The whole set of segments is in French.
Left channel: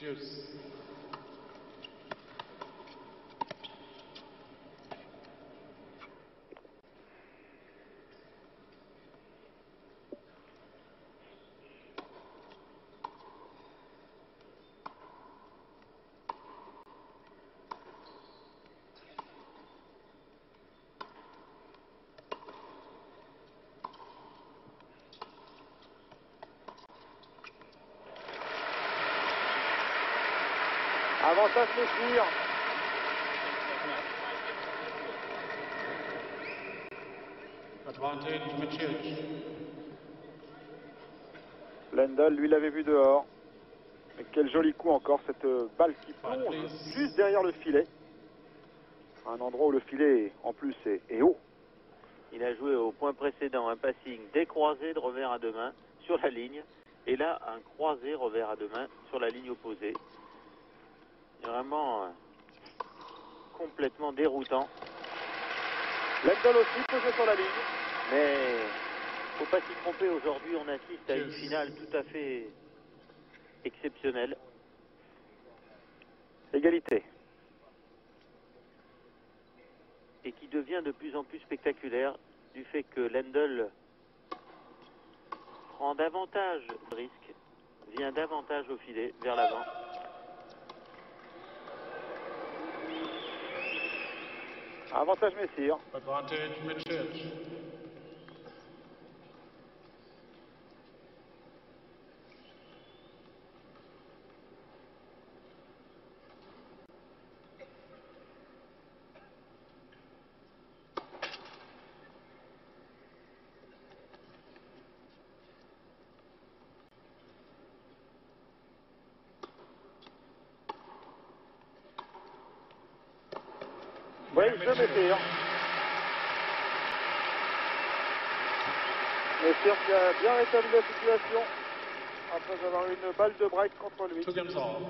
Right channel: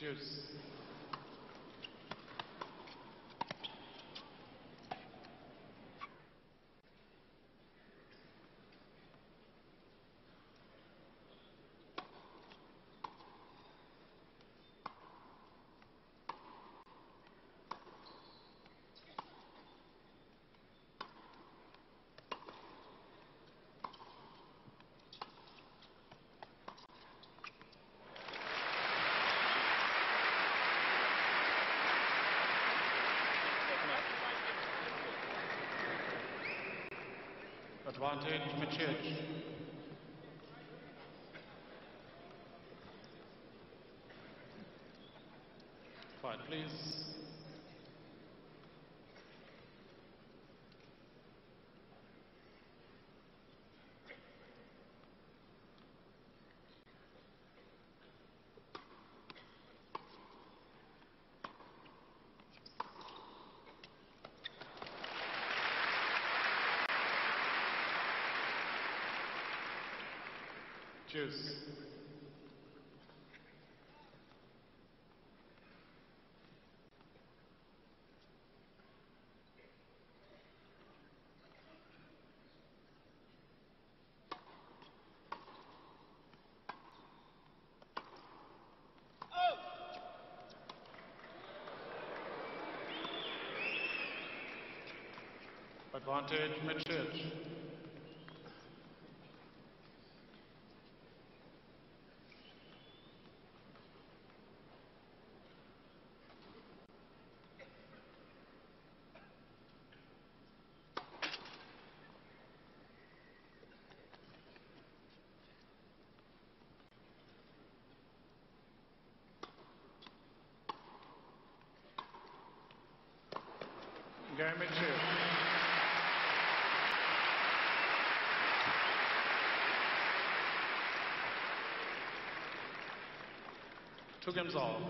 Deuce. Avantage de tir. Advantage Michic. Lendl, lui, l'avait vu dehors. Et quel joli coup encore, cette balle qui plonge juste derrière le filet. Un endroit où le filet, en plus, est haut. Il a joué au point précédent un passing décroisé de revers à deux mains sur la ligne. Et là, un croisé revers à deux mains sur la ligne opposée. Vraiment complètement déroutant. Lendl aussi posé sur la ligne. Mais faut pas s'y tromper, aujourd'hui on assiste à une finale tout à fait exceptionnelle. Égalité. Et qui devient de plus en plus spectaculaire du fait que Lendl prend davantage de risques, vient davantage au filet, vers l'avant. Avantage Messire. Advantage Michic. Oui, je Messire. Messire qui a bien rétabli la situation après avoir eu une balle de break contre lui. Two games all.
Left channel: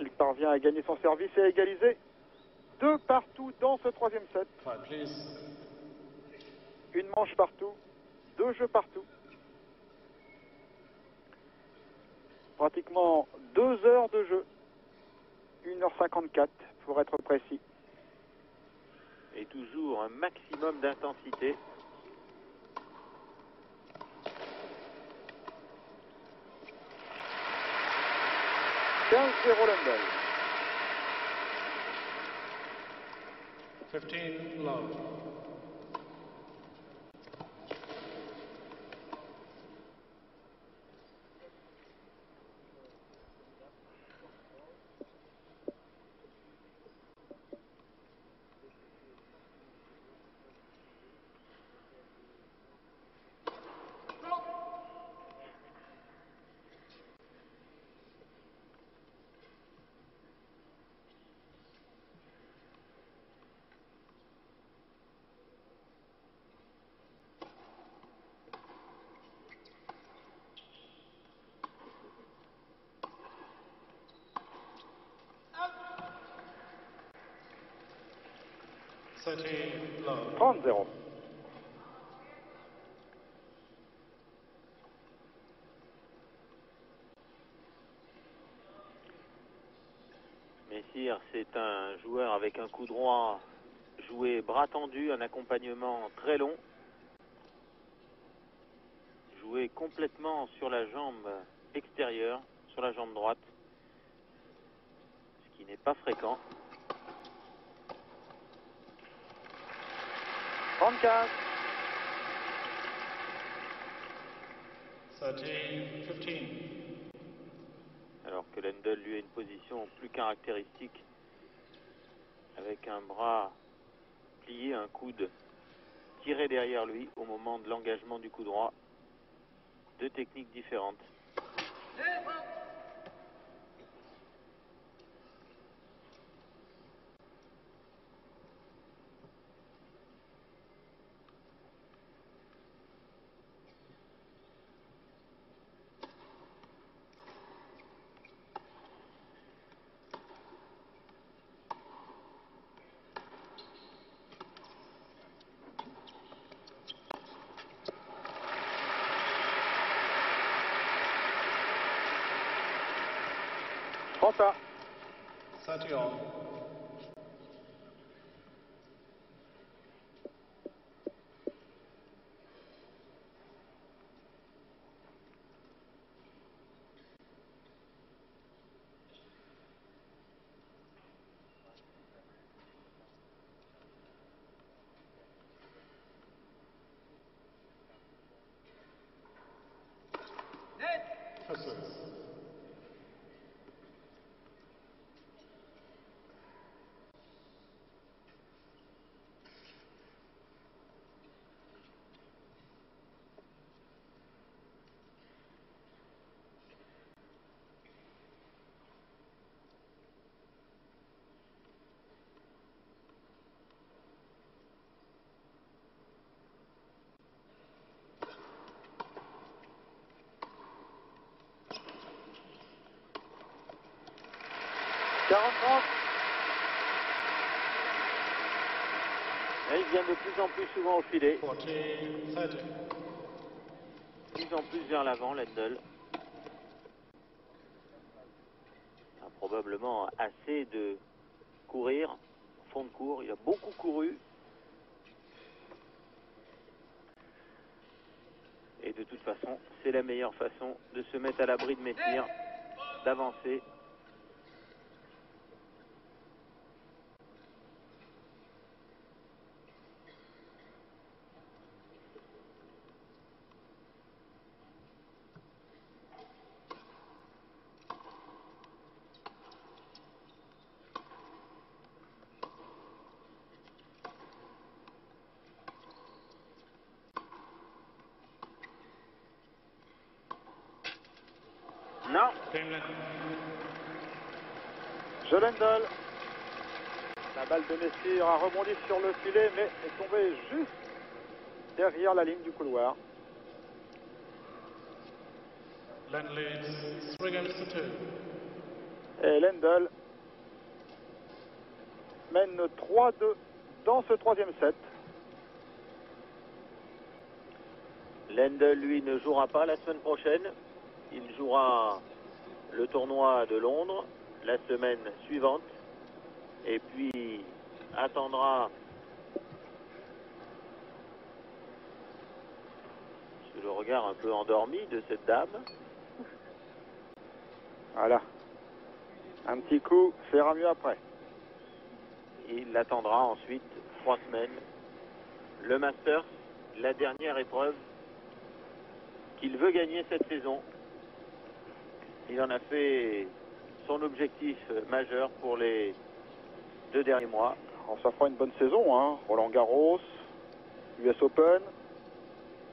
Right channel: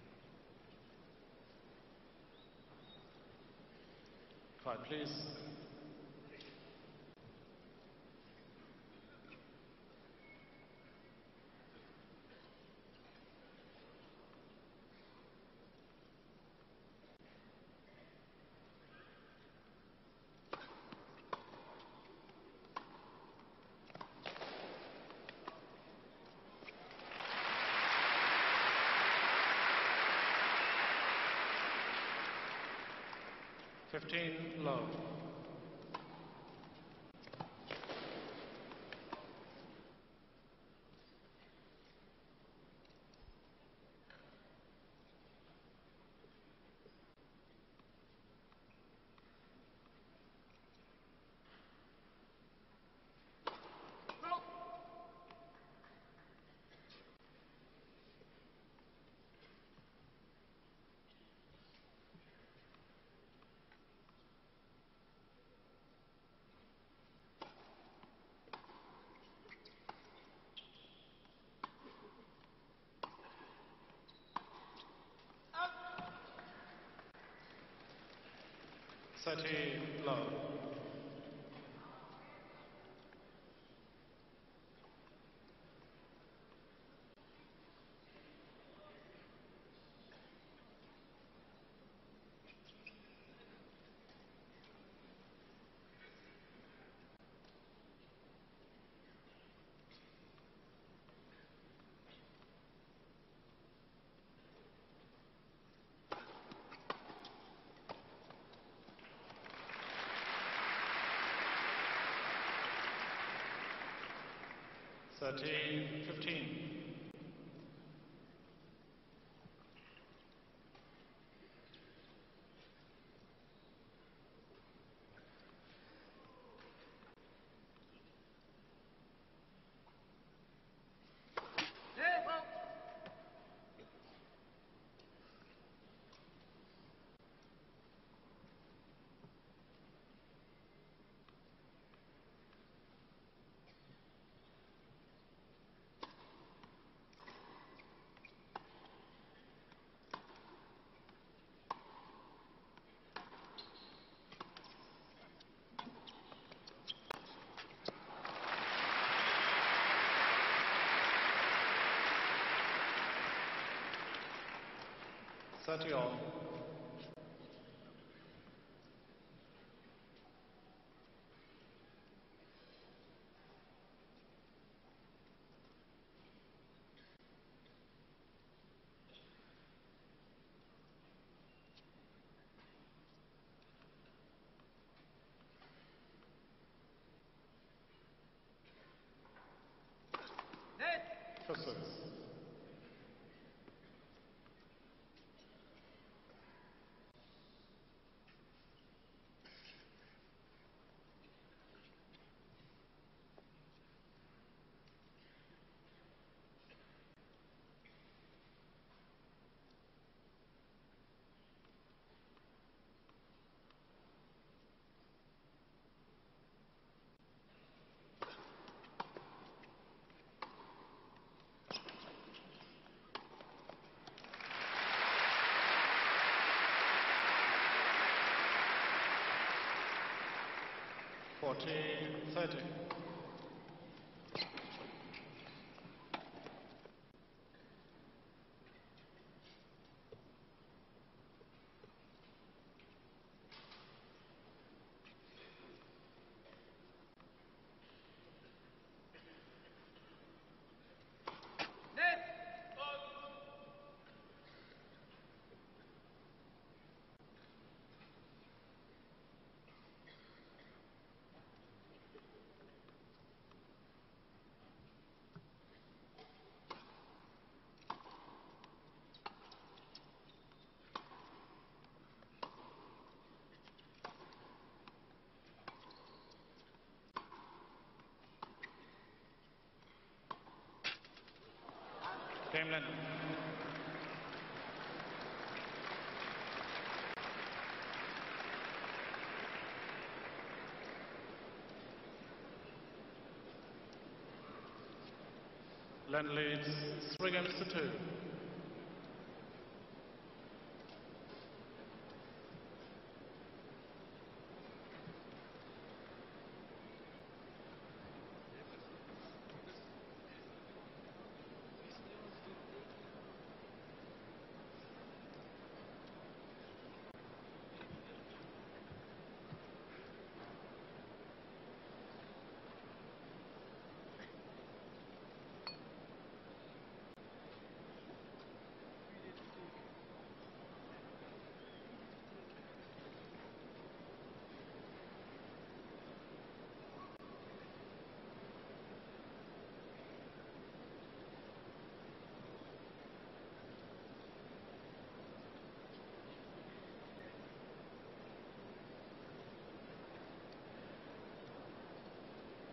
Il parvient à gagner son service et à égaliser. 2 partout dans ce troisième set. Five, please. Une manche partout, 2 jeux partout. Pratiquement 2 heures de jeu. 1h54 pour être précis. Et toujours un maximum d'intensité. Lendl. 15 love. Love. 30-0. Messire, c'est un joueur avec un coup droit joué bras tendu, un accompagnement très long. Joué complètement sur la jambe extérieure, sur la jambe droite. Ce qui n'est pas fréquent. 34. 13-15. Alors que Lendl lui a une position plus caractéristique. Avec un bras plié, un coude tiré derrière lui au moment de l'engagement du coup droit. 2 techniques différentes. 30 à. 30 all. Misses. Et il vient de plus en plus souvent au filet. 40, 30. De plus en plus vers l'avant, Lendl. A probablement assez de courir. Fond de cours, il a beaucoup couru. Et de toute façon, c'est la meilleure façon de se mettre à l'abri de mes tirs, d'avancer. Non. Game Lendl. Lendl. La balle de Messire a rebondi sur le filet, mais est tombée juste derrière la ligne du couloir. Lendl leads 3 games to 2. Et Lendl mène 3-2 dans ce troisième set. Lendl, lui, ne jouera pas la semaine prochaine. Il jouera le tournoi de Londres la semaine suivante. Et puis attendra sous le regard un peu endormi de cette dame. Voilà. Un petit coup, fera mieux après. Il attendra ensuite 3 semaines. Le Masters, la dernière épreuve qu'il veut gagner cette saison. Il en a fait son objectif majeur pour les 2 derniers mois. Alors, ça fera une bonne saison, hein. Roland Garros, US Open.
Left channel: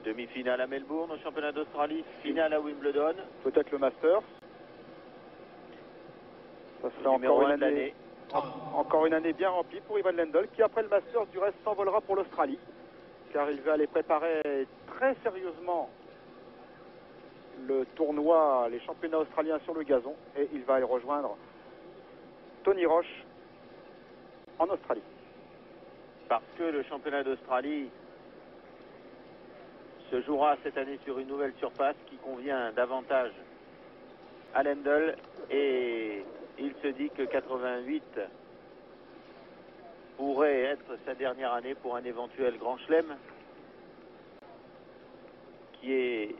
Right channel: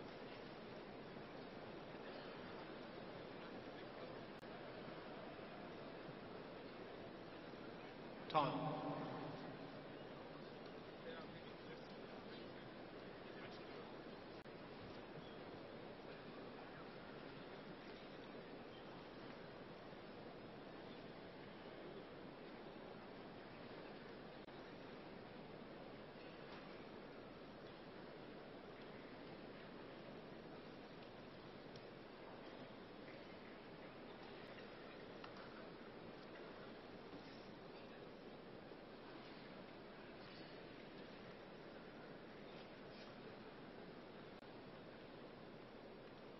Demi-finale à Melbourne au championnat d'Australie, finale à Wimbledon. Peut-être le Masters. Ça serait Numéro encore 1 une de année. l'année. Encore une année bien remplie pour Ivan Lendl, qui après le Masters du reste s'envolera pour l'Australie, car il va aller préparer très sérieusement le tournoi, les championnats australiens sur le gazon, et il va y rejoindre Tony Roche en Australie. Parce que le championnat d'Australie se jouera cette année sur une nouvelle surface qui convient davantage à Lendl, et il se dit que 88 pourrait être sa dernière année pour un éventuel grand chelem, qui est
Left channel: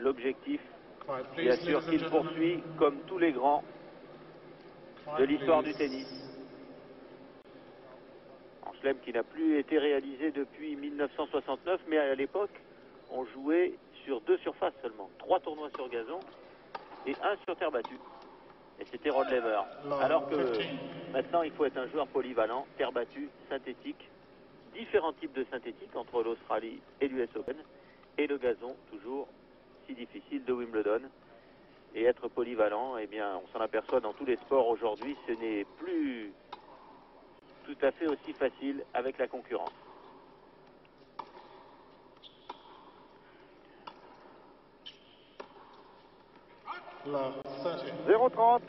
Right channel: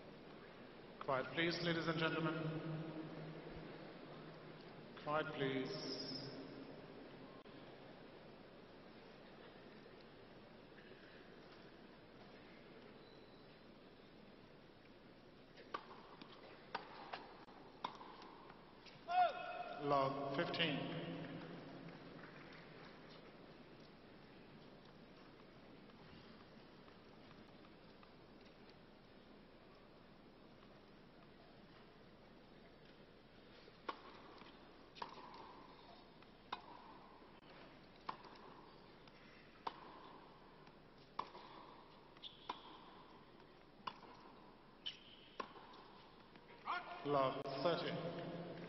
l'objectif, Quiet, bien please, sûr, ladies and qu'il gentlemen. poursuit comme tous les grands de Quiet, l'histoire du please. tennis. Un chelem qui n'a plus été réalisé depuis 1969, mais à l'époque, on jouait sur 2 surfaces seulement. 3 tournois sur gazon et 1 sur terre battue. Et c'était Rod Laver. Alors que 15. maintenant, il faut être un joueur polyvalent, terre battue, synthétique, différents types de synthétiques entre l'Australie et l'US Open, et le gazon, toujours si difficile, de Wimbledon. Et être polyvalent, eh bien, on s'en aperçoit dans tous les sports aujourd'hui, ce n'est plus tout à fait aussi facile avec la concurrence. Love 30. 0-30.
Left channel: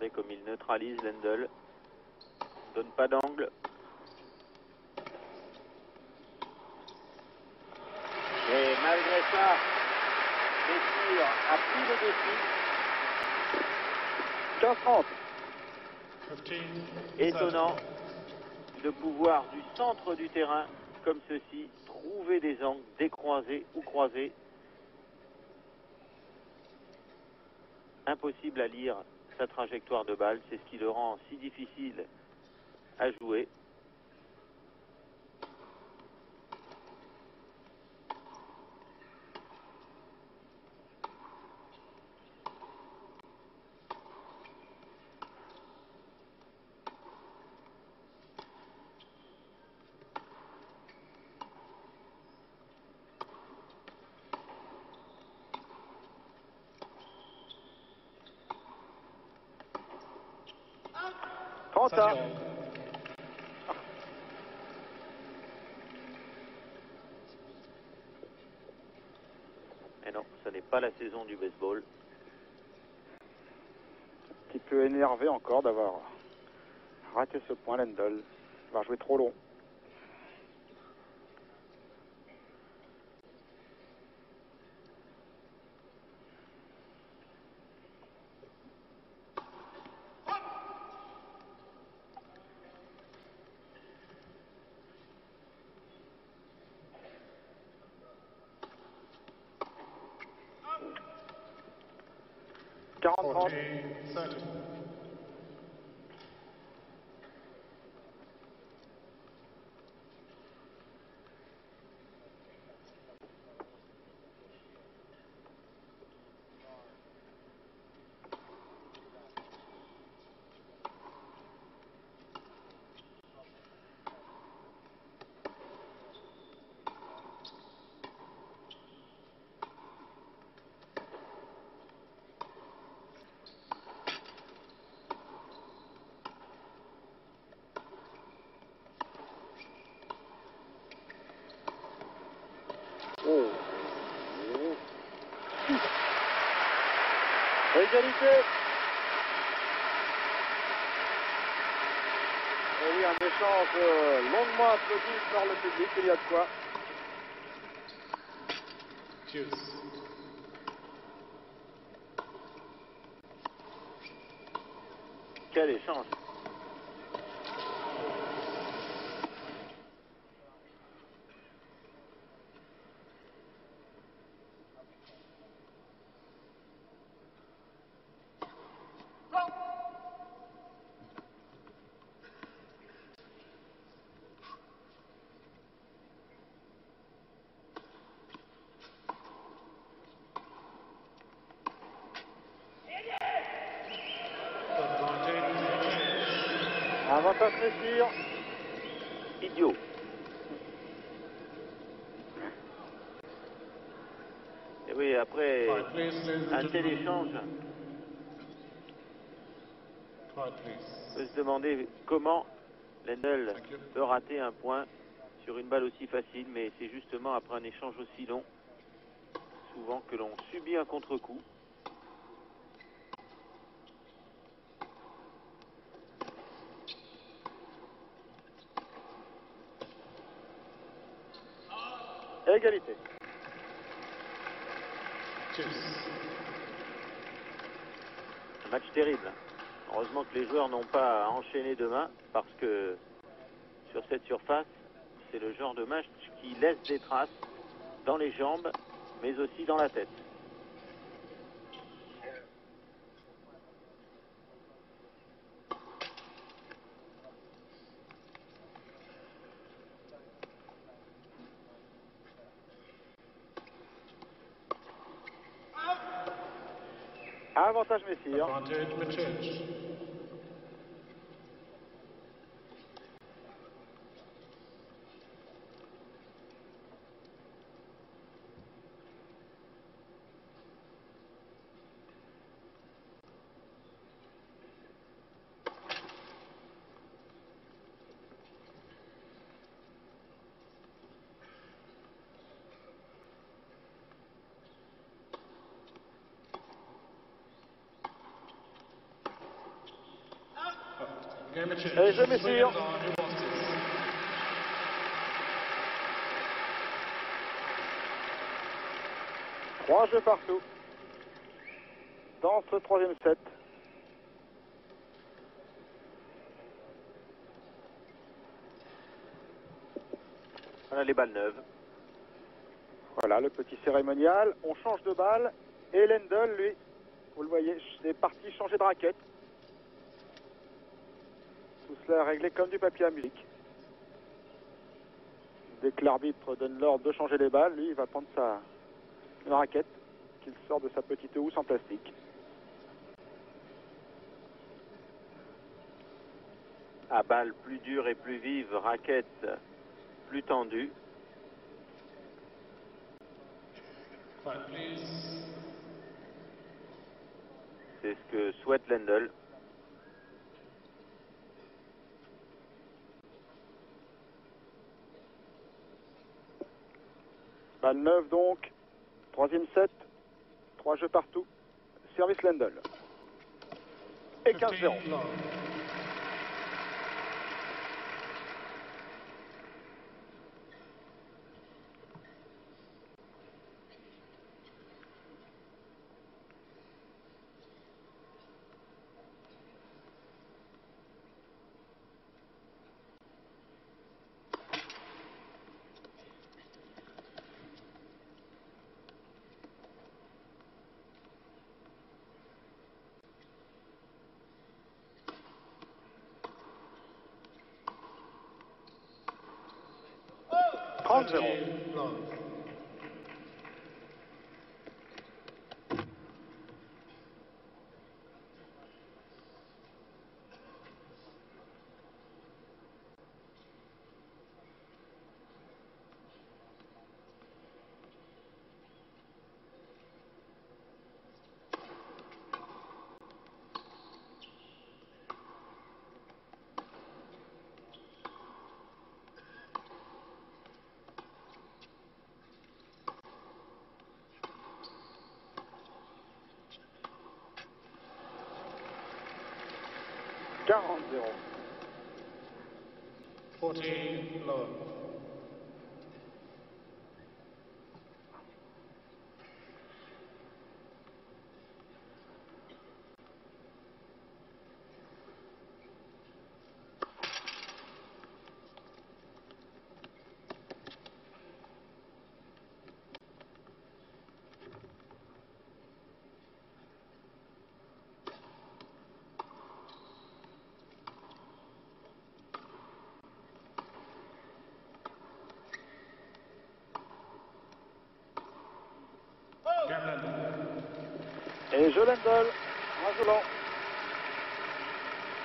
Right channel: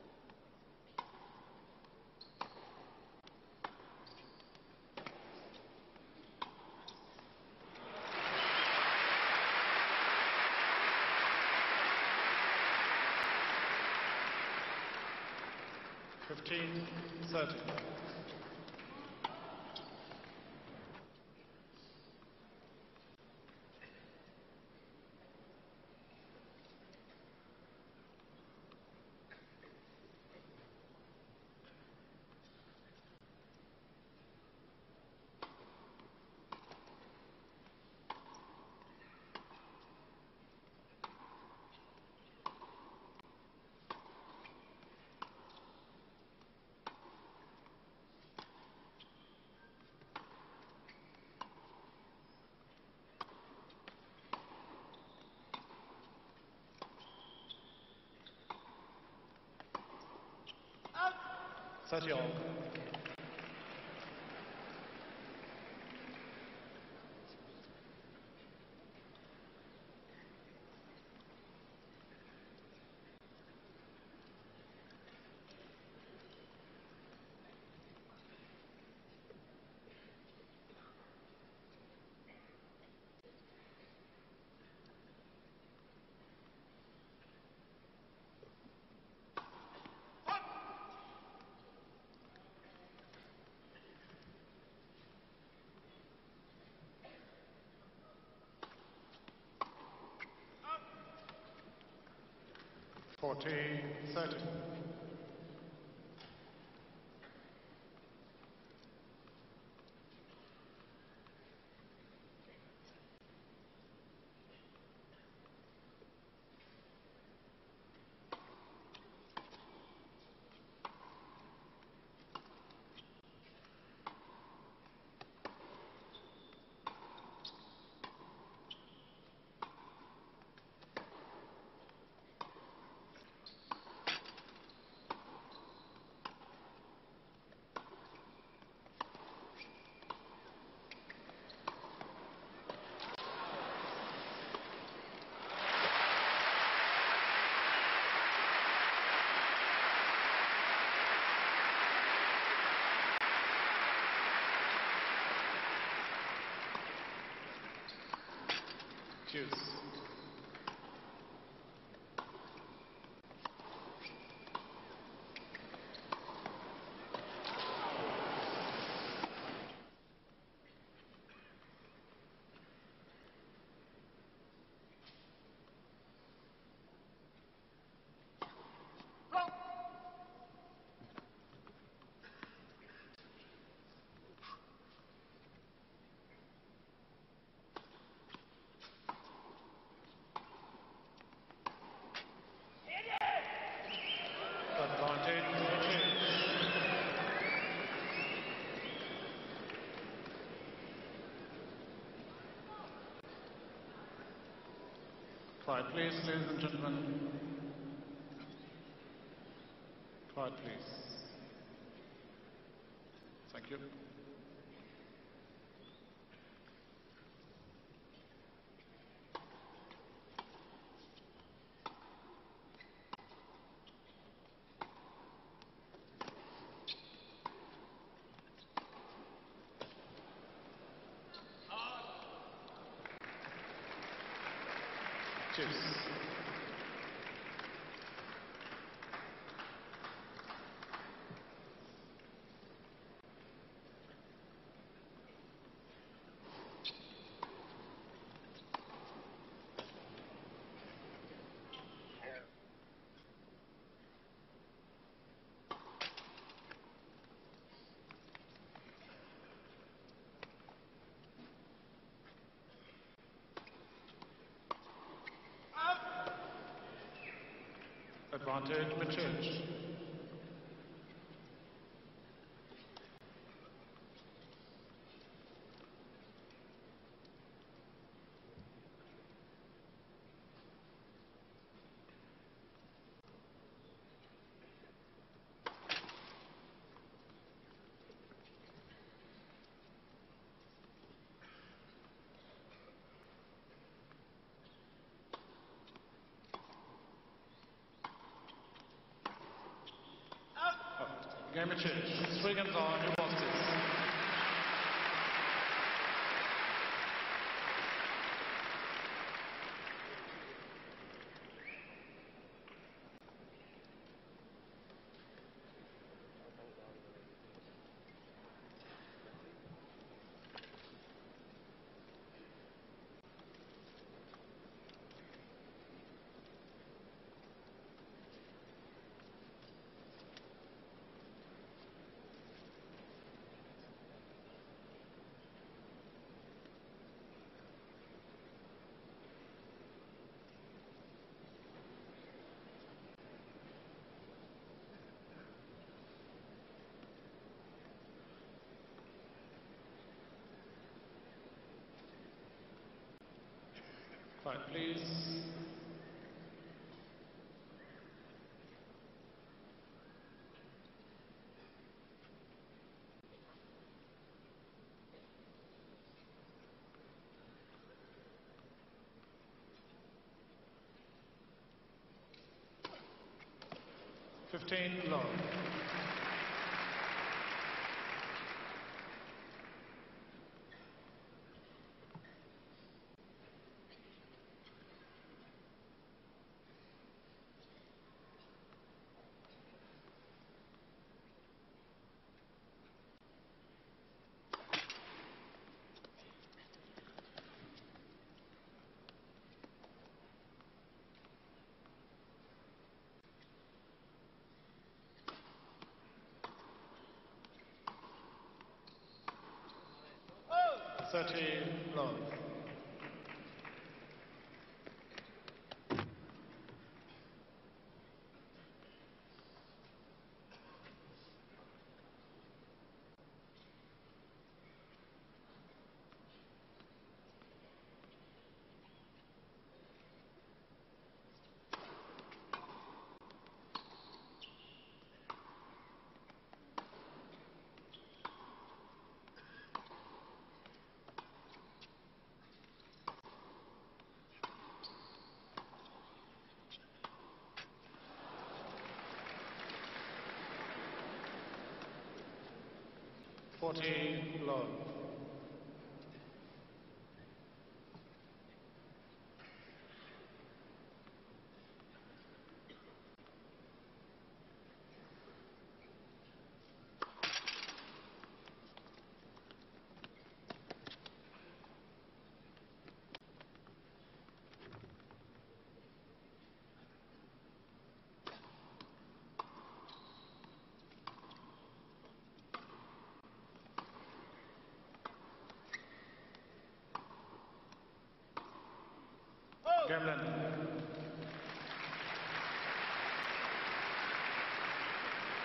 Regardez comme il neutralise Lendl. Donne pas d'angle. Et malgré ça, le tir a pris le dessus. 15-30. 15 Étonnant 30. de pouvoir du centre du terrain, comme ceci, trouver des angles décroisés ou croisés. Impossible à lire sa trajectoire de balle, c'est ce qui le rend si difficile à jouer. Trente-un. Mais non, ce n'est pas la saison du baseball. Un petit peu énervé encore d'avoir raté ce point, Lendl. Il va jouer trop long. Quarante-trois. 40 30. Égalité. Et oui, un échange longuement applaudi par le public, il y a de quoi. Hughes. Quel échange! Avantage Messire. Idiot! Et oui, après Quiet, please, ladies and un tel gentlemen. échange, Quiet, on please. peut se demander comment Lendl Thank you. peut rater un point sur une balle aussi facile, mais c'est justement après un échange aussi long, souvent que l'on subit un contre-coup. Égalité. Hughes. Match terrible. Heureusement que les joueurs n'ont pas à enchaîner demain, parce que sur cette surface, c'est le genre de match qui laisse des traces dans les jambes, mais aussi dans la tête. Avantage Messire. Advantage Mitchell. Game of Et je change. m'essure. Swingers on, who wants it? 3 jeux partout dans ce troisième set. Voilà les balles neuves. Voilà le petit cérémonial. On change de balle. Et Lendl, lui, vous le voyez, est parti changer de raquette. Tout cela est réglé comme du papier à musique. Dès que l'arbitre donne l'ordre de changer les balles, lui, il va prendre une raquette qu'il sort de sa petite housse en plastique. À balle plus dure et plus vive, raquette plus tendue. Quiet, please. C'est ce que souhaite Lendl. Balle neuve donc. Troisième set. 3 jeux partout. Service Lendl. Et 15-0. 15 love. Oh, 13 love. $40. 14 love. Game Lendl. Et je Lendl, en volant.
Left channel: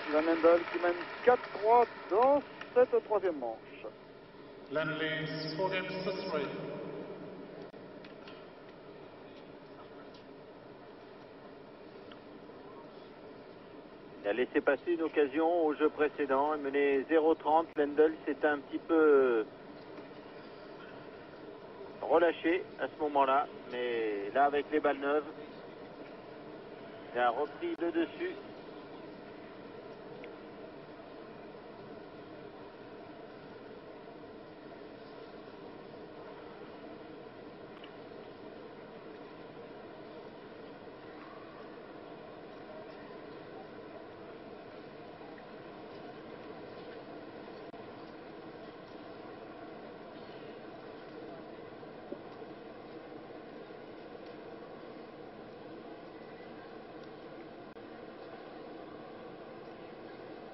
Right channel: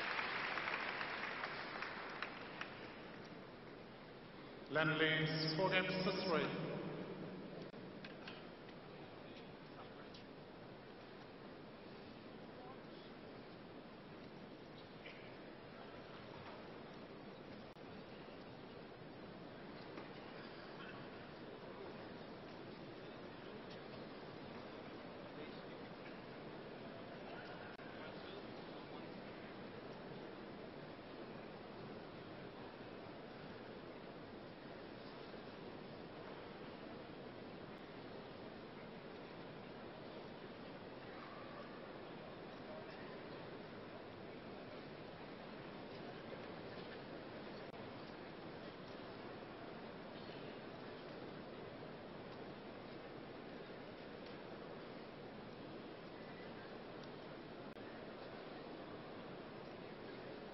Ivan Lendl qui mène 4-3 dans cette troisième manche. Lendl leads 4 games to 3. Il a laissé passer une occasion au jeu précédent. Il menait 0-30. Lendl s'est un petit peu relâché à ce moment-là. Mais là, avec les balles neuves, il a repris le dessus.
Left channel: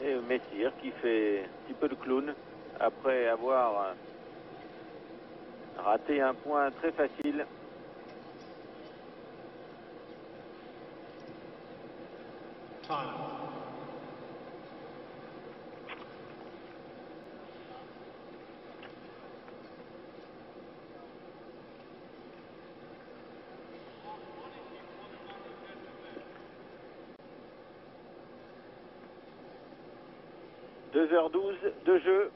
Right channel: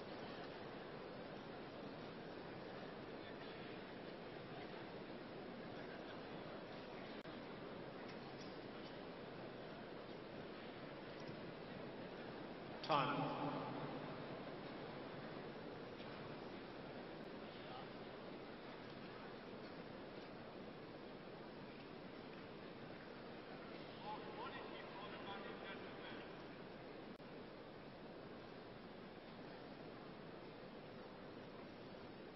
Et Messire qui fait un petit peu le clown après avoir raté un point très facile. Time. « 2h12 de jeu.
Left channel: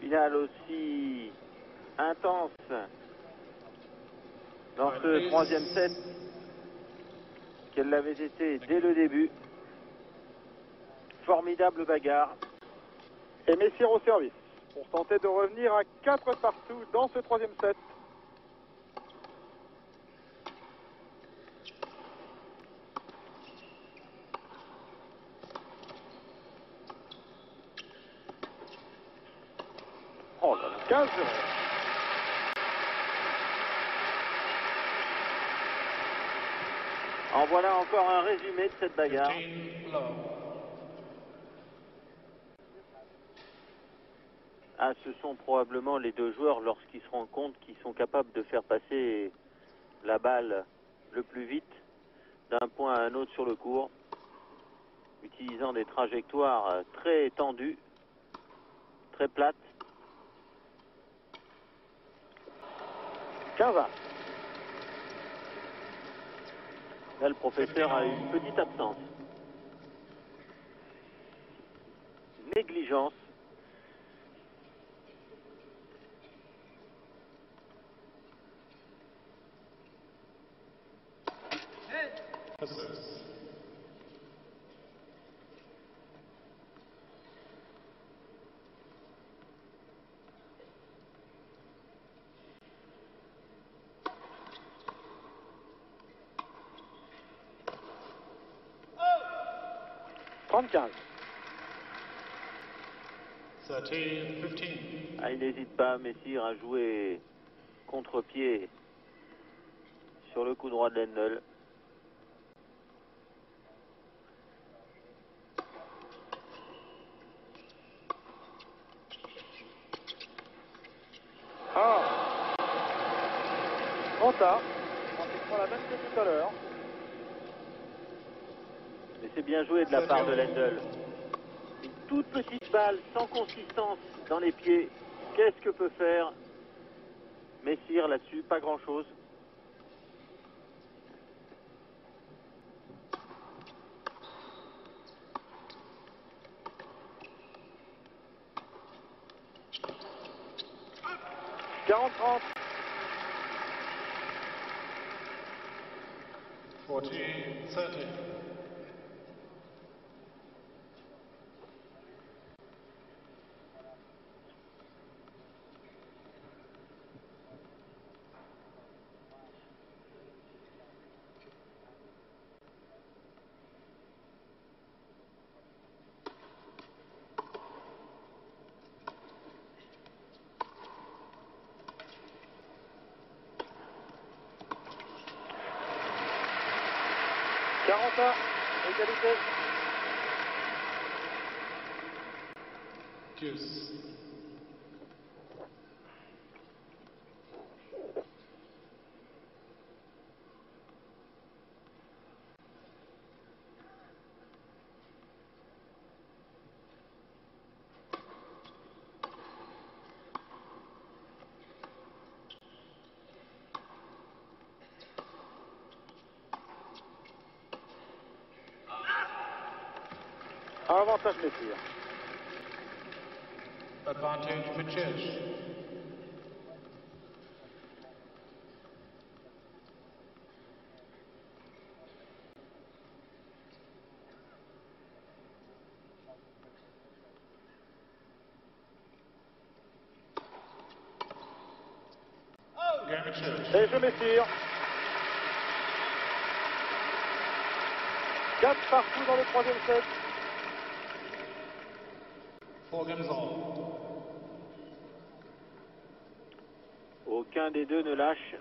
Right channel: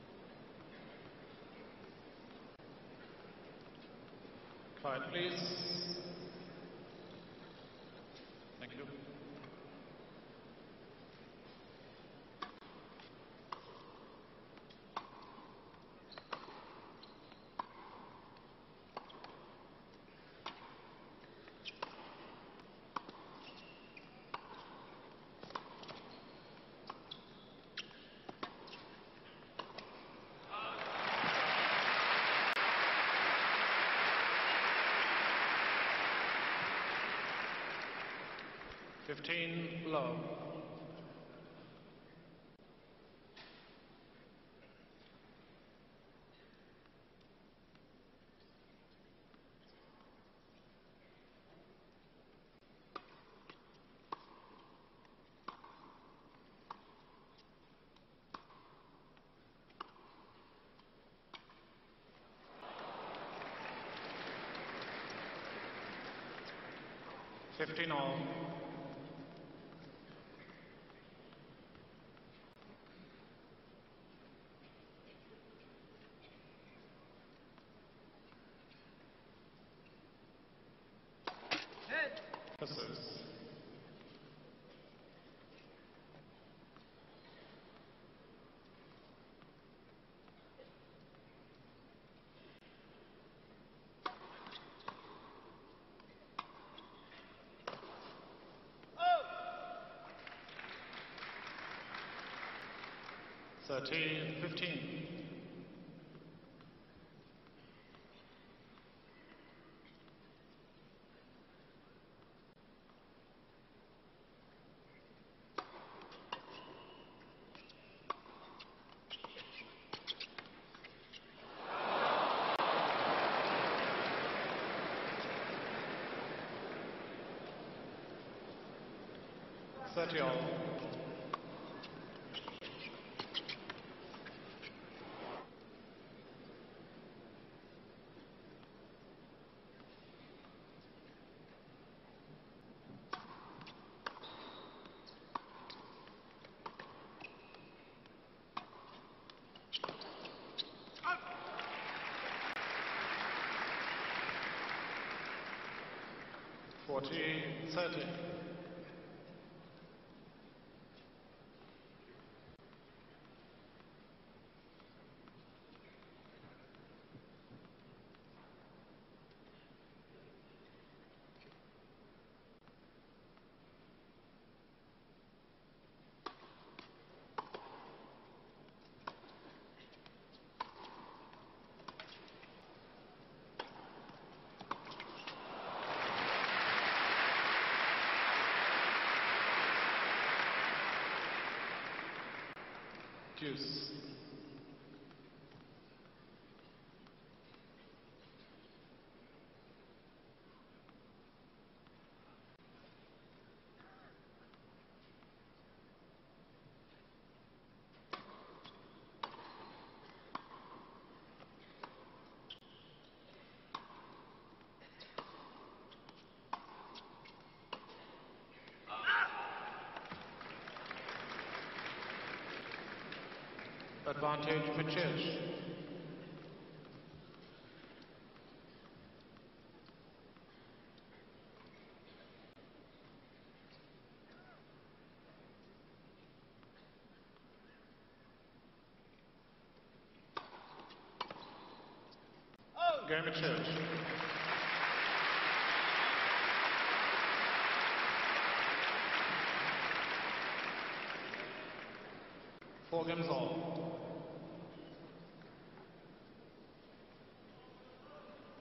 Finale aussi intense dans ce troisième set qu'elle l'avait été dès le début. formidable bagarre. Et Messire au service pour tenter de revenir à 4 partout dans ce troisième set. Oh, 15. En voilà encore un résumé de cette bagarre. 15 love. Ah, ce sont probablement les deux joueurs, lorsqu'ils se rendent compte qu'ils sont capables de faire passer la balle le plus vite d'un point à un autre sur le court, utilisant des trajectoires très tendues, très plates. 15. Là, le professeur a une petite absence. Négligence. Misses. Oh, 35. 13-15. Ah, il n'hésite pas, Messire, à jouer contre-pied sur le coup droit de Lendl. Ah, trop tard. On a la même chose tout à l'heure. Mais c'est bien joué de la part de Lendl. Une toute petite balle sans consistance dans les pieds. Qu'est-ce que peut faire Messire là-dessus? Pas grand-chose. Quarante-trente. 14-30. Égalité. Deuce. Avantage Messire. Advantage Machich. Game Machich. Et je Messire. 4 partout dans le troisième set. 4 games all. Aucun des deux ne lâche.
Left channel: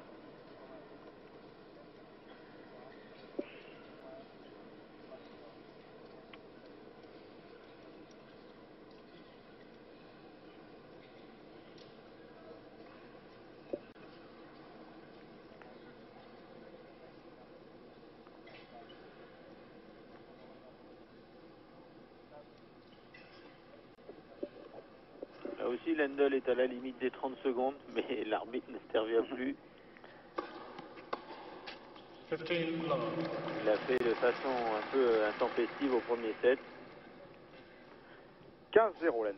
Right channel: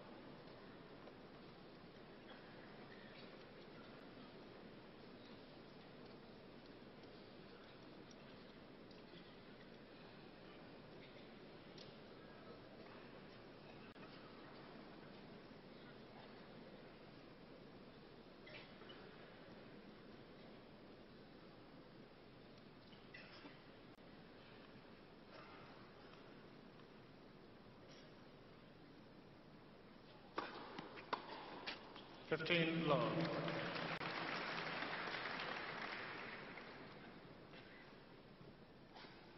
Là aussi, Lendl est à la limite des 30 secondes, mais l'arbitre n'intervient plus. 15 love. Il a fait de façon un peu intempestive au premier set. 15-0 Lendl.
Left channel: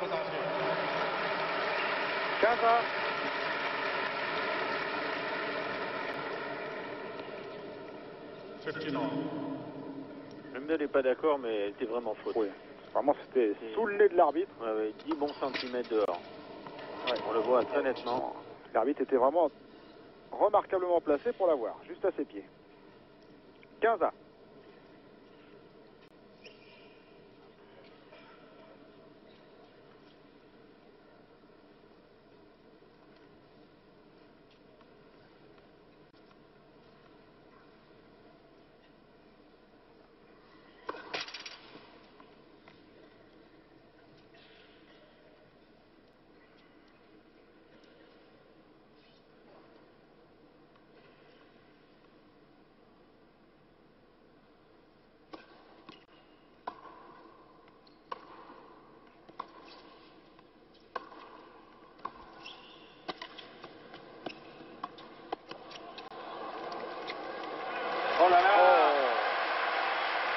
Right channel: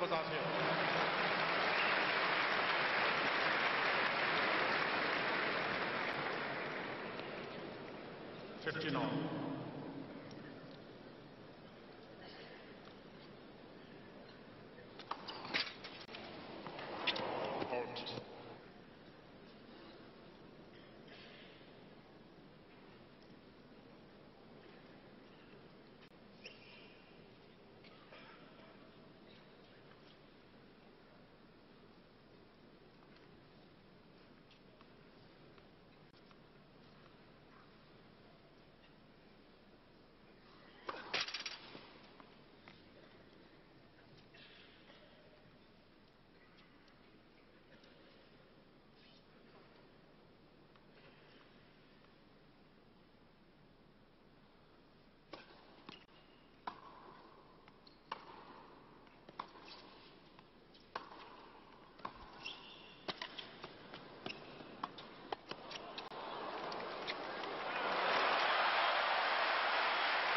conversation. 15 ans. Lendl n'est pas d'accord, mais elle était vraiment faute. Oui. Vraiment, c'était sous le nez de l'arbitre. Ouais, ouais, 10 bons centimètres dehors. Ouais, on le voit très nettement. L'arbitre était vraiment remarquablement placé pour l'avoir, juste à ses pieds. 15 ans.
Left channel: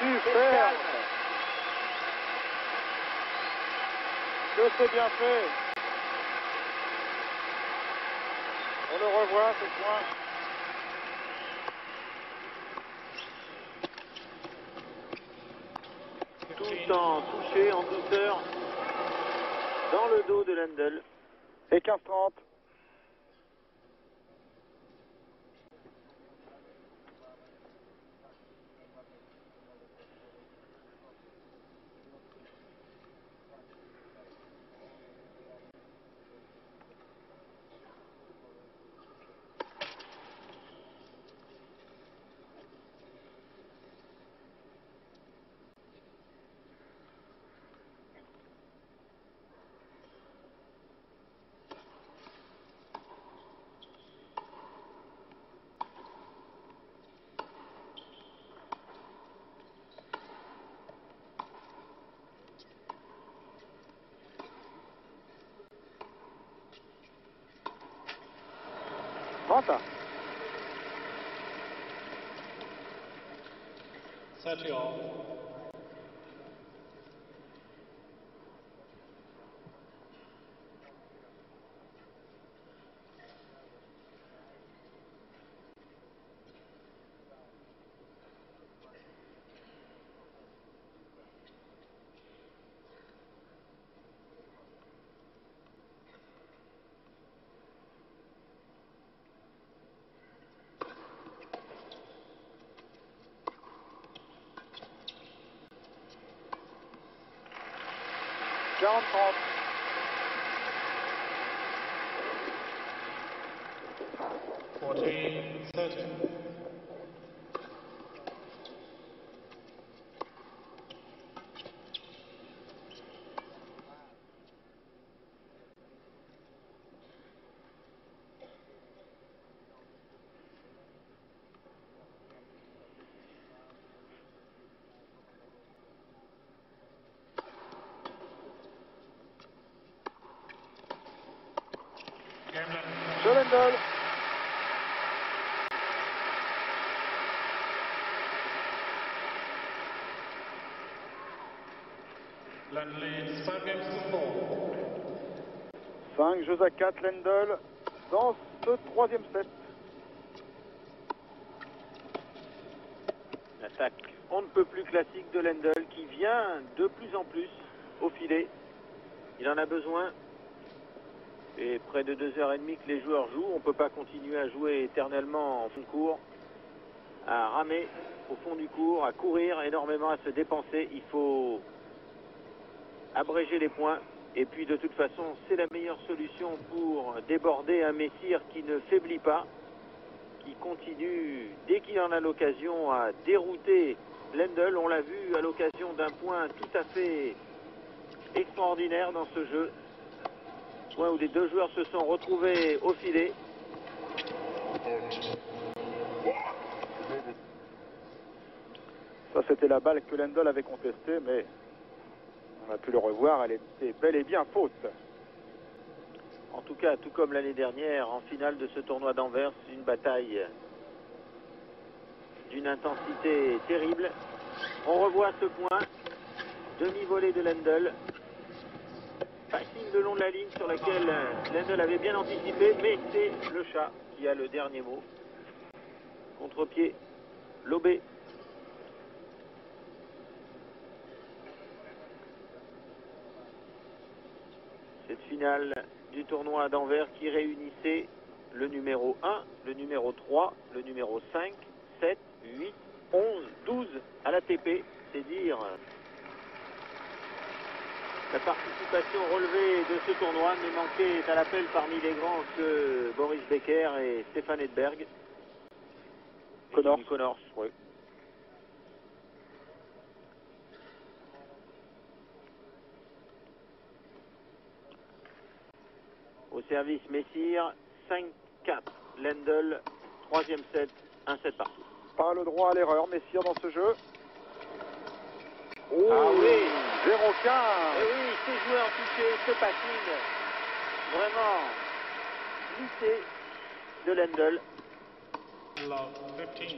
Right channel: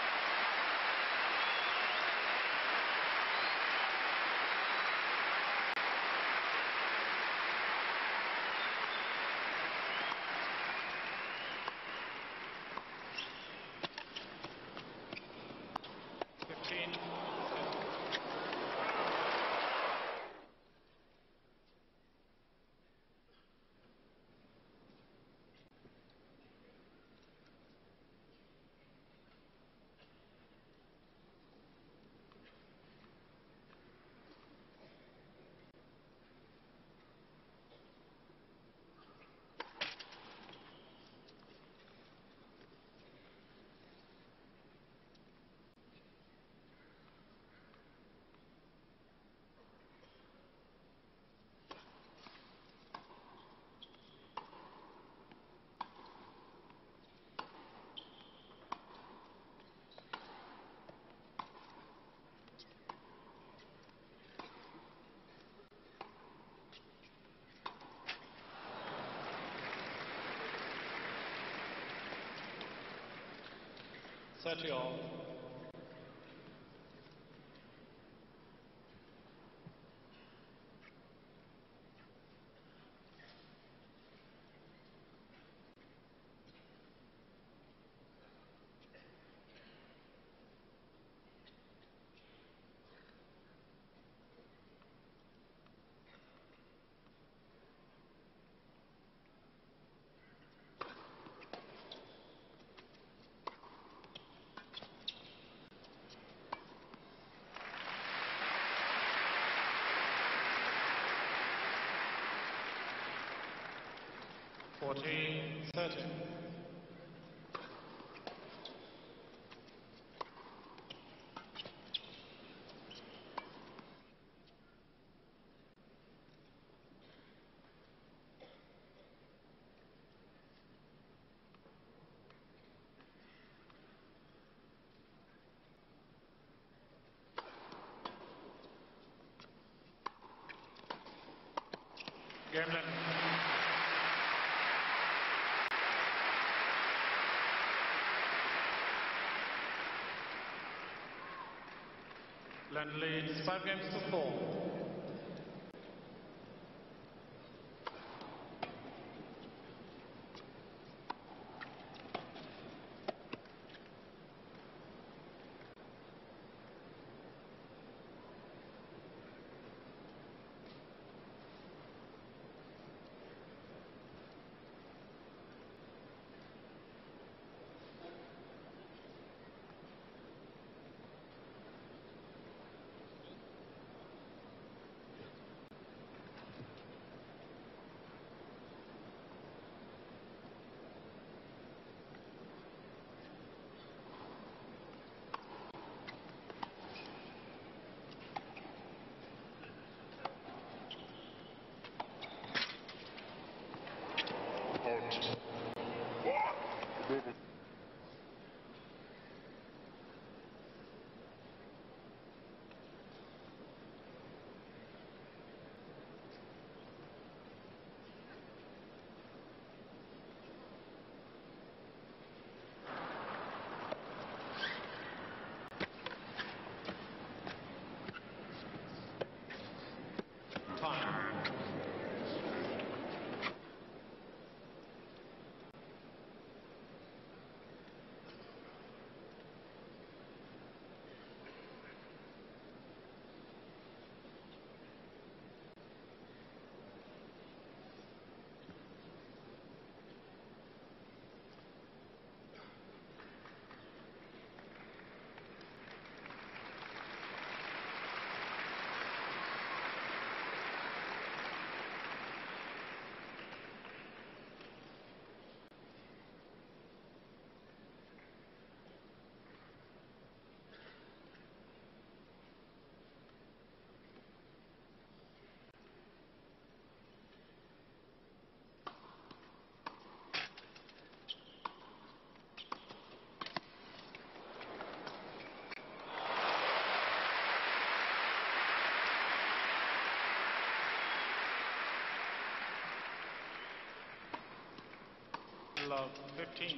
Super. Que c'est bien fait. On le revoit, ce point. Tout le temps touché en douceur dans le dos de Lendl. Et 15-30. Set all. Fourteen, 30. Game De Lendl. Lendl leads 5 games to 4. 5 jeux à 4, Lendl, dans ce troisième set. L'attaque on ne peut plus classique de Lendl qui vient de plus en plus au filet. Il en a besoin. Et près de 2h30 que les joueurs jouent, on ne peut pas continuer à jouer éternellement en fond de cours, à ramer au fond du cours, à courir énormément, à se dépenser. Il faut abréger les points. Et puis de toute façon, c'est la meilleure solution pour déborder un Messire qui ne faiblit pas, qui continue, dès qu'il en a l'occasion, à dérouter Lendl. On l'a vu à l'occasion d'un point tout à fait extraordinaire dans ce jeu. Point où les deux joueurs se sont retrouvés au filet. Ça, c'était la balle que Lendl avait contestée, mais on a pu le revoir, elle était bel et bien faute. En tout cas, tout comme l'année dernière, en finale de ce tournoi d'Anvers, une bataille d'une intensité terrible. On revoit ce point, demi-volée de Lendl. Passing le long de la ligne sur laquelle Lendl avait bien anticipé, mais c'est le chat qui a le dernier mot. Contre-pied, lobé. Cette finale du tournoi d'Anvers qui réunissait le numéro 1, le numéro 3, le numéro 5, 7, 8, 11, 12 à l'ATP. C'est dire la participation relevée de ce tournoi, mais manquée à l'appel parmi les grands de Boris Becker et Stefan Edberg. Connors, oui. Au service Messire, 5-4. Lendl, troisième set, 1-7 parti. Pas le droit à l'erreur, Messire dans ce jeu. Oh, Ah oui, 0-15. Et oui, ce joueur touché, ce passing, vraiment glissé de Lendl. Love 15.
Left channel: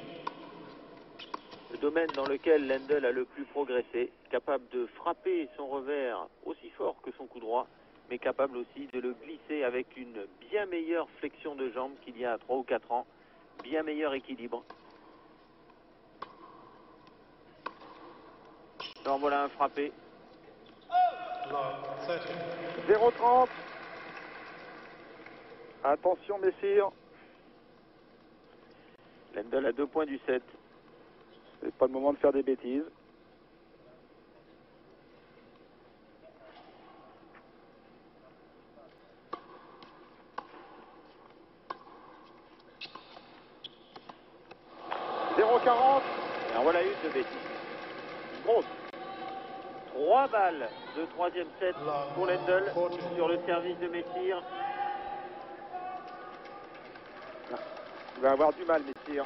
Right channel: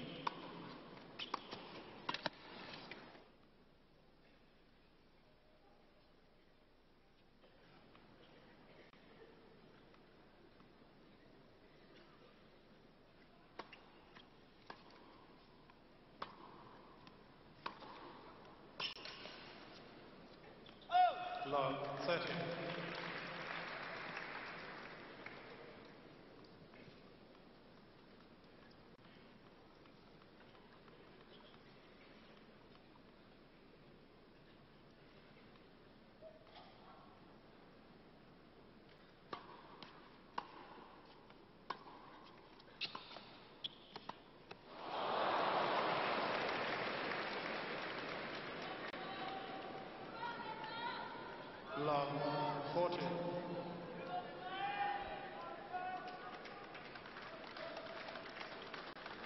Le domaine dans lequel Lendl a le plus progressé, capable de frapper son revers aussi fort que son coup droit, mais capable aussi de le glisser avec une bien meilleure flexion de jambe qu'il y a 3 ou 4 ans, bien meilleur équilibre. Alors voilà un frappé. Love 13. 0-30. Attention, Messire. Lendl à 2 points du 7. C'est pas le moment de faire des bêtises. Alors voilà une de bêtise. Grosse. 3 balles de troisième set pour Lendl sur le service de Messire. Il va avoir du mal, Messire.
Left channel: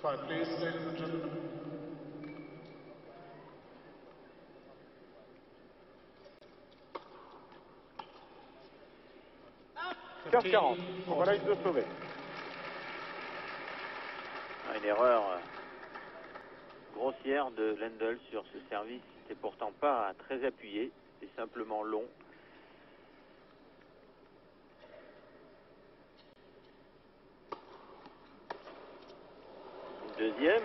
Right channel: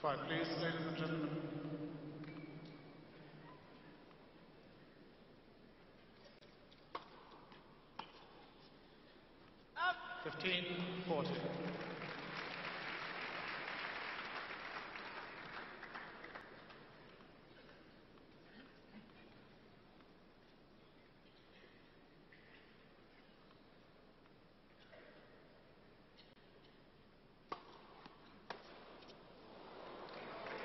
Quiet, please, ladies and gentlemen. Faire 40. Voilà, il se sauver. Une erreur grossière de Lendl sur ce service. C'est pourtant pas très appuyé, c'est simplement long. Deuxième,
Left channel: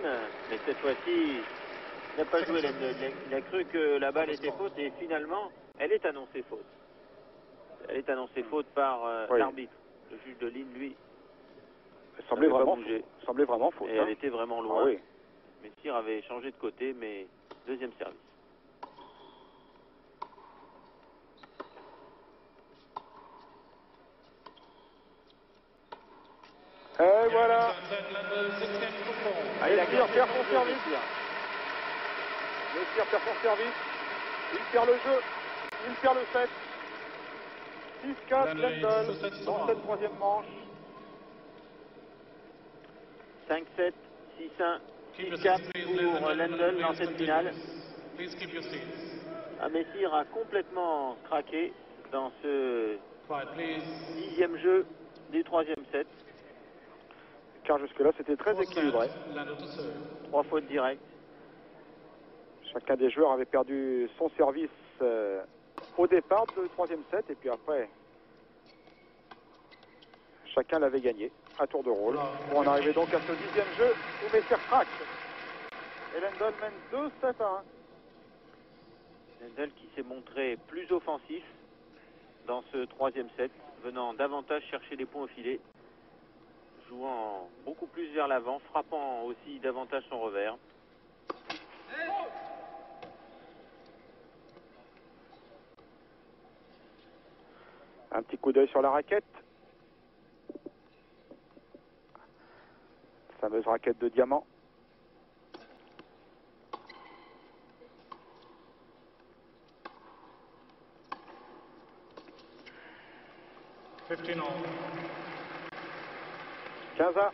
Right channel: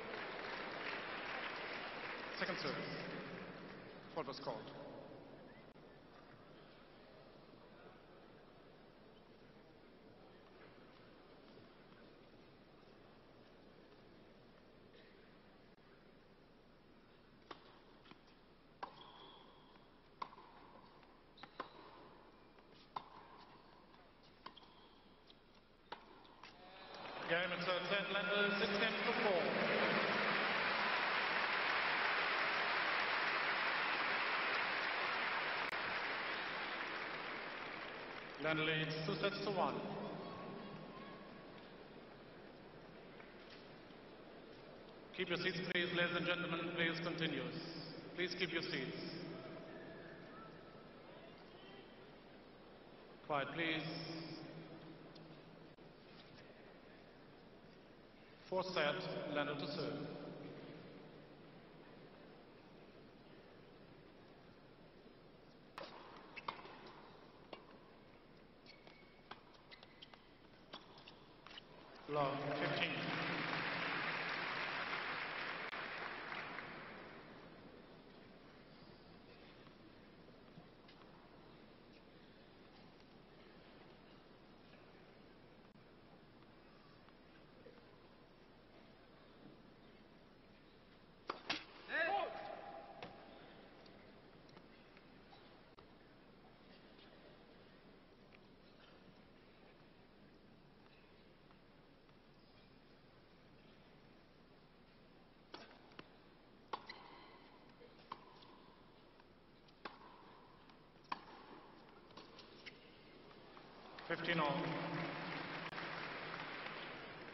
mais cette fois-ci, il n'a pas joué Lendl. Il a cru que la balle était faute et finalement, elle est annoncée faute. Elle est annoncée faute par Oui. l'arbitre. Le juge de ligne, lui, Elle semblait n'avait pas vraiment, bougé. semblait vraiment faute. Et Hein. elle était vraiment loin. Ah oui. Messire avait changé de côté, mais deuxième service. Et voilà. Lendl 16 games to 4. Allez, Messire perd son service. Messire perd son service. Il perd le jeu. Il perd le set. 6-4 Lendl Lendl leads 2 sets to dans 1. cette troisième manche. 5-7, 6-1, Keep your 6-4 seats, please, ladies and pour gentlemen. Lendl dans Please cette finale. continue. Please keep your seats. Messire a complètement craqué dans ce Quiet, please. 10e jeu du 3e set. Car jusque-là, c'était très 4 équilibré. set, Lendl to serve. 3 fautes directes. Chacun des joueurs avait perdu son service au départ du troisième set. Et puis après, chacun l'avait gagné à tour de rôle. On arrivait donc à ce 10e jeu où Messire craque. Et Lendl mène 2-7 à 1. Lendl qui s'est montré plus offensif dans ce 3e set, venant davantage chercher les points au filet, jouant beaucoup plus vers l'avant, frappant aussi davantage son revers. Un petit coup d'œil sur la raquette. Fameuse raquette de diamant. all. 15 à.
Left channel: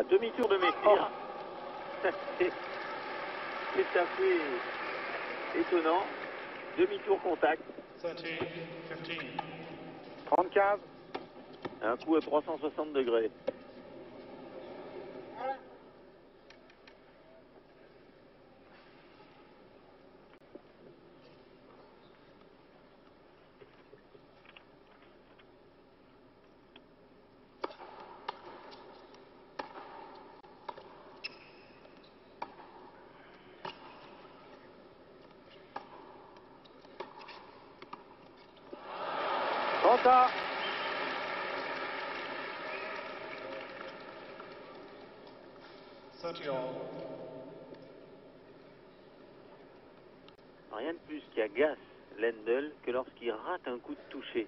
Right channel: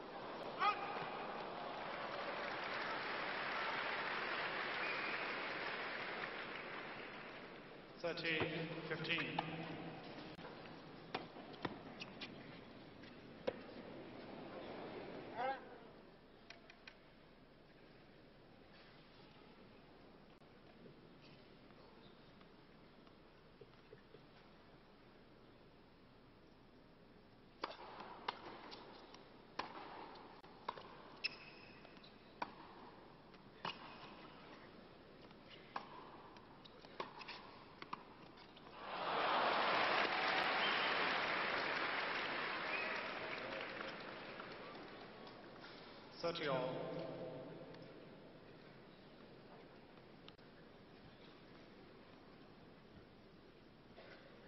À demi-tour de Messire. C'est assez étonnant. Demi-tour contact. 30, 15. 30-15. Un coup à 360 degrés. Tenta. Rien de plus qui agace Lendl que lorsqu'il rate un coup de toucher.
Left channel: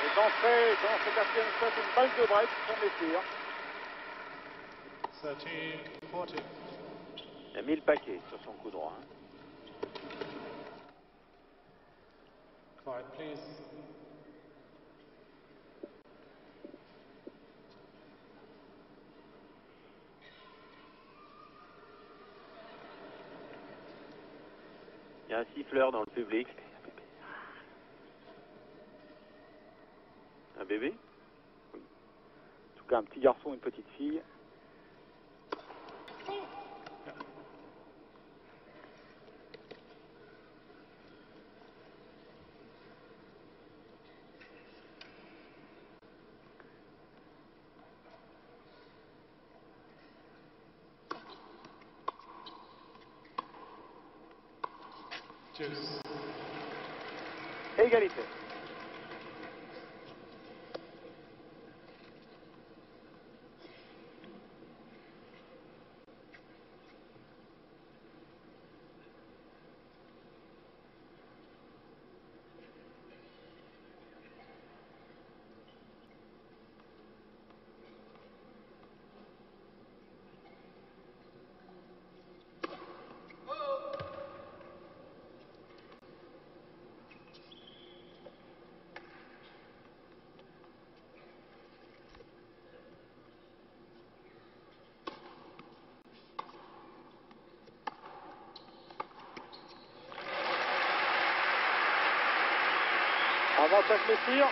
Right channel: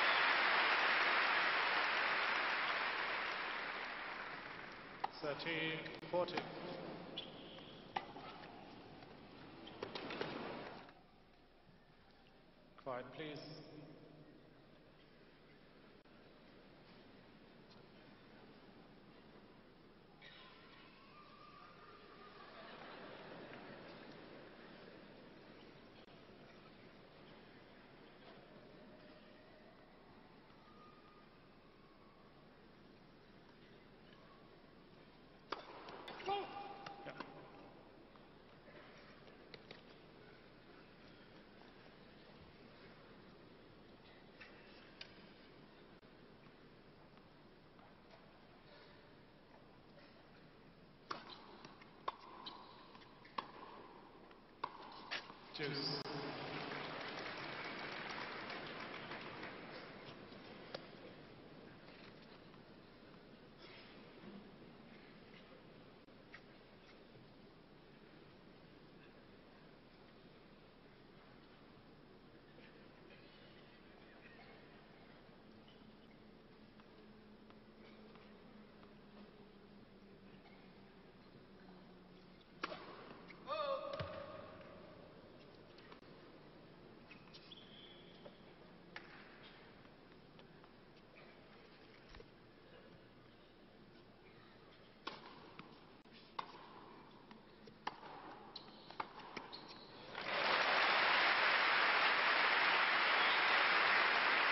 C'est entré dans ce quatrième set une balle de break pour Messire. 13, 40. Il a mis le paquet sur son coup droit. Quiet, please. Il y a un siffleur dans le public. Un bébé? En tout cas, un petit garçon, une petite fille. Juice. Égalité. Avantage Messire.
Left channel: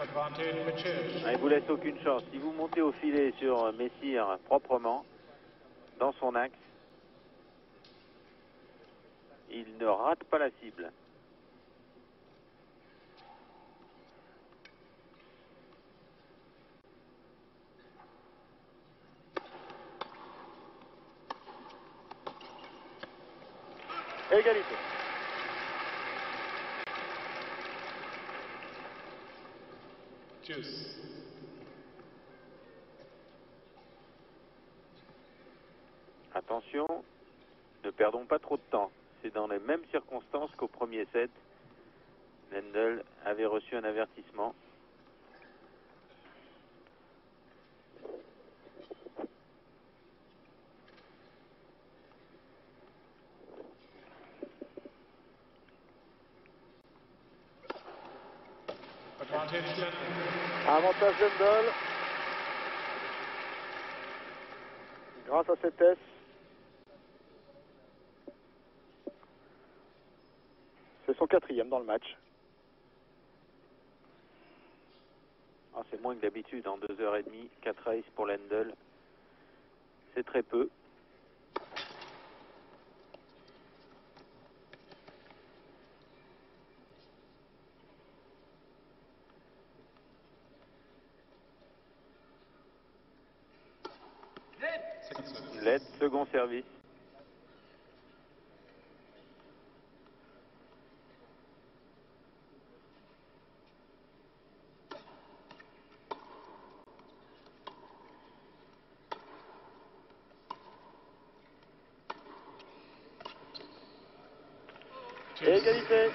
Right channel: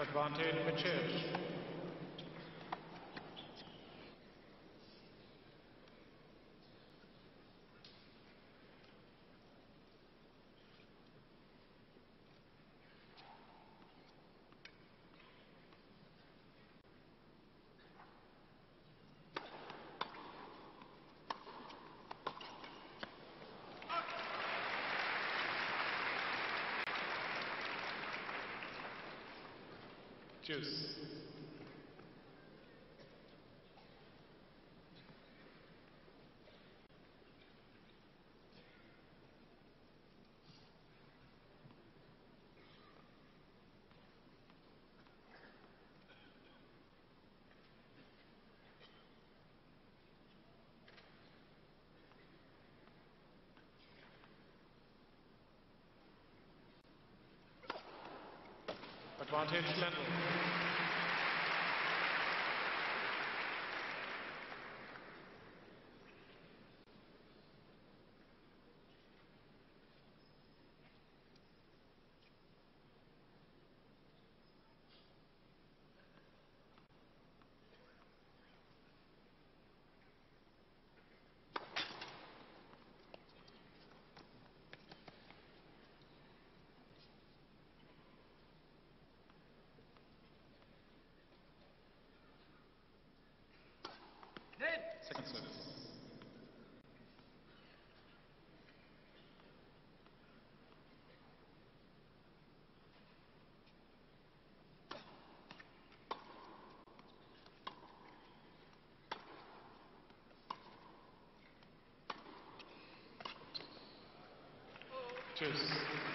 Advantage Mitchell. Il ne vous laisse aucune chance. Si vous montez au filet sur Messire proprement, dans son axe, il ne rate pas la cible. Égalité. Juice. Attention, ne perdons pas trop de temps. C'est dans les mêmes circonstances qu'au premier set. Lendl avait reçu un avertissement. Advantage Lendl. Avantage Lendl. Grâce à cette S. C'est son quatrième dans le match. Ah, c'est moins que d'habitude, en 2h30, 4 races pour Lendl. C'est très peu. Second service. Led, second service. Et Tschüss. égalité.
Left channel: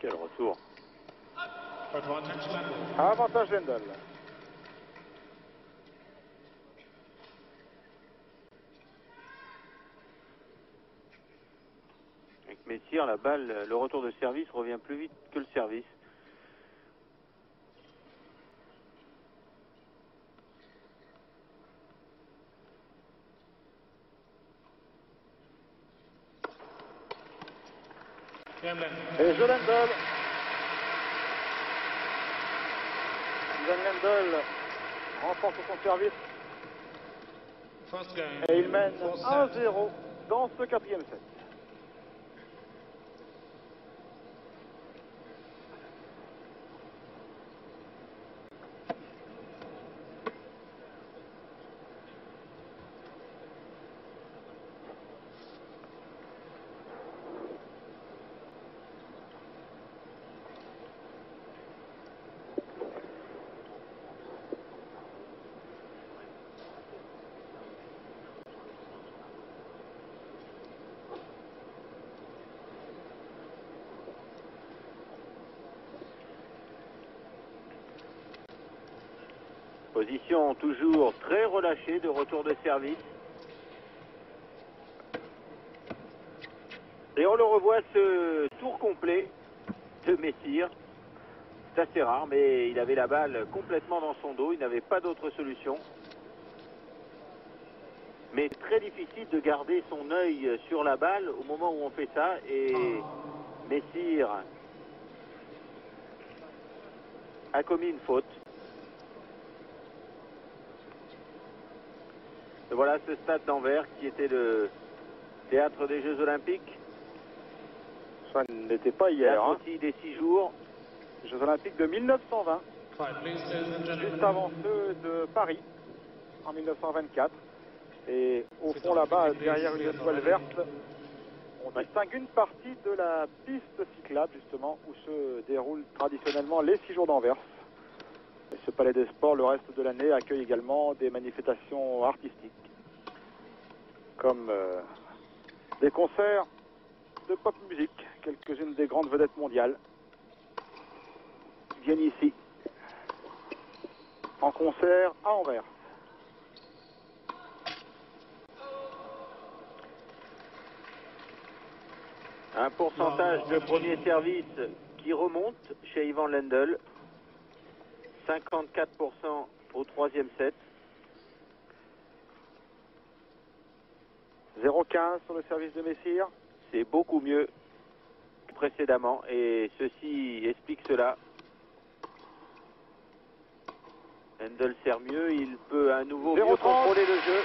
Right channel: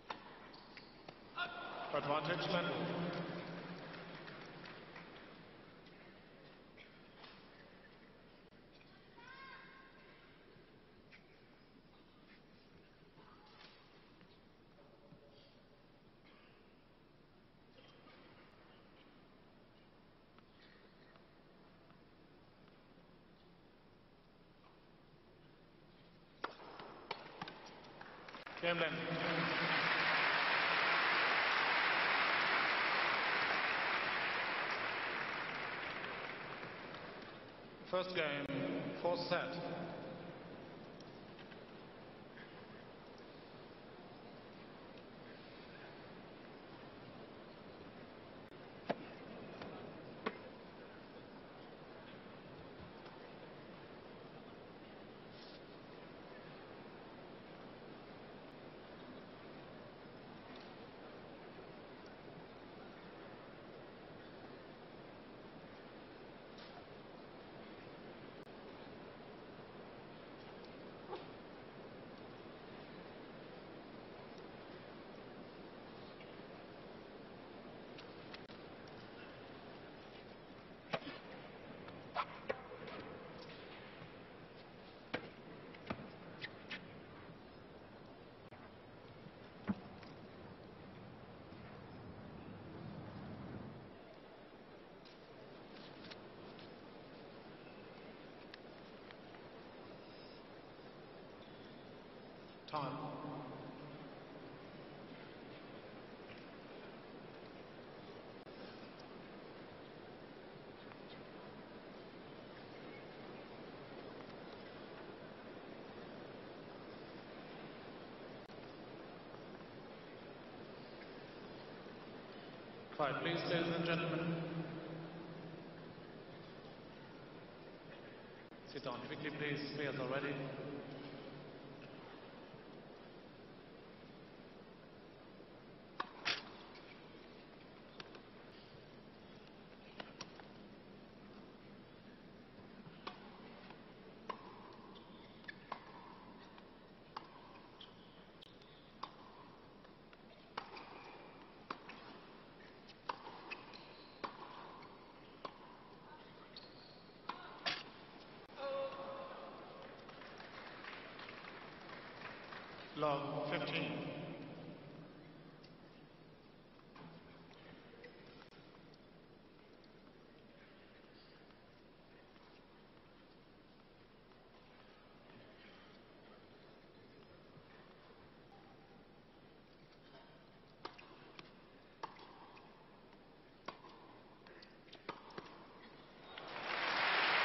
Quel retour. Advantage Lendl. Avantage Lendl. Avec Messire, la balle, le retour de service revient plus vite que le service. Game Lendl. Et jeu Lendl. Suzanne Lendl remporte son service First game. et il mène Fourth 1-0 set. dans ce quatrième set. Position toujours très relâchée de retour de service. Et on le revoit ce tour complet de Messire. C'est assez rare, mais il avait la balle complètement dans son dos. Il n'avait pas d'autre solution. Mais très difficile de garder son œil sur la balle au moment où on fait ça. Et Messire a commis une faute. Et voilà ce stade d'Anvers qui était le théâtre des Jeux Olympiques. Ça n'était pas hier. Théâtre aussi des 6 jours. Jeux Olympiques de 1920, Quiet, please, ladies and juste gentlemen. avant ceux de Paris en 1924. Et au C'est fond en là-bas, Église, derrière une oui, étoile on verte, on distingue une partie de la piste cyclable justement où se déroulent traditionnellement les 6 jours d'Anvers. Et ce palais des sports, le reste de l'année, accueille également des manifestations artistiques, comme des concerts de pop musique. Quelques-unes des grandes vedettes mondiales viennent ici, en concert à Anvers. Un pourcentage de premier service qui remonte chez Ivan Lendl. 54% au troisième set. 0,15 sur le service de Messire. C'est beaucoup mieux que précédemment et ceci explique cela. Lendl sert mieux, il peut à nouveau mieux 0,30. contrôler le jeu.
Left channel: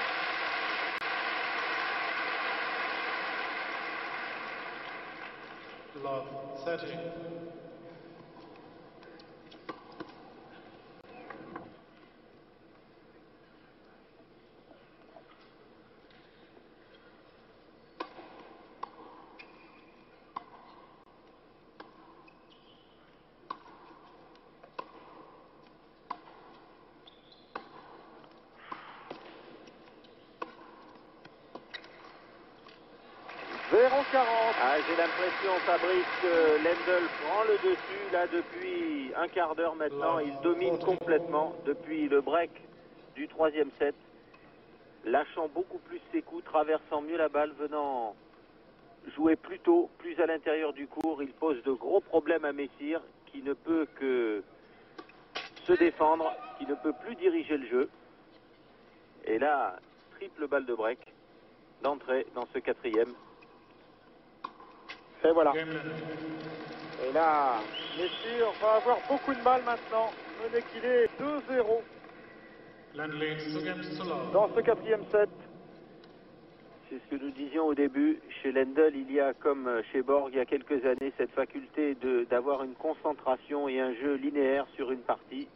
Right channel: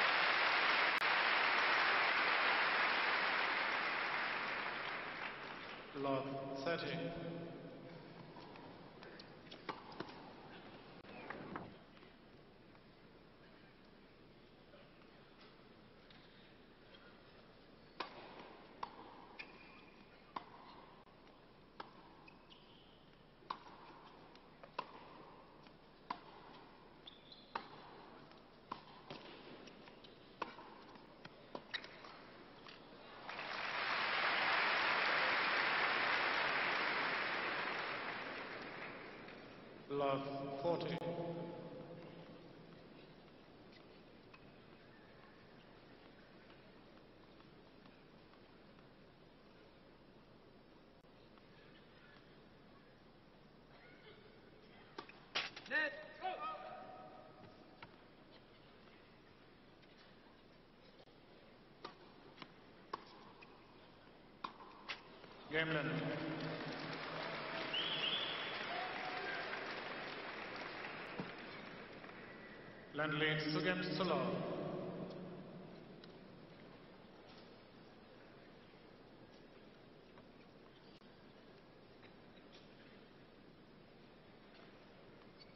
Love 30. Ah, j'ai l'impression, Fabrice, que Lendl prend le dessus là depuis un quart d'heure maintenant. Il domine complètement depuis le break du troisième set, lâchant beaucoup plus ses coups, traversant mieux la balle, venant jouer plus tôt, plus à l'intérieur du court. Il pose de gros problèmes à Messire, qui ne peut que se défendre, qui ne peut plus diriger le jeu. Et là, triple balle de break d'entrée dans ce quatrième. Et voilà. Game Lendl. Et là, Messire va avoir beaucoup de mal maintenant. Mené qu'il est 2-0 Lendl leads 2 games to love. dans ce quatrième set. c'est ce que nous disions au début. Chez Lendl, il y a, comme chez Borg il y a quelques années, cette faculté d'avoir une concentration et un jeu linéaire sur une partie.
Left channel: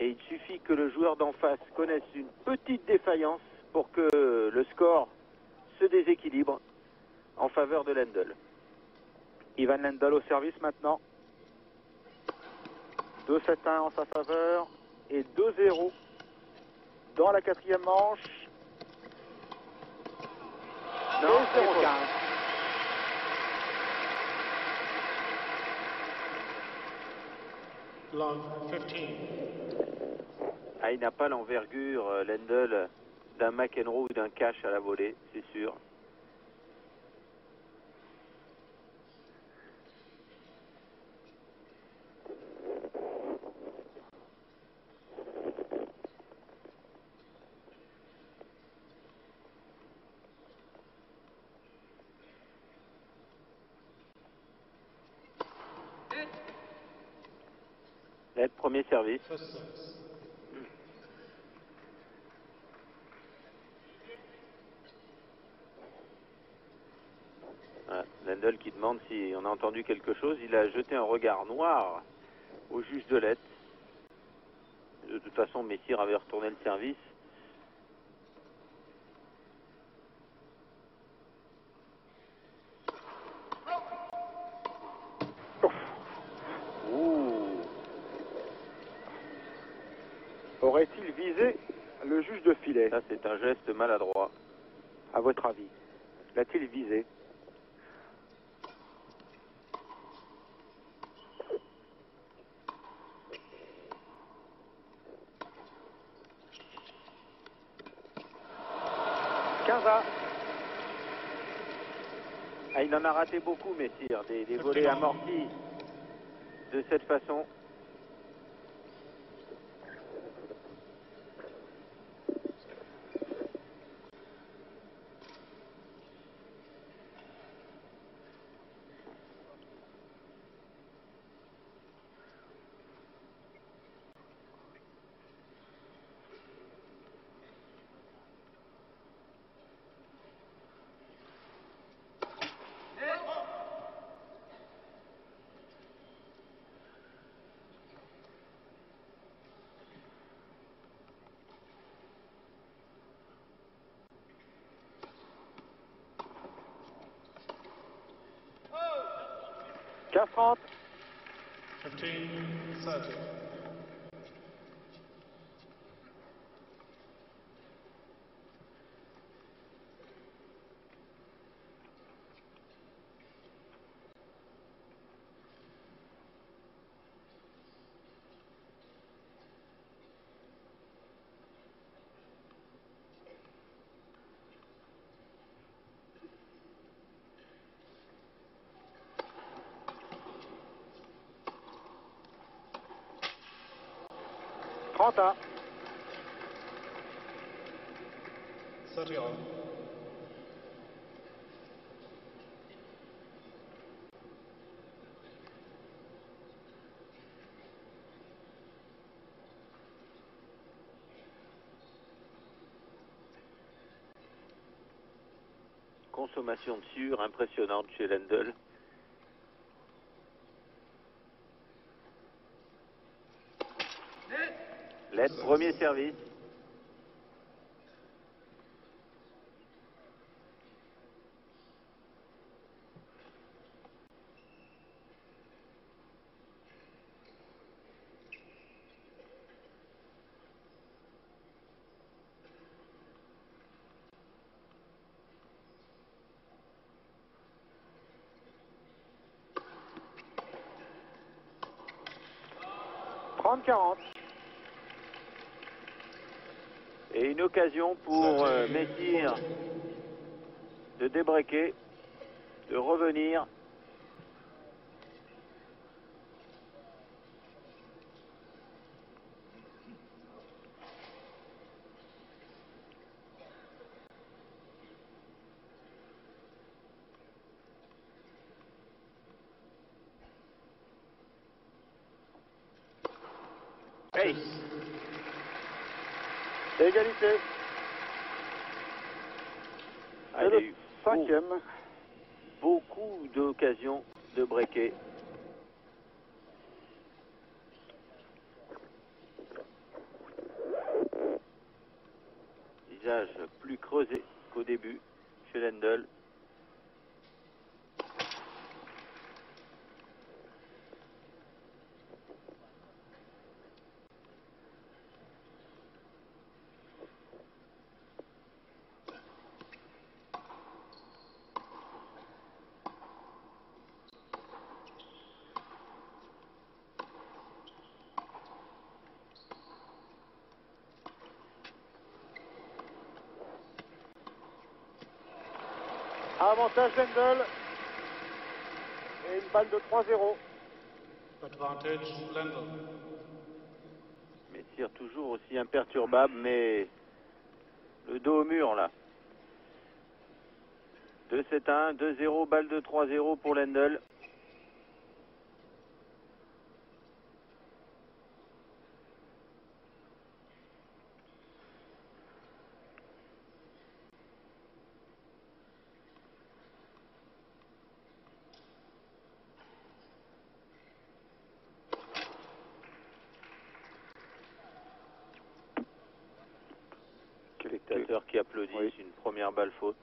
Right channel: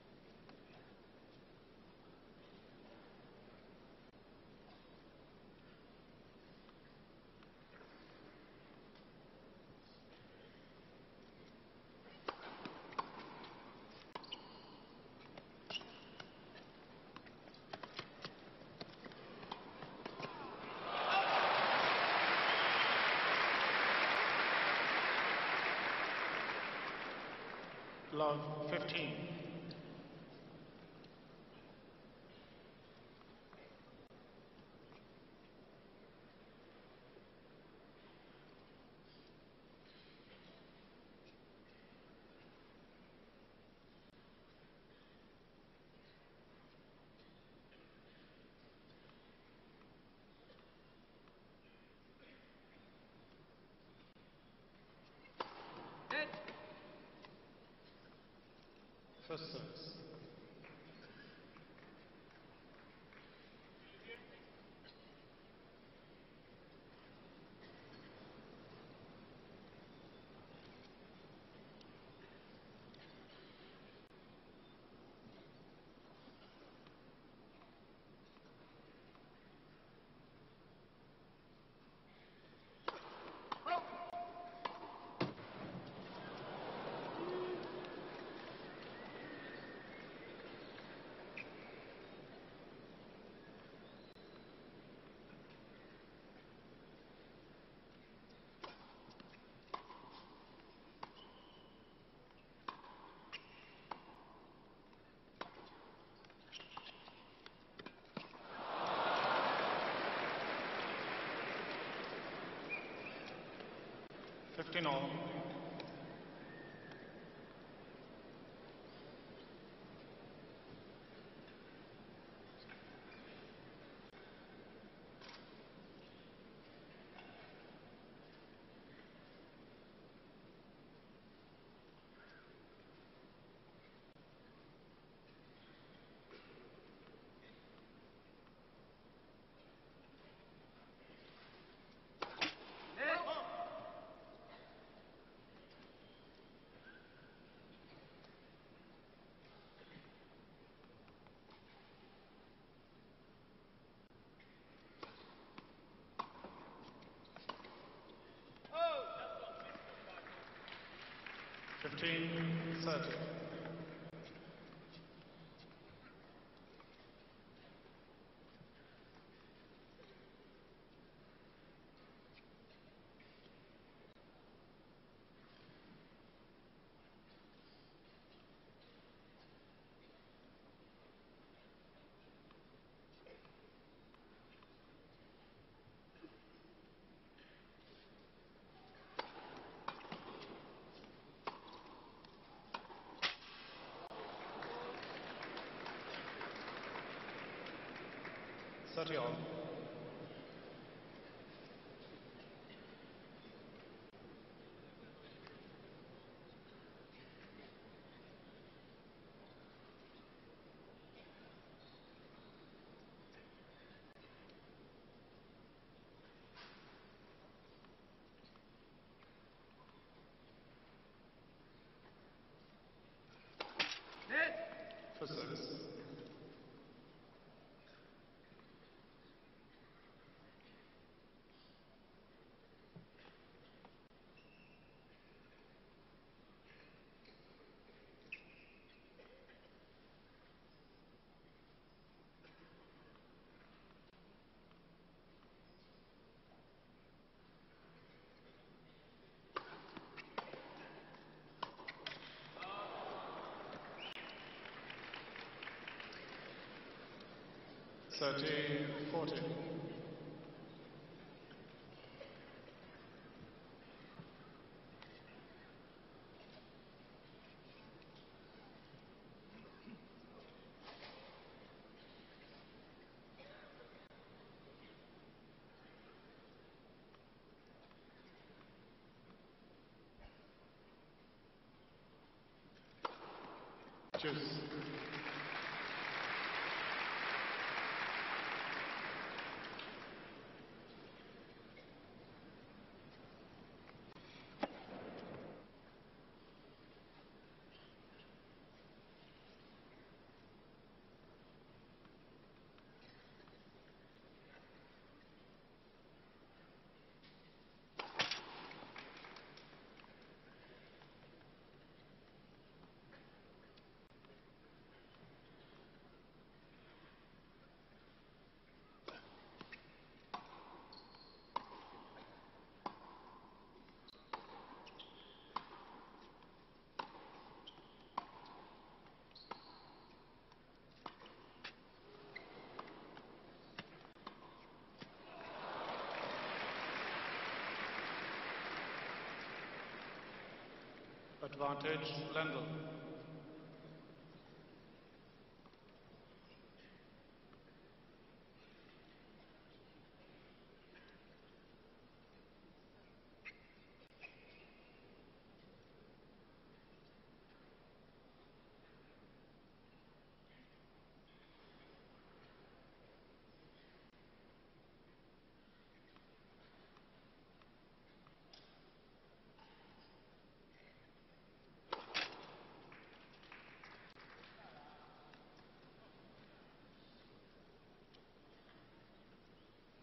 Et il suffit que le joueur d'en face connaisse une petite défaillance pour que le score se déséquilibre en faveur de Lendl. Ivan Lendl au service maintenant. 2-7-1 en sa faveur et 2-0 dans la quatrième manche. Non, Long 15. ah, il n'a pas l'envergure, Lendl, d'un McEnroe ou d'un Cash à la volée, c'est sûr. Net, premier service. First service. Voilà, Lendl qui demande si on a entendu quelque chose. Il a jeté un regard noir au juge de lettres. De toute façon, Messire avait retourné le service. Ouh. Aurait-il visé le juge de filet? Ça, c'est un geste maladroit. À votre avis, l'a-t-il visé? Ah, il en a raté beaucoup, Messire, des volets Absolument. amortis de cette façon. K30. 15, 30. Trente-un. 30 all. Consommation de sueur impressionnante chez Lendl. Lettre, premier service. Trente-quarante. Et une occasion pour Messire de débreaker, de revenir. Hey. Égalité. 5e. Beaucoup d'occasions de breaker. Visage plus creusé qu'au début chez Lendl. Avantage Lendl. Et une balle de 3-0. Advantage Lendl. Mais tire toujours aussi imperturbable, mais le dos au mur là. 2-7-1, 2-0, balle de 3-0 pour Lendl. Spectateurs qui applaudissent, Oui. une première balle faute.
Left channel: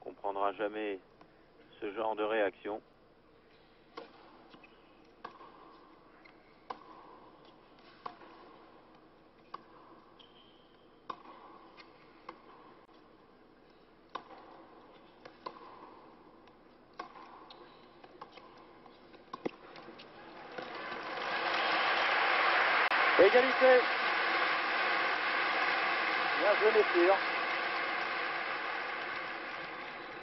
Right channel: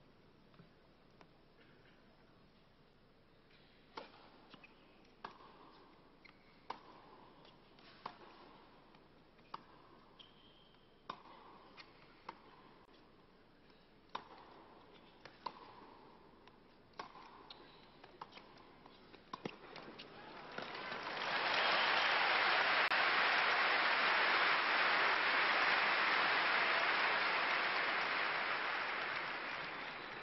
On comprendra jamais ce genre de réaction. Égalité. Bien joué les tirs.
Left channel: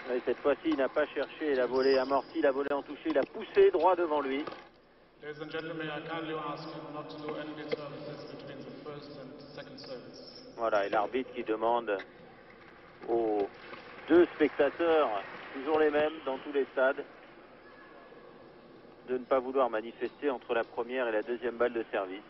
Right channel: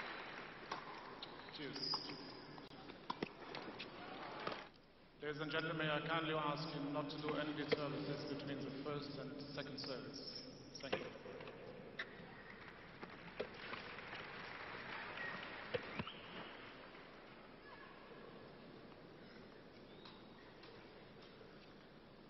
Et cette fois-ci, il n'a pas cherché la volée amortie, la volée en touché, il a poussé droit devant lui. Ladies and gentlemen, I kindly ask you not to do any services between the first and second service. Voilà, et l'arbitre qui demande aux deux spectateurs, toujours les mêmes dans tous les stades, de ne pas vouloir manifester entre la première et la deuxième balle de service.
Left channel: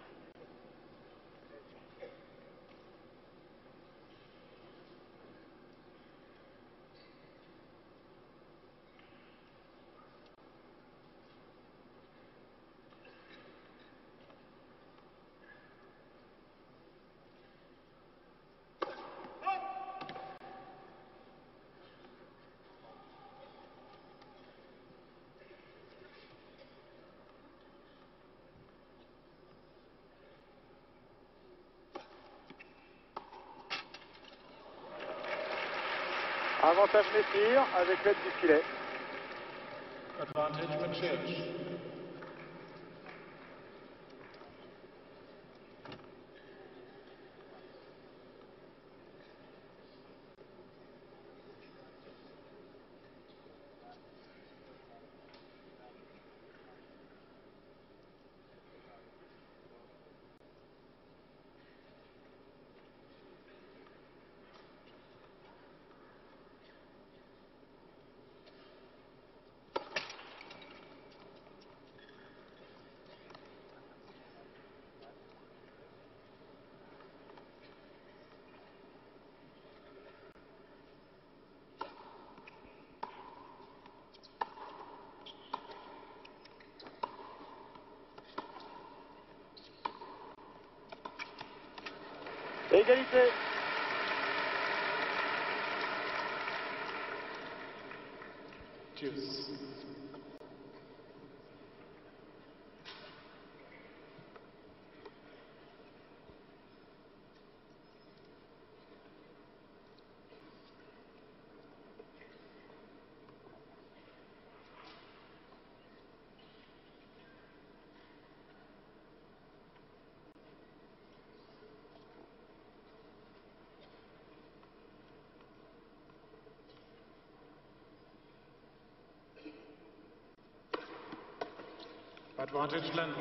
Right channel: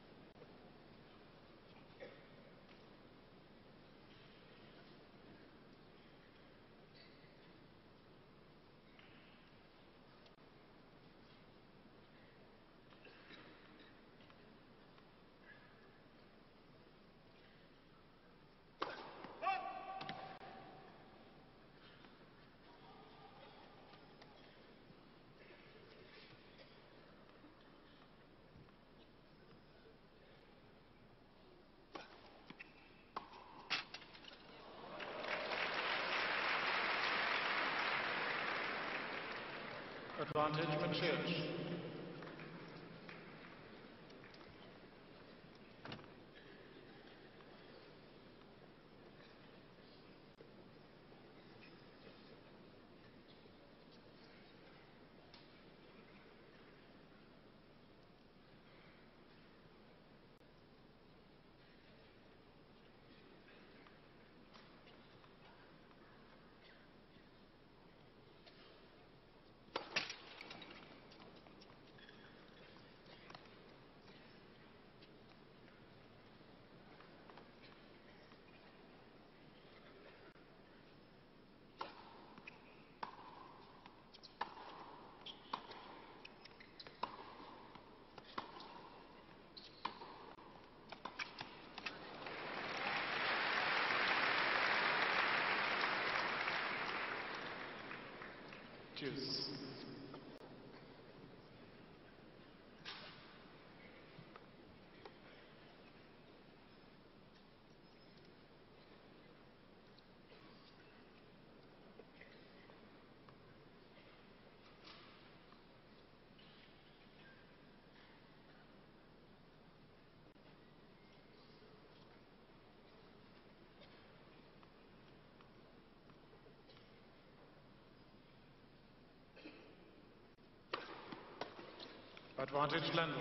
Avantage les tirs avec l'aide du filet. Advantage McChurch. Égalité. Deuce. Advantage Lendl.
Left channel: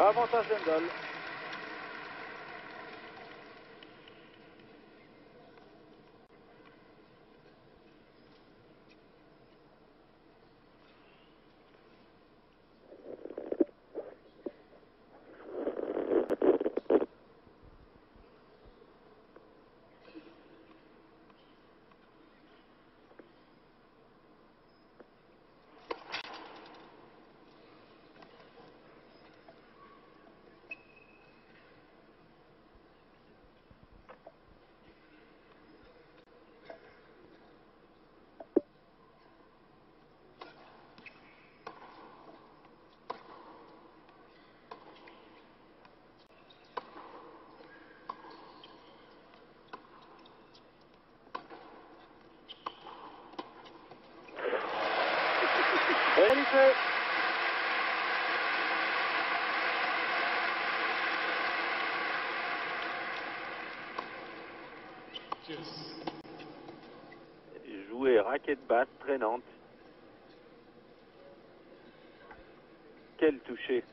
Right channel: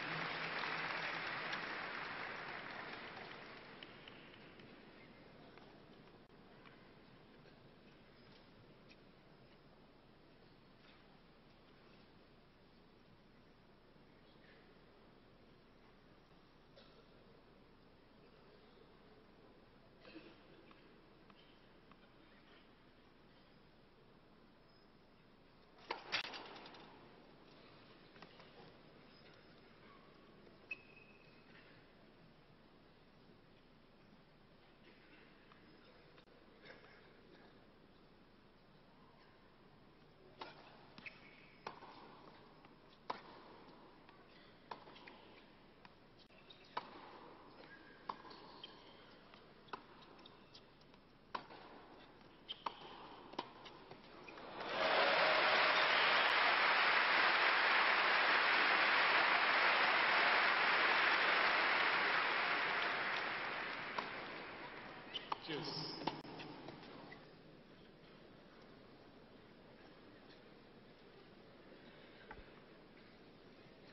Avantage Lendl. Égalité. Deuce. Jouer raquette basse, traînante. Quel toucher.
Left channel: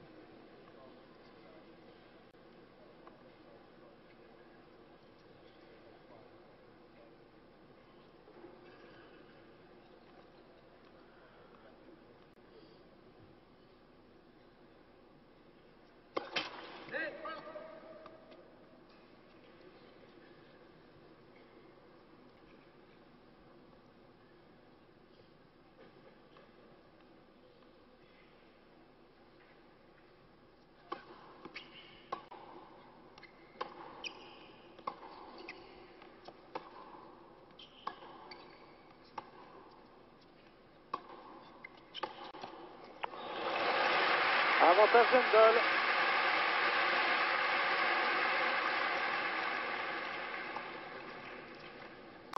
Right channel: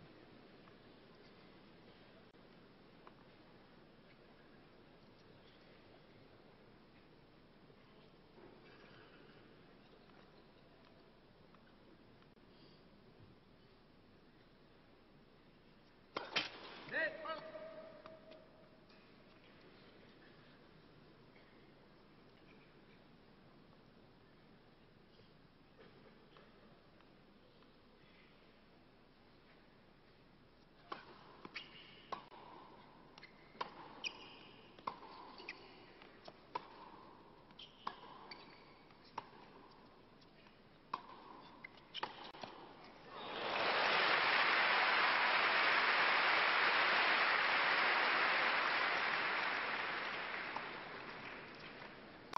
Avantage Lendl.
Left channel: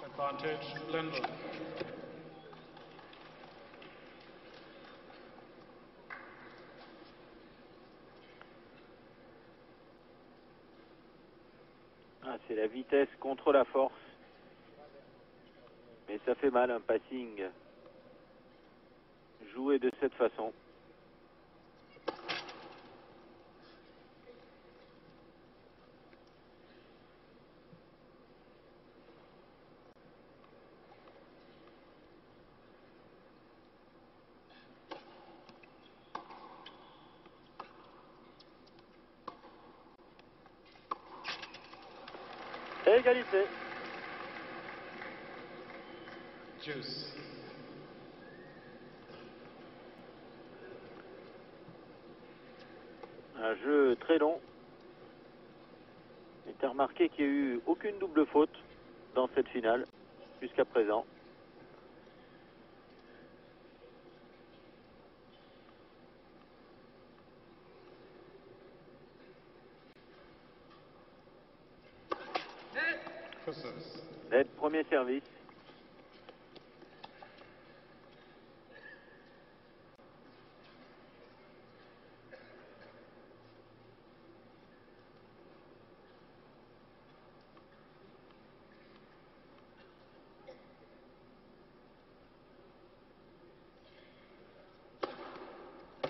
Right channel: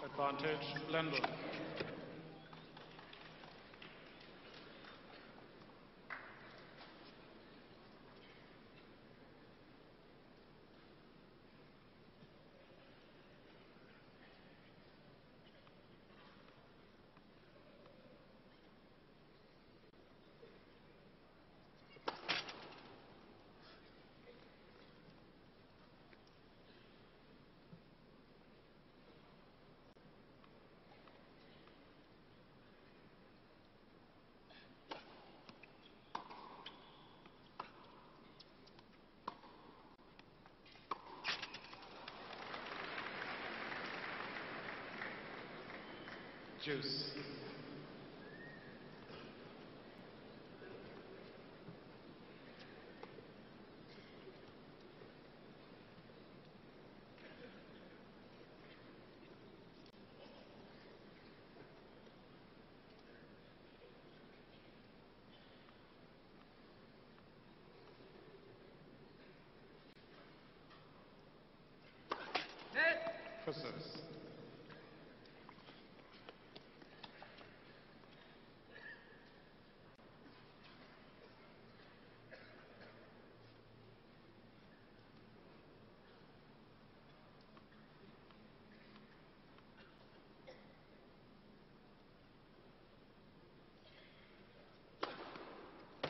Advantage Lendl. Ah, c'est la vitesse contre la force. Mais ça fait mal un passing joué de cette façon. Égalité. Deuce. Un jeu très long. Et t'as remarqué qu'il n'y a eu aucune double faute dans cette finale jusqu'à présent. For service. Net premier service.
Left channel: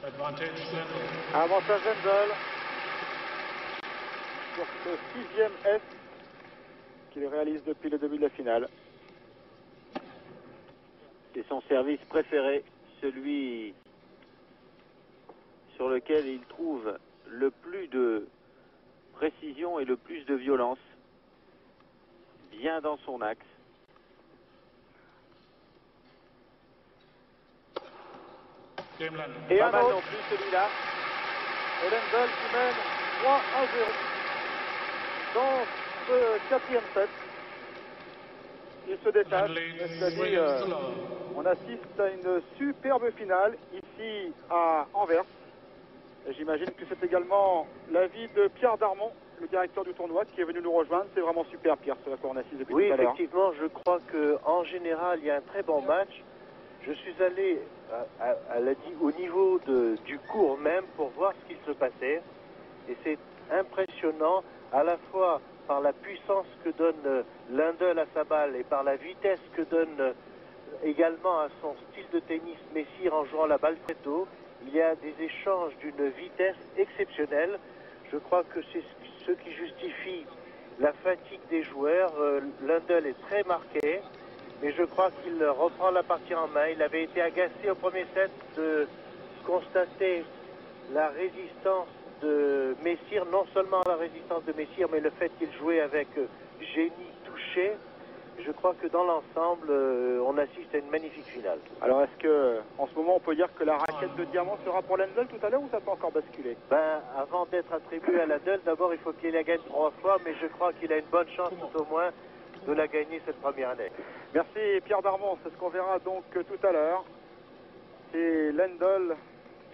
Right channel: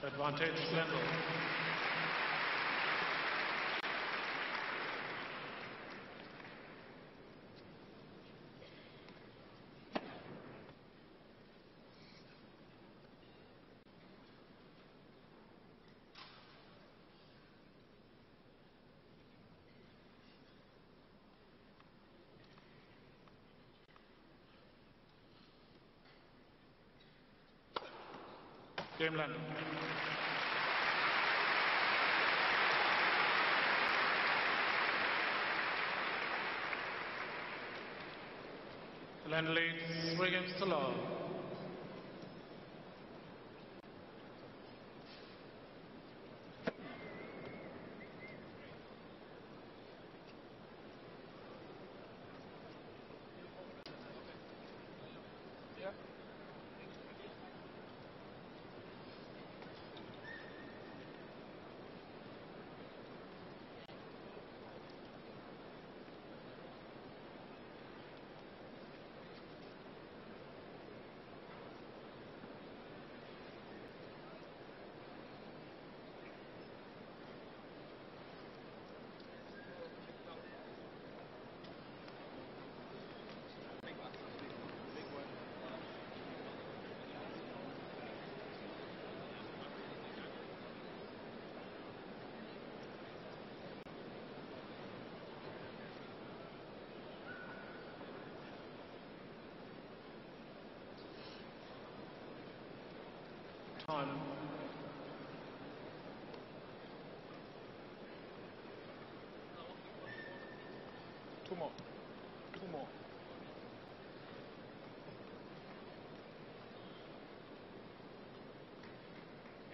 Advantage Lendl. Avantage Lendl. Sur ce 6e S qu'il réalise depuis le début de la finale. C'est son service préféré, celui sur lequel il trouve le plus de précision et le plus de violence. Bien dans son axe. Game Lendl. Et Pas un mal autre. non plus celui-là. Et Lendl qui mène 3-0 dans ce 4e set. Il se détache. And leads C'est-à-dire, 3 games to love. on assiste à une superbe finale ici à Anvers. Et j'imagine que c'est également l'avis de Pierre Darmon, le directeur du tournoi, qui est venu nous rejoindre. C'est vraiment super, Pierre, ce qu'on assiste depuis Oui, tout à l'heure. effectivement, je crois qu'en général, il y a un très bon match. Je suis allé au niveau du court même pour voir ce qui se passait. Et c'est impressionnant, à la fois par la puissance que donne Lendl à sa balle et par la vitesse que donne également à son style de tennis Messire en jouant la balle très haut. Il y a des échanges d'une vitesse exceptionnelle. Je crois que c'est ce qui justifie la fatigue des joueurs. Lendl est très marqué, mais je crois qu'il reprend la partie en main. Il avait été agacé au premier set de constater la résistance de Messire, non seulement la résistance de Messire, mais le fait qu'il jouait avec génie touché. Je crois que dans l'ensemble, on assiste à une magnifique finale. Alors, est-ce que, en ce moment, on peut dire que la raquette de diamant sera pour Lendl tout à l'heure ou ça peut encore basculer? Ben, avant d'être attribué à Lendl, d'abord, il faut qu'il la gagne 3 fois, mais je crois qu'il a une bonne chance, tout au moins, de la gagner cette première année. Merci Pierre Darmon, c'est ce qu'on verra donc tout à l'heure. Et Lendl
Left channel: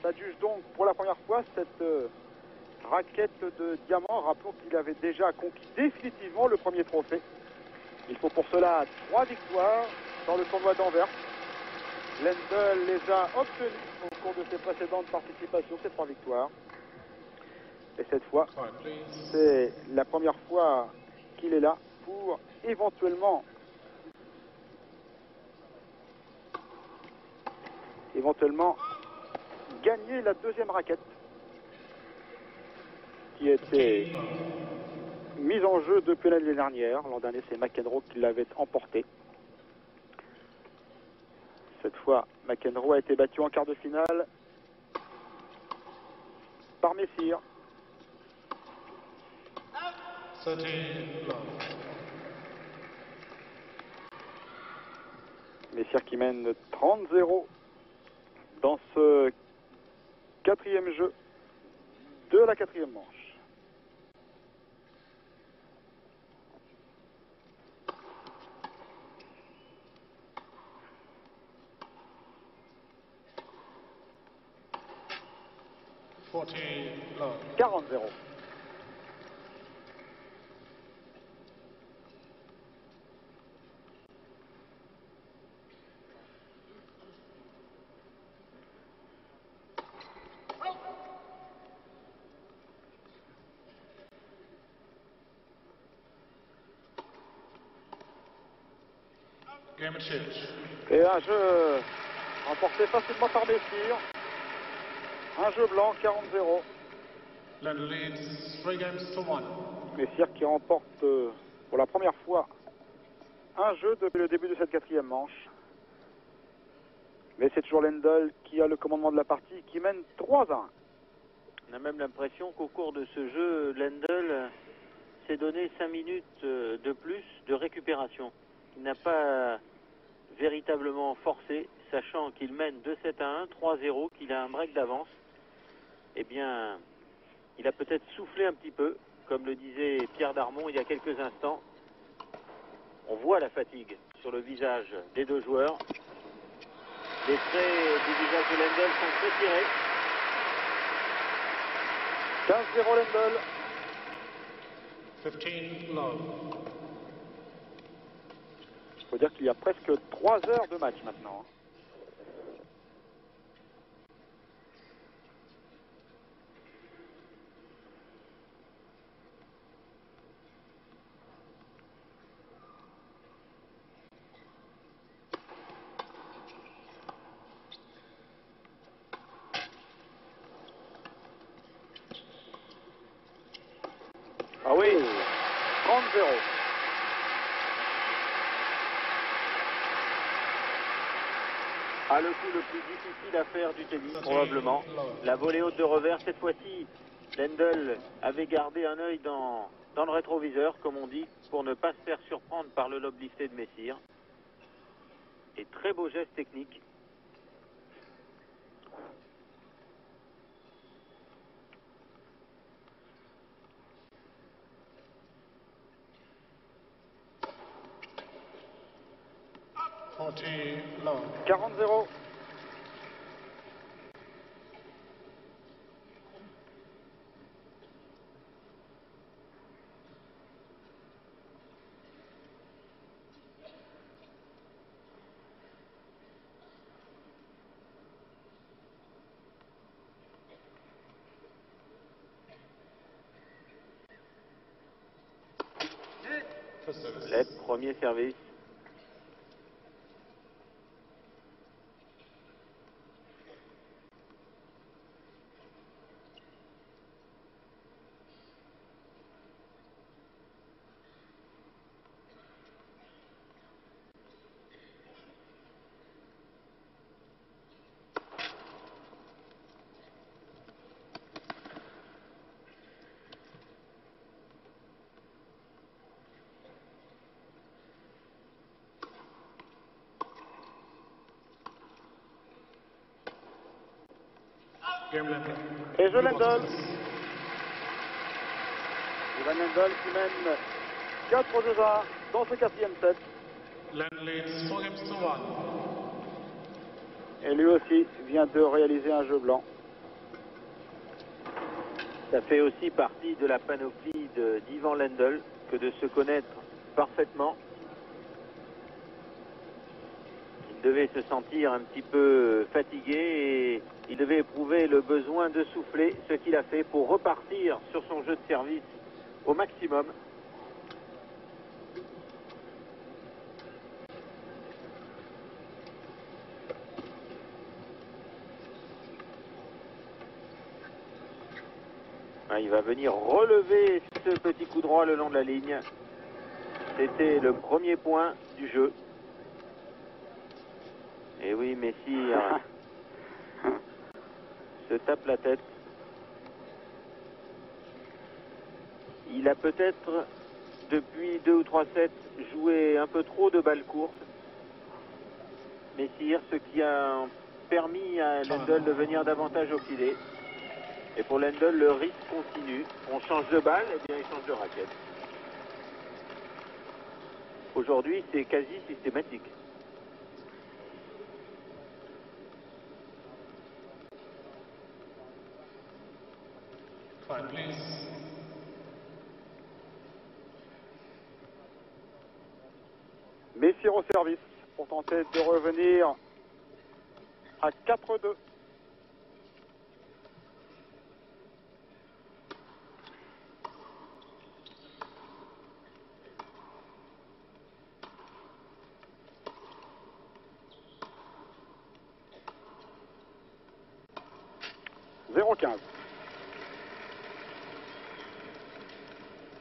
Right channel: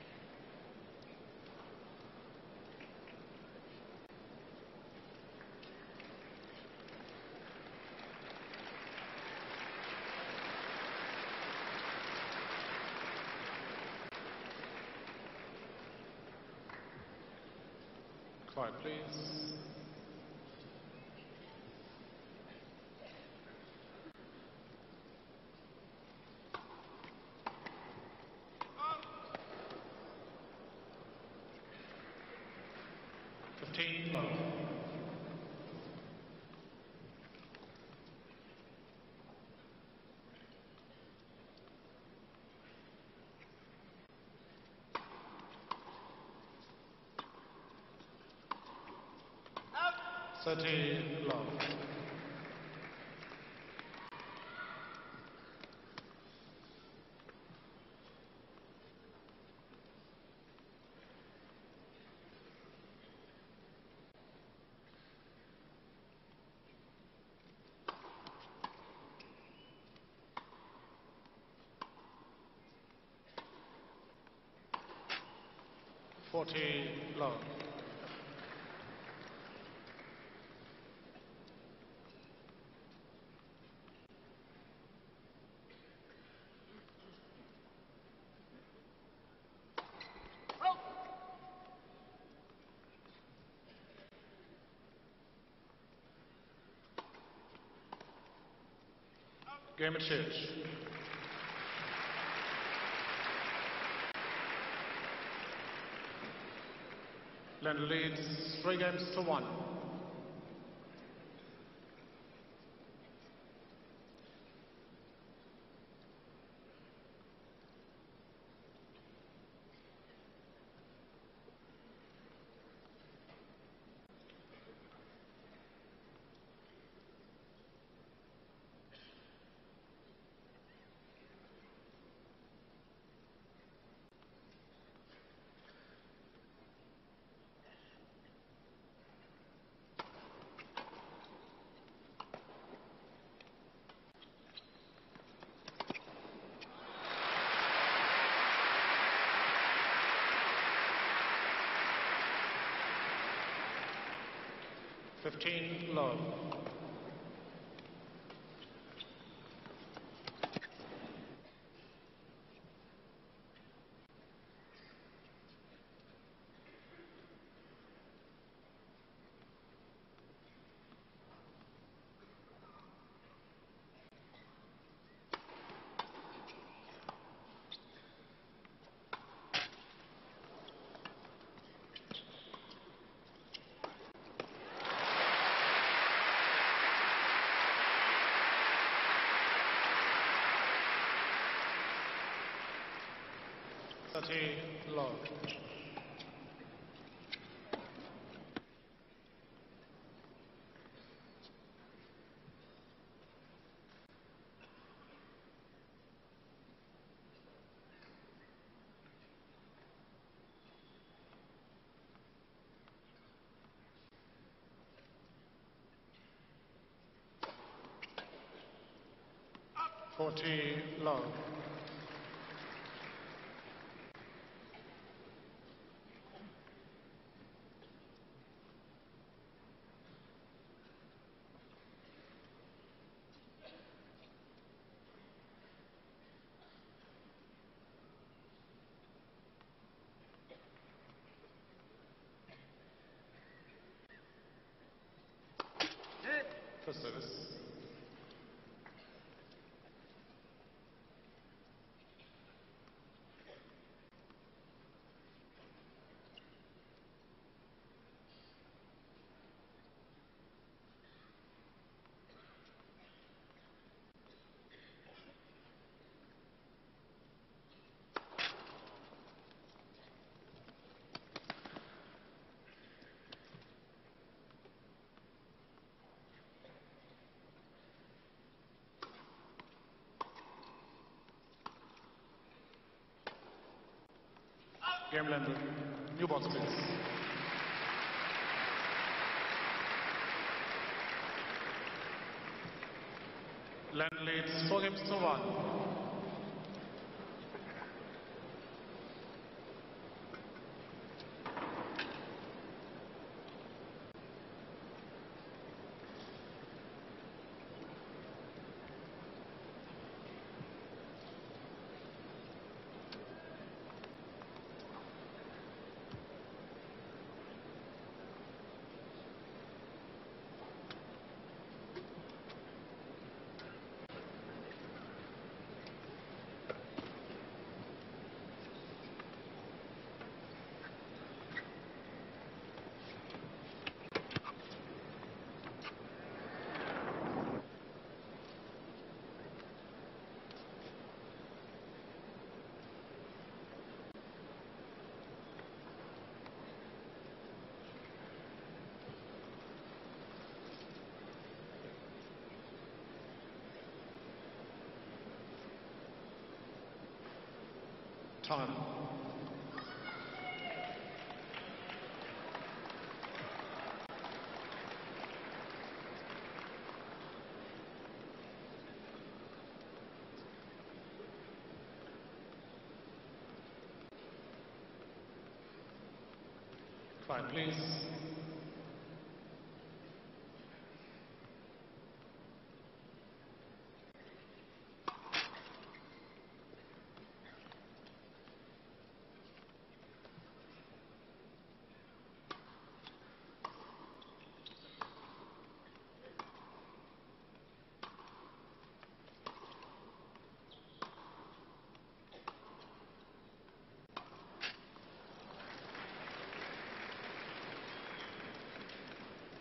s'adjuge donc pour la première fois cette raquette de diamant. Rappelons qu'il avait déjà conquis définitivement le premier trophée. Il faut pour cela 3 victoires dans le tournoi d'Anvers. Lendl les a obtenus au cours de ses précédentes participations, ces 3 victoires. Et cette fois, Quiet, please. c'est la première fois qu'il est là pour éventuellement gagner la deuxième raquette qui était mise en jeu depuis l'année dernière. L'an dernier, c'est McEnroe qui l'avait emporté. Cette fois, McEnroe a été battu en quart de finale par Messire. 13 love. Messire qui mène 30-0 dans ce quatrième jeu de la quatrième manche. Love. 40-0. Game of change. Et un jeu remporté facilement par Messire. Un jeu blanc, 40-0. Lendl leads 3 games to 1. Messire qui remporte pour la première fois un jeu depuis le début de cette quatrième manche. Mais c'est toujours Lendl qui a le commandement de la partie, qui mène 3-1. On a même l'impression qu'au cours de ce jeu, Lendl s'est donné 5 minutes de plus de récupération. Il n'a pas véritablement forcé, sachant qu'il mène 2-7 à 1, 3-0, qu'il a un break d'avance. Eh bien, il a peut-être soufflé un petit peu, comme le disait Pierre Darmon il y a quelques instants. On voit la fatigue sur le visage des deux joueurs. Les traits du visage de Lendl sont retirés. 15-0 Lendl. 15 love. Il faut dire qu'il y a presque 3 heures de match maintenant. Ah oui, 30-0. Ah, le coup le plus difficile à faire du tennis, probablement. La volée haute de revers, cette fois-ci, Lendl avait gardé un œil dans le rétroviseur, comme on dit, pour ne pas se faire surprendre par le lob lifté de Messire. Et très beau geste technique. Love. 40-0. Le premier service. Game Lendl. Et jeu Blue Lendl. boxes. Lendl qui mène 4-2-1 dans ce quatrième set. Lendl leads 4 games to 1. Et lui aussi vient de réaliser un jeu blanc. Ça fait aussi partie de la panoplie d'Ivan Lendl que de se connaître parfaitement. devait se sentir un petit peu fatigué et il devait éprouver le besoin de souffler, ce qu'il a fait pour repartir sur son jeu de service au maximum. Il va venir relever ce petit coup droit le long de la ligne. C'était le premier point du jeu. Et oui, Messire se tape la tête. Il a peut-être, depuis 2 ou 3 sets, joué un peu trop de balles courtes. Messire, ce qui a permis à Lendl de venir davantage au filet. Et pour Lendl, le rythme continue. On change de balle, et bien il change de raquette. Aujourd'hui, c'est quasi systématique. Quiet, please. Messire au service pour tenter de revenir à 4-2.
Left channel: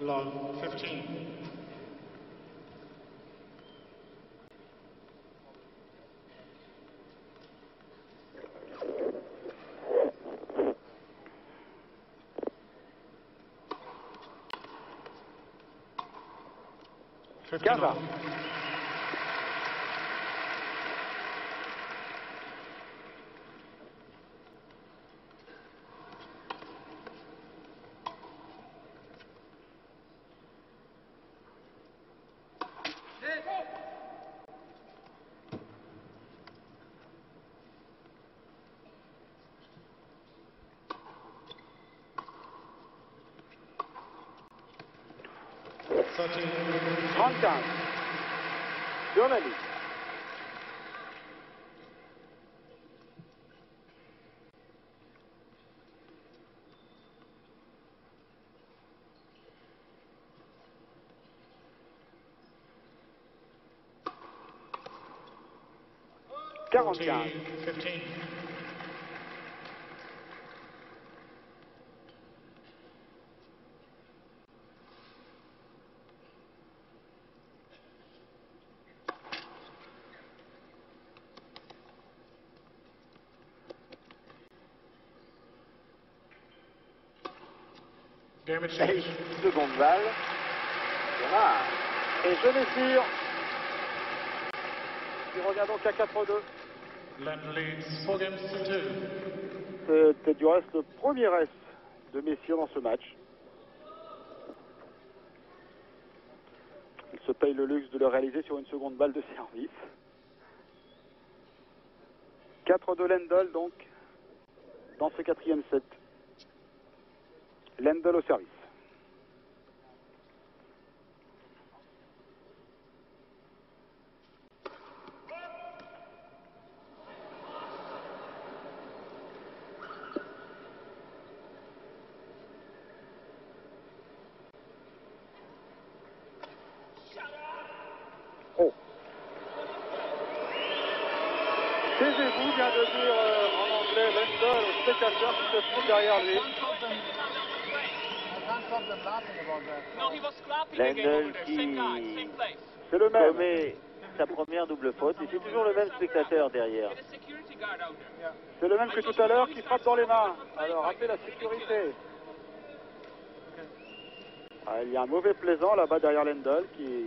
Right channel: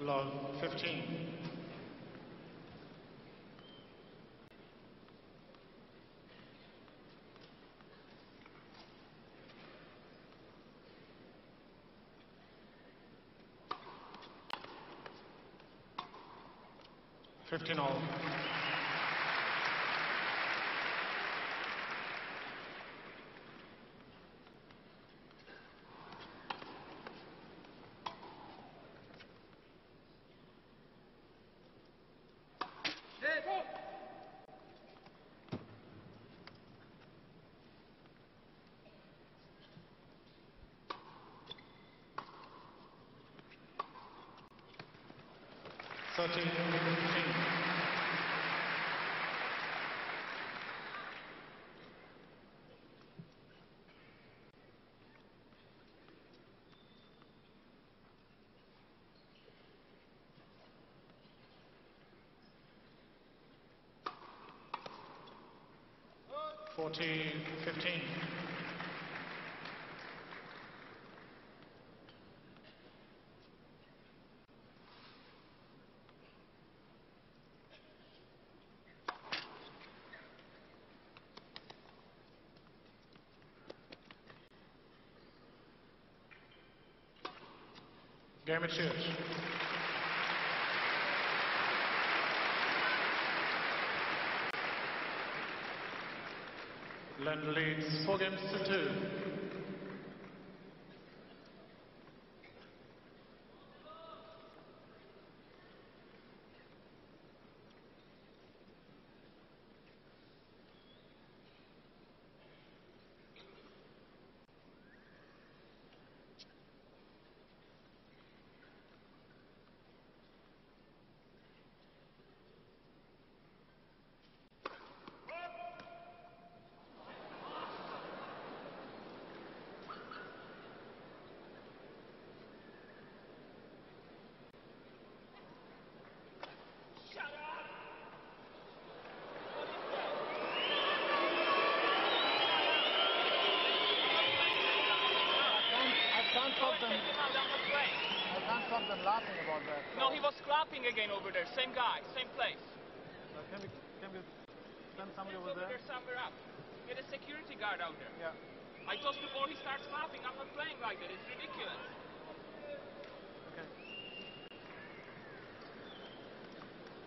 Love 15. Gava. Journaliste. Fourteen, 15. Game of change. Seconde balle. Voilà. Et je Messire qui revient donc à 4-2. Lendl leads 4 games to 2. C'est du reste le premier reste de Messire dans ce match. Il se paye le luxe de le réaliser sur une seconde balle de service. 4-2 Lendl donc dans ce quatrième set. Lendl au service. Oh. Taisez-vous, vient de dire en anglais Lendl, c'est quelqu'un qui se trouve derrière lui. I can't stop them laughing about that. No, he was scrapping again over there. Same guy, same place. C'est le même. Commet sa première double faute. Et c'est toujours le même spectateur derrière. Get a security guard out there. C'est le même que tout à l'heure qui frappe dans les mains. Alors rappelez la sécurité. Ah, il y a un mauvais plaisant là-bas derrière Lendl qui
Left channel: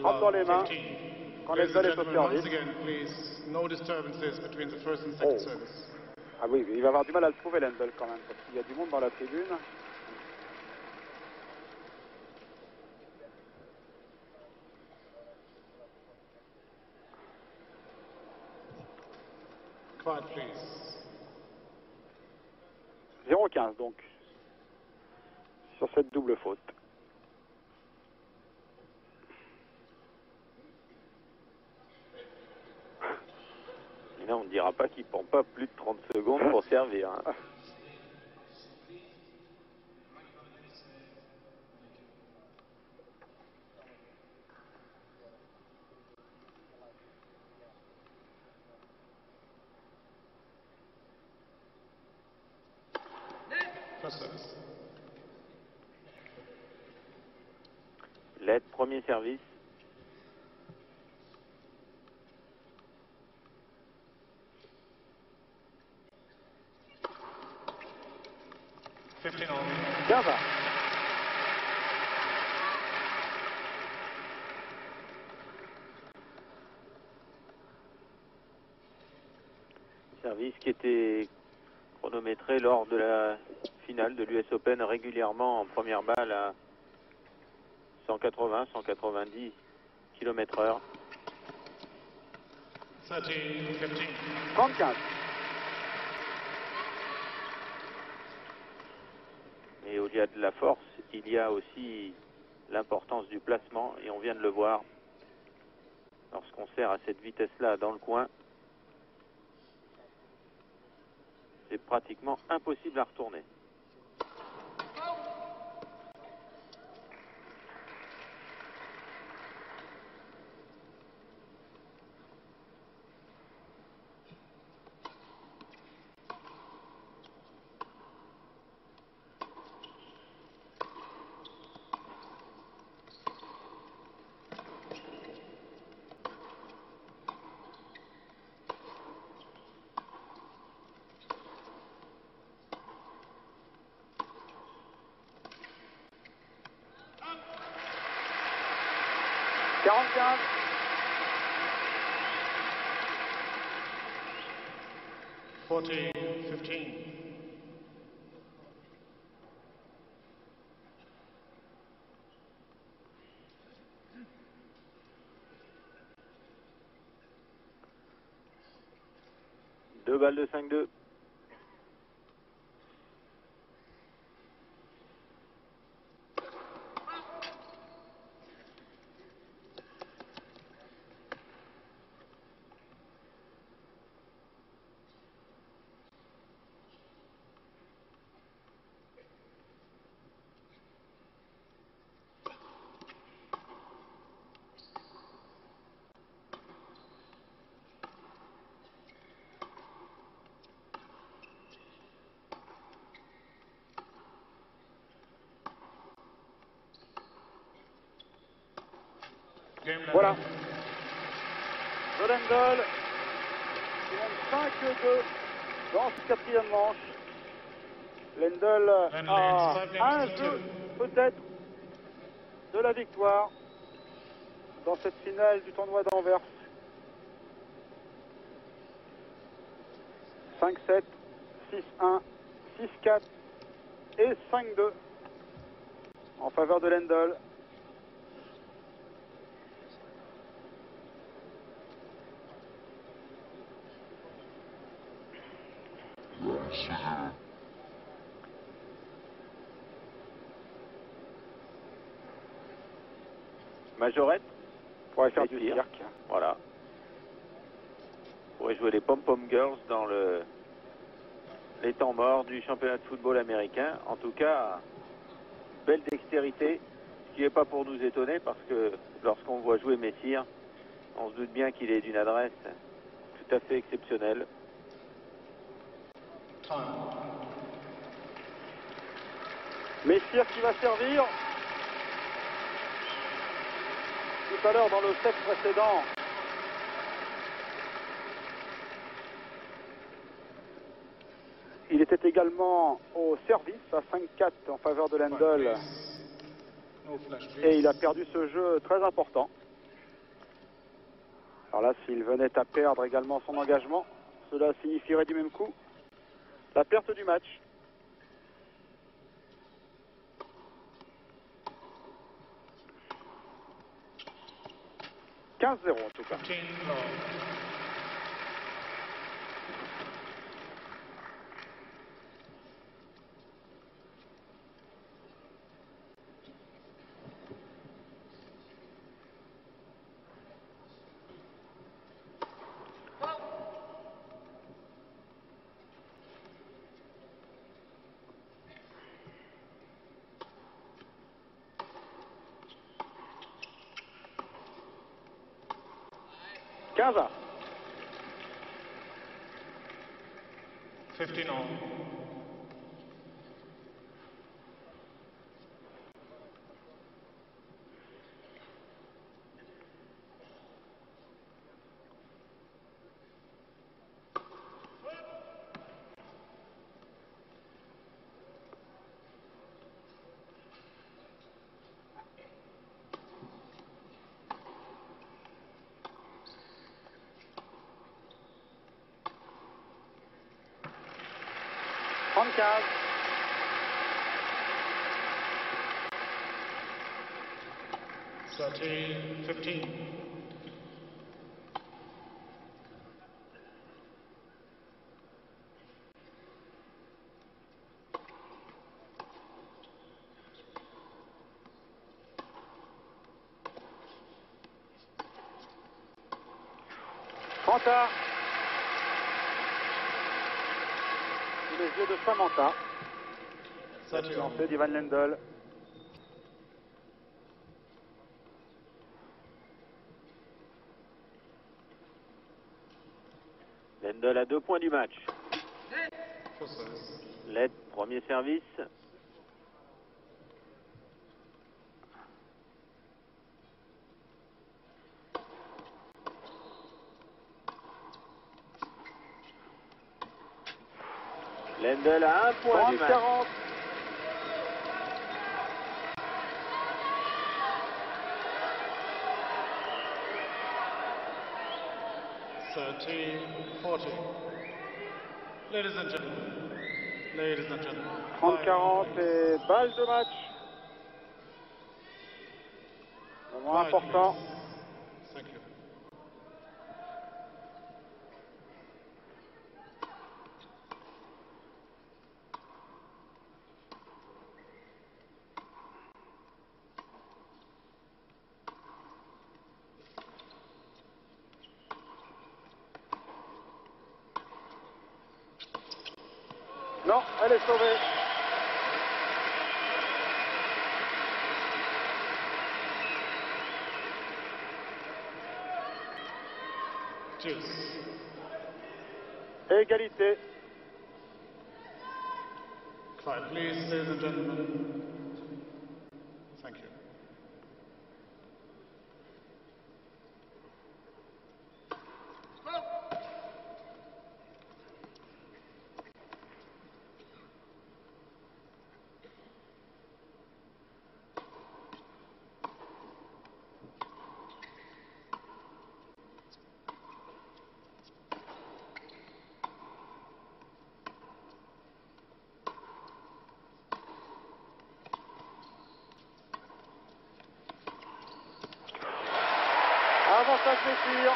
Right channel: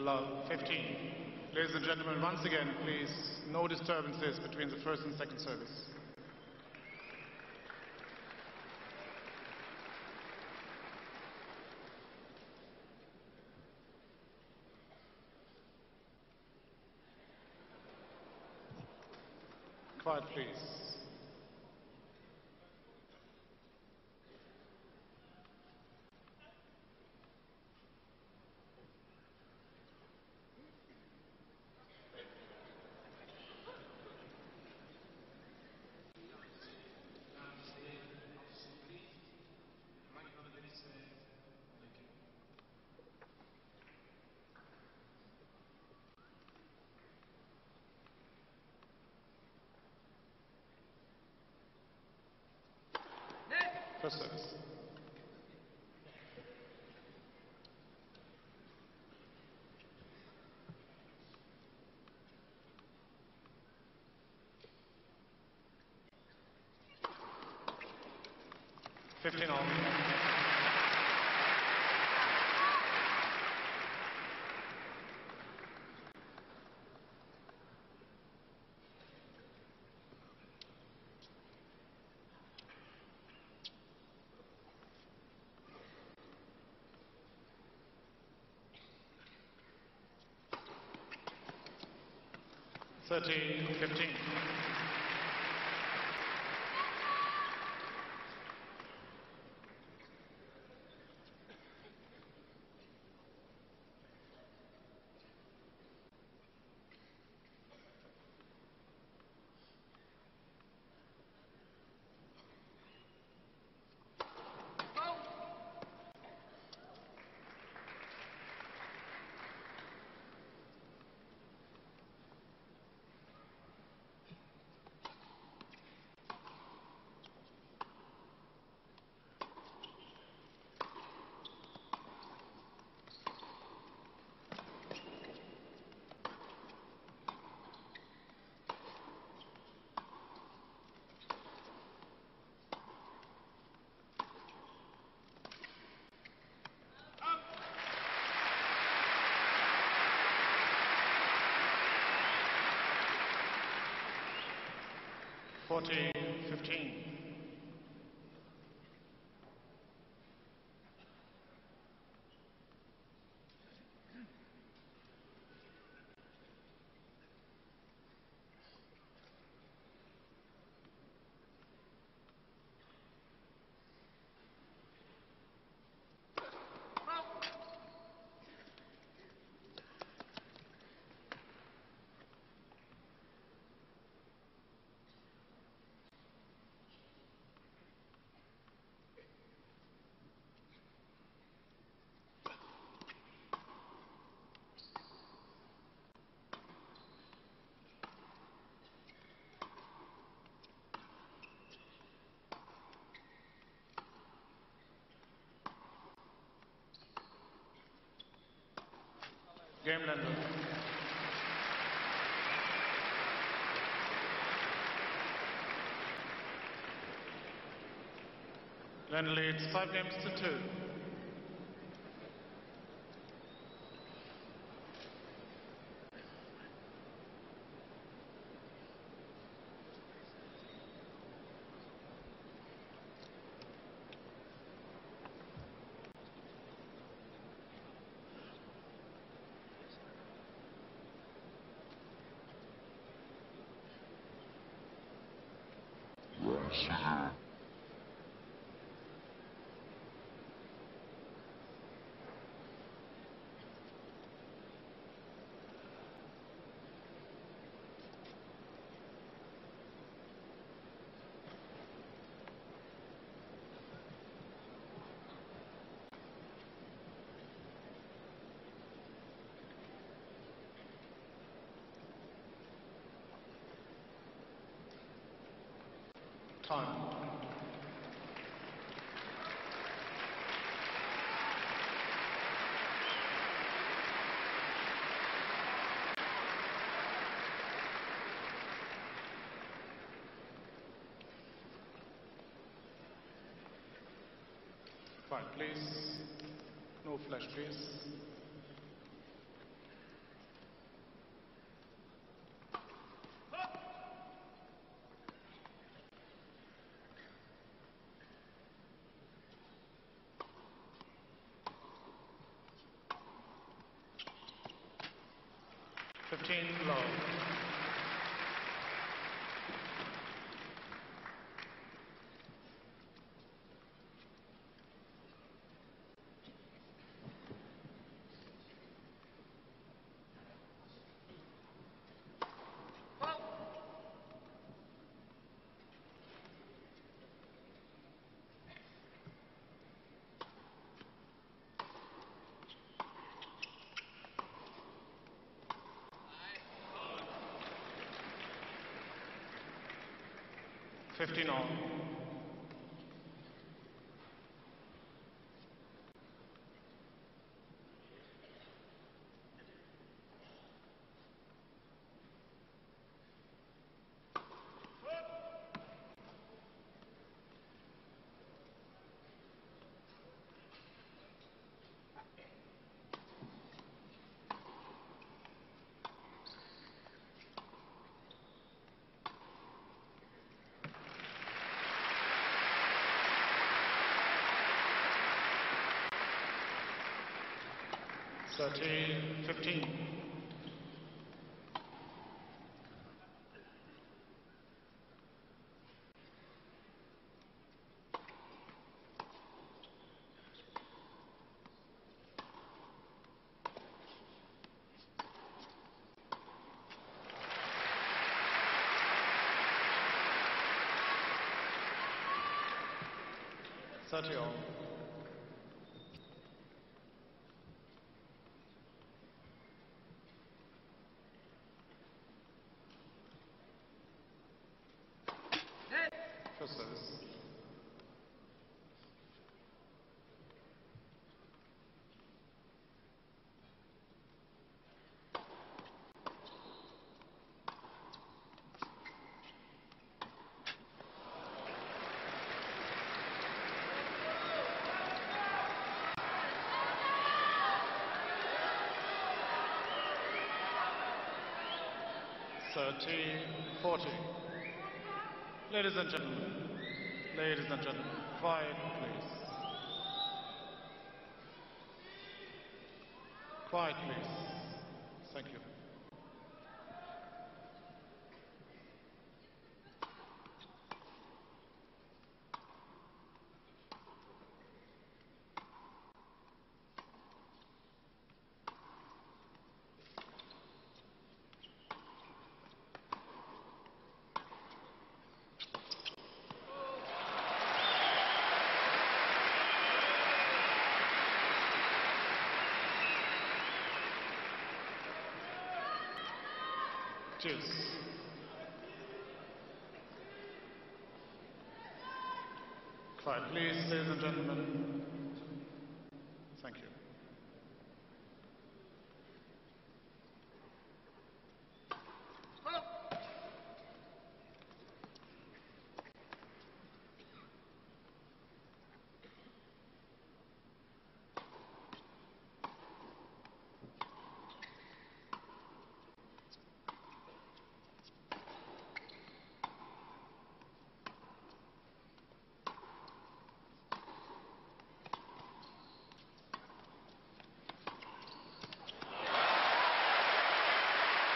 frappe dans les Love main. 15. Quand Ladies and Lendl est au gentlemen, once service. again, please, no disturbances between the first and second service. Ah oui, il va avoir du mal à le trouver Lendl quand même, parce qu'il y a du monde dans la tribune. Quiet, please. 0-15 donc, sur cette double faute. dira pas qu'il prend pas plus de 30 secondes pour servir. Hein. First service. L'aide, premier service. Gava. Service qui était chronométré lors de la finale de l'US Open régulièrement en première balle à 180-190 km/h. 35. Et au-delà de la force, il y a aussi l'importance du placement, et on vient de le voir. Lorsqu'on sert à cette vitesse-là dans le coin, c'est pratiquement impossible à retourner. Forty, 15. Deux balles de 5-2. Voilà. De Lendl qui mène 5-2 dans ce quatrième manche. Lendl a un jeu peut-être de la victoire dans cette finale du tournoi d'Anvers. 5-7, 6-1, 6-4 et 5-2 en faveur de Lendl. Majorette On pourrait faire du tir. cirque. Voilà. On pourrait jouer les pom-pom girls dans les temps morts du championnat de football américain. En tout cas, belle dextérité, ce qui n'est pas pour nous étonner parce que lorsqu'on voit jouer Messire, on se doute bien qu'il est d'une adresse tout à fait exceptionnelle. Messire qui va servir. Tout à l'heure dans le set précédent. Il était également au service à 5-4 en faveur de Lendl. No flash, please. Et il a perdu ce jeu très important. Alors là, s'il venait à perdre également son engagement, cela signifierait du même coup la perte du match. « 15-0 en tout cas. 15 love. 15-1. 15 all. Thirteen, 15. Samantha. Les yeux de Samantha. 30 all. C'est d'Ivan Lendl. Lendl à 2 points du match. First service. Lett, premier service. Lendl à 1 point du match. 40. Thirteen, 40. Ladies and gentlemen. Ladies and gentlemen. 30-40 et balle de match. Moment important. Thank you. Non, elle est sauvée. Cheers. Égalité. Quiet, please, ladies and gentlemen. Thank you. Avantage de tir.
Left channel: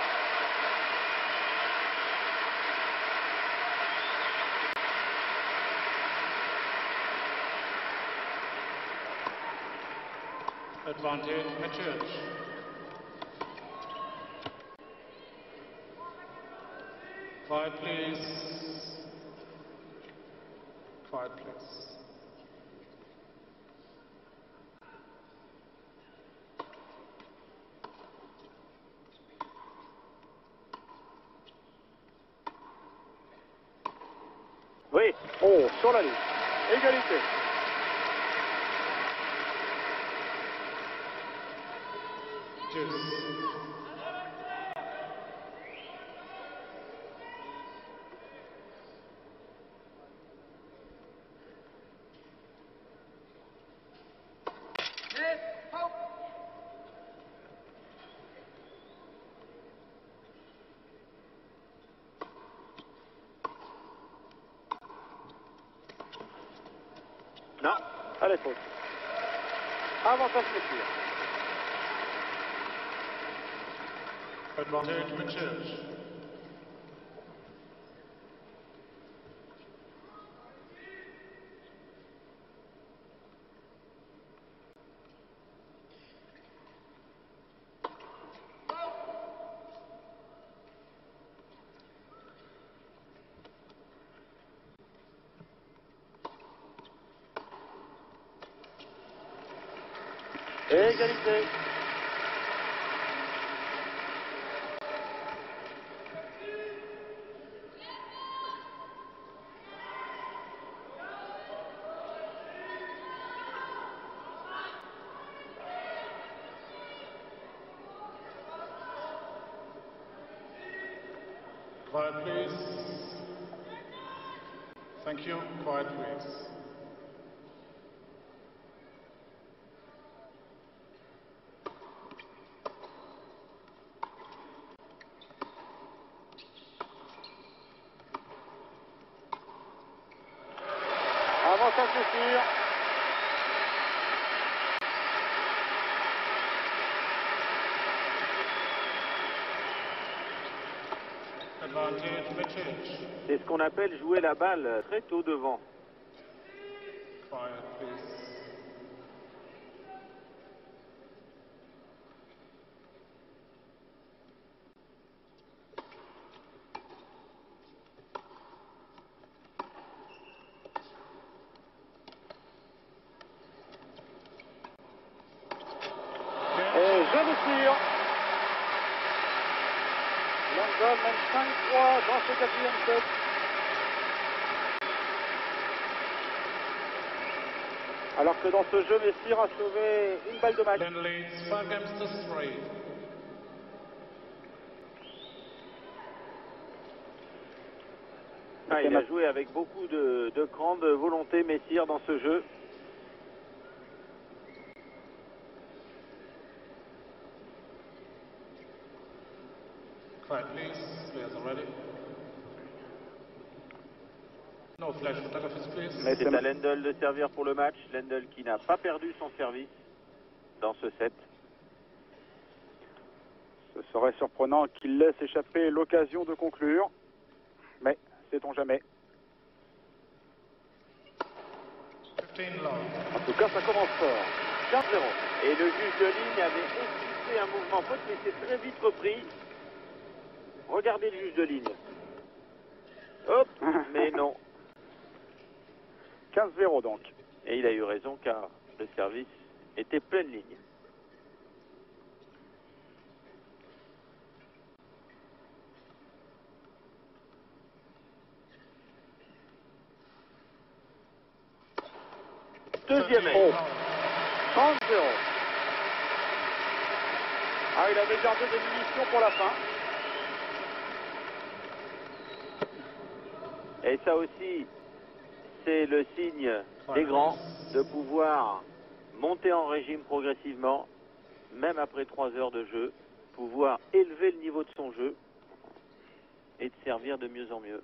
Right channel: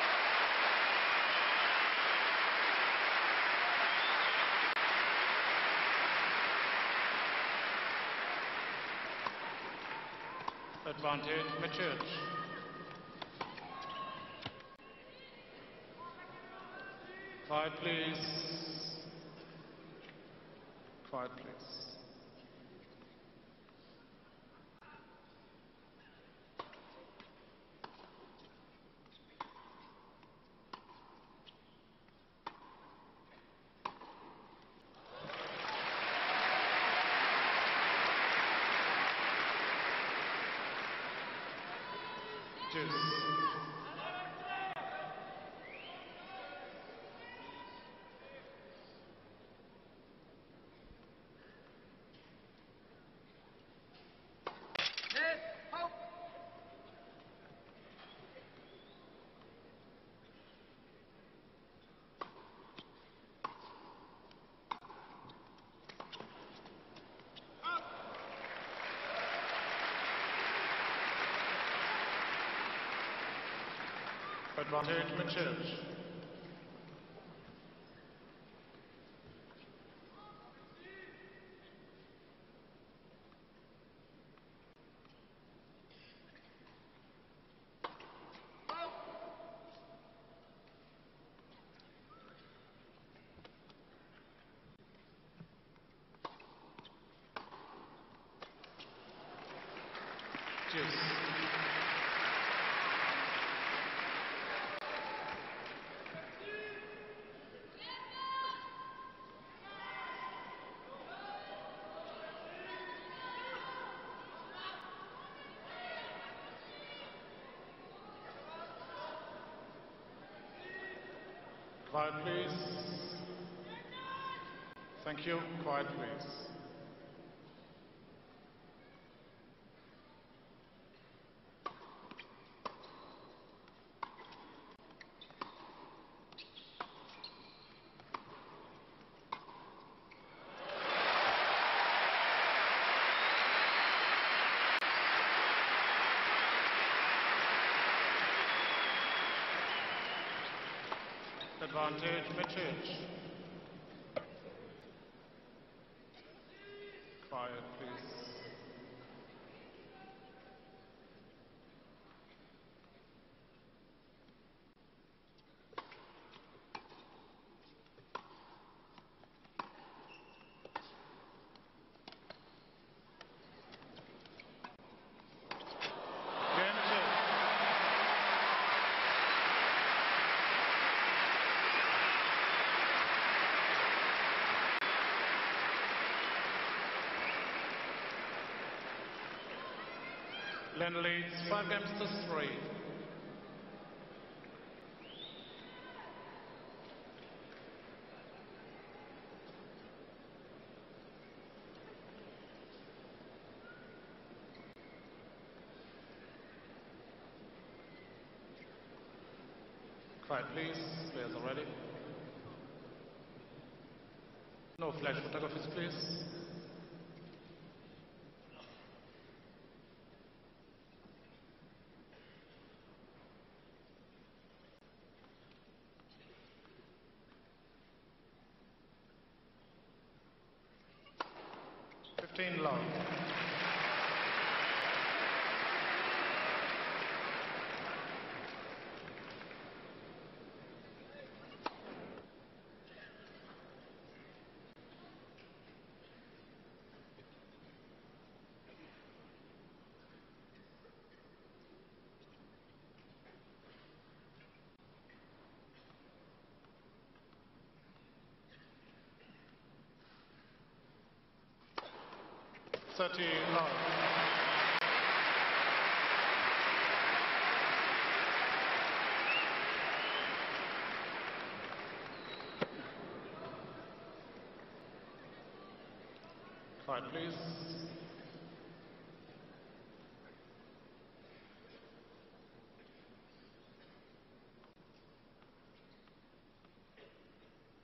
Advantage, Machurch. Quiet, please. Quiet, please. Oui. Oh, sur la ligne. Égalité. Cheers. Non, elle est fausse. Avantage de tir. Advantage, Machurch. Égalité. Quiet, please. Thank you. Quiet, please. Avance à coup sûr. Advantage, Mitic. C'est ce qu'on appelle jouer la balle très tôt devant. Quiet, please. Et joli tir. Lendl mène 5-3 dans ce quatrième set. Alors que dans ce jeu, Messire a sauvé une balle de match. Glenn leads 5 games to 3. Ah, il a joué avec beaucoup de grande volonté, Messire, dans ce jeu. Quiet, please. Players are ready. No flash photographers, please. Mais C'est à Lendl de servir pour le match. Lendl qui n'a pas perdu son service dans ce set. ce serait surprenant qu'il laisse échapper l'occasion de conclure. Mais sait-on jamais. 15 love. En tout cas, ça commence fort. 4-0. Et le juge de ligne avait exécuté un mouvement faute, mais c'est très vite repris. Regardez le juge de ligne. Hop, mais non. 15-0 donc. Et il a eu raison car le service était pleine ligne. Deuxième 13 aide. love. 30-0. Ah, il avait gardé des munitions pour la fin. Et ça aussi, c'est le signe des grands de pouvoir monter en régime progressivement, même après 3 heures de jeu, pouvoir élever le niveau de son jeu et de servir de mieux en mieux.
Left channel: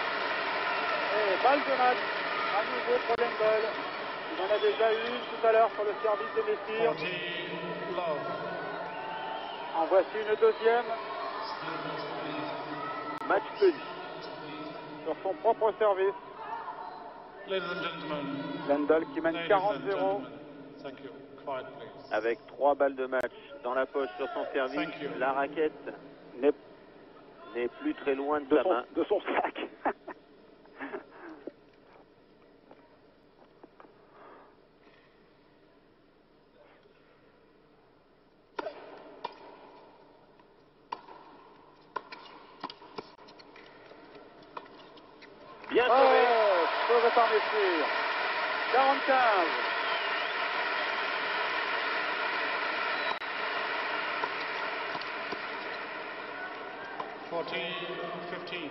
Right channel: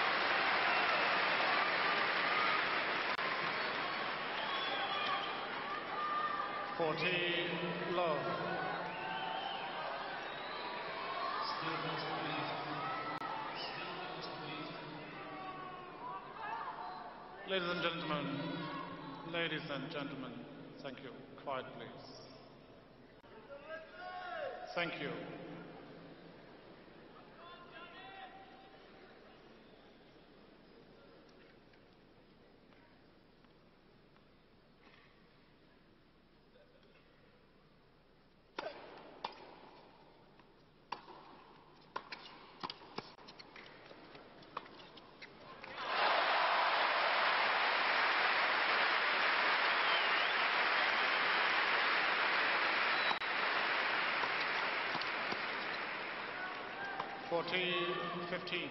Et balle de match à nouveau pour Lendl. Il en a déjà eu tout à l'heure sur le service de Messire. 40 love. En voici une deuxième Match tenu. sur son propre service. Ladies and gentlemen. Lendl qui mène Ladies and 40-0. gentlemen. Thank you. Quiet, please. Avec 3 balles de match dans la poche sur son service, Thank you. la raquette N'est n'est plus très loin de de sa main. son sac. Bien Oh, serré. sauvé par Messire. 45. $14-15.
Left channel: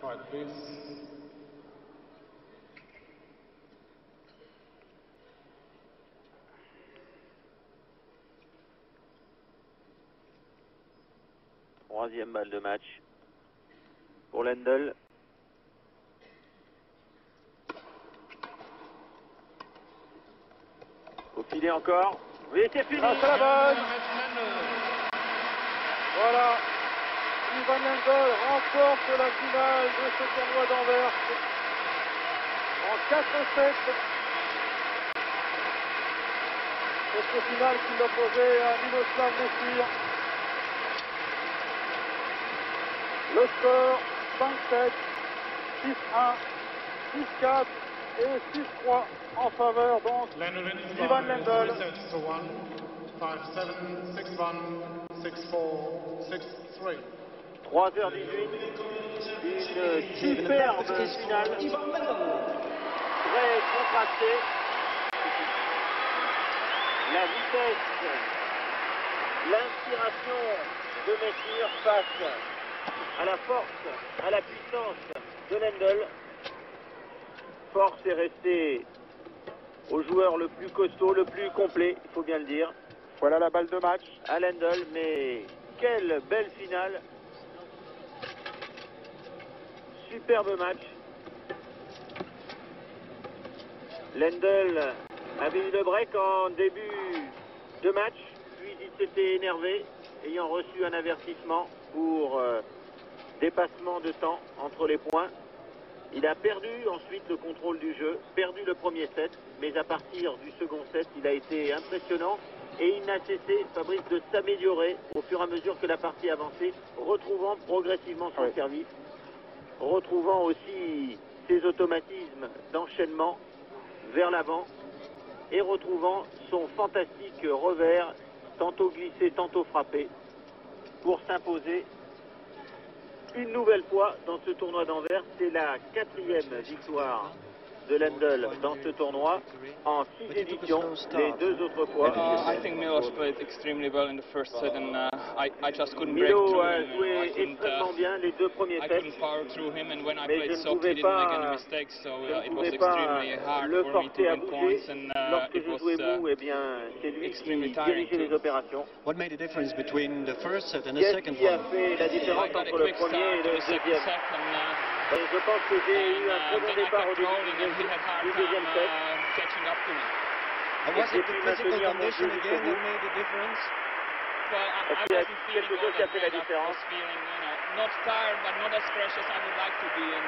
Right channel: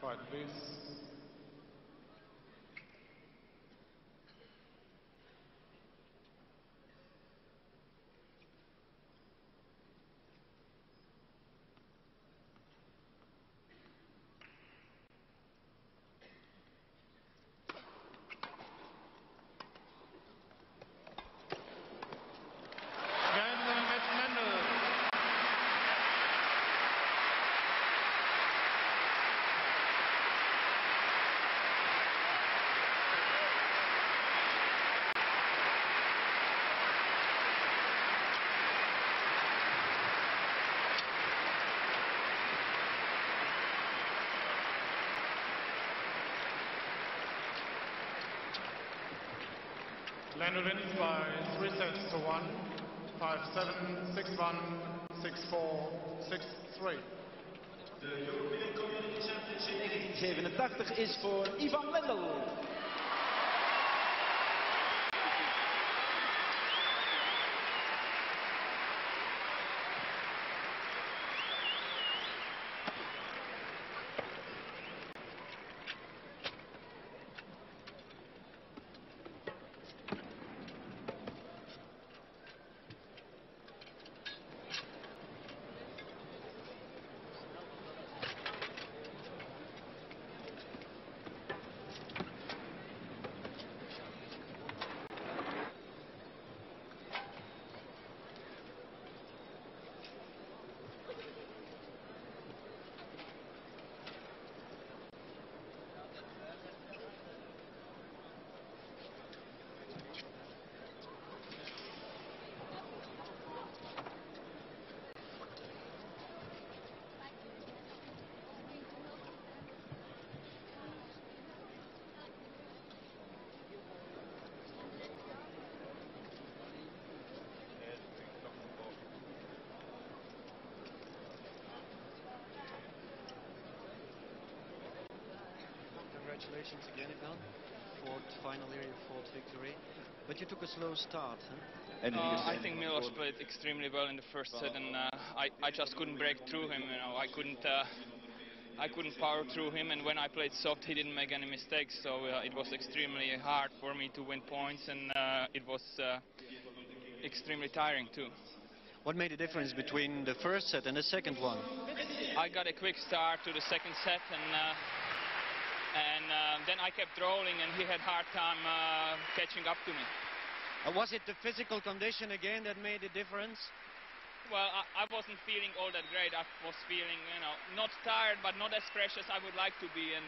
Quiet, please. Troisième balle de match pour Lendl. Faut filer encore. Oui, c'est fini. Grâce à la balle. Lendl. Voilà. Ivan Lendl remporte la finale de ce tournoi d'Anvers. en 4-7. C'est ce final qui l'opposait à Miroslav Messur. Le score 5-7, 6-1, 6-4 et 6-3 en faveur donc Lendl wins Ivan by Lendl. 3 sets to 1, 5-7, 6-1, 6-4, 6-3. 3h18, une superbe finale, Ivan Lendl. très contrastée. La vitesse, l'inspiration de Messur face à la force, à la puissance de Lendl. Force est restée au joueur le plus costaud, le plus complet, il faut bien le dire. Voilà la balle de match à Lendl, mais quelle belle finale. Superbe match. Lendl a mis le break en début de match, puis il s'était énervé, ayant reçu un avertissement pour dépassement de temps entre les points. Il a perdu ensuite le contrôle du jeu, perdu le premier set, mais à partir du second set, il a été impressionnant et il n'a cessé, Fabrice, de s'améliorer au fur et à mesure que la partie avançait, retrouvant progressivement son service, retrouvant aussi ses automatismes d'enchaînement vers l'avant et retrouvant son fantastique revers, tantôt glissé, tantôt frappé, pour s'imposer une nouvelle fois dans ce tournoi d'Anvers. C'est la 4e victoire de Lendl dans ce tournoi en 6 éditions, les 2 autres fois. I think Milos played extremely well in the first set, and I just couldn't break Milo through a him. joué extrêmement bien les 2 premiers I sets. couldn't power through him, and when I Mais played je ne soft, pouvais he didn't make pas- any mistakes. So je ne it was pouvais pas extremely hard le for me to forcer à win bouger. points, and Lorsque it je was jouais mou, eh bien, c'est lui extremely qui tiring dirigeait les too. opérations. What made the difference between the first set and the Qu'est-ce second qui a one? fait la différence I got a entre le quick premier start et to le the second deuxième? set, and Je pense que j'ai eu un très bon then I départ au kept début rolling, and he had hard du time deuxième set. catching up to me. Was it the J'ai pu physical maintenir mon condition jeu again jusqu'au that bout. made the difference? Well, I Est-ce qu'il y a wasn't feeling quelque all chose qui a that fait la great. I différence? was feeling, not tired, but not as fresh as I would like to be. And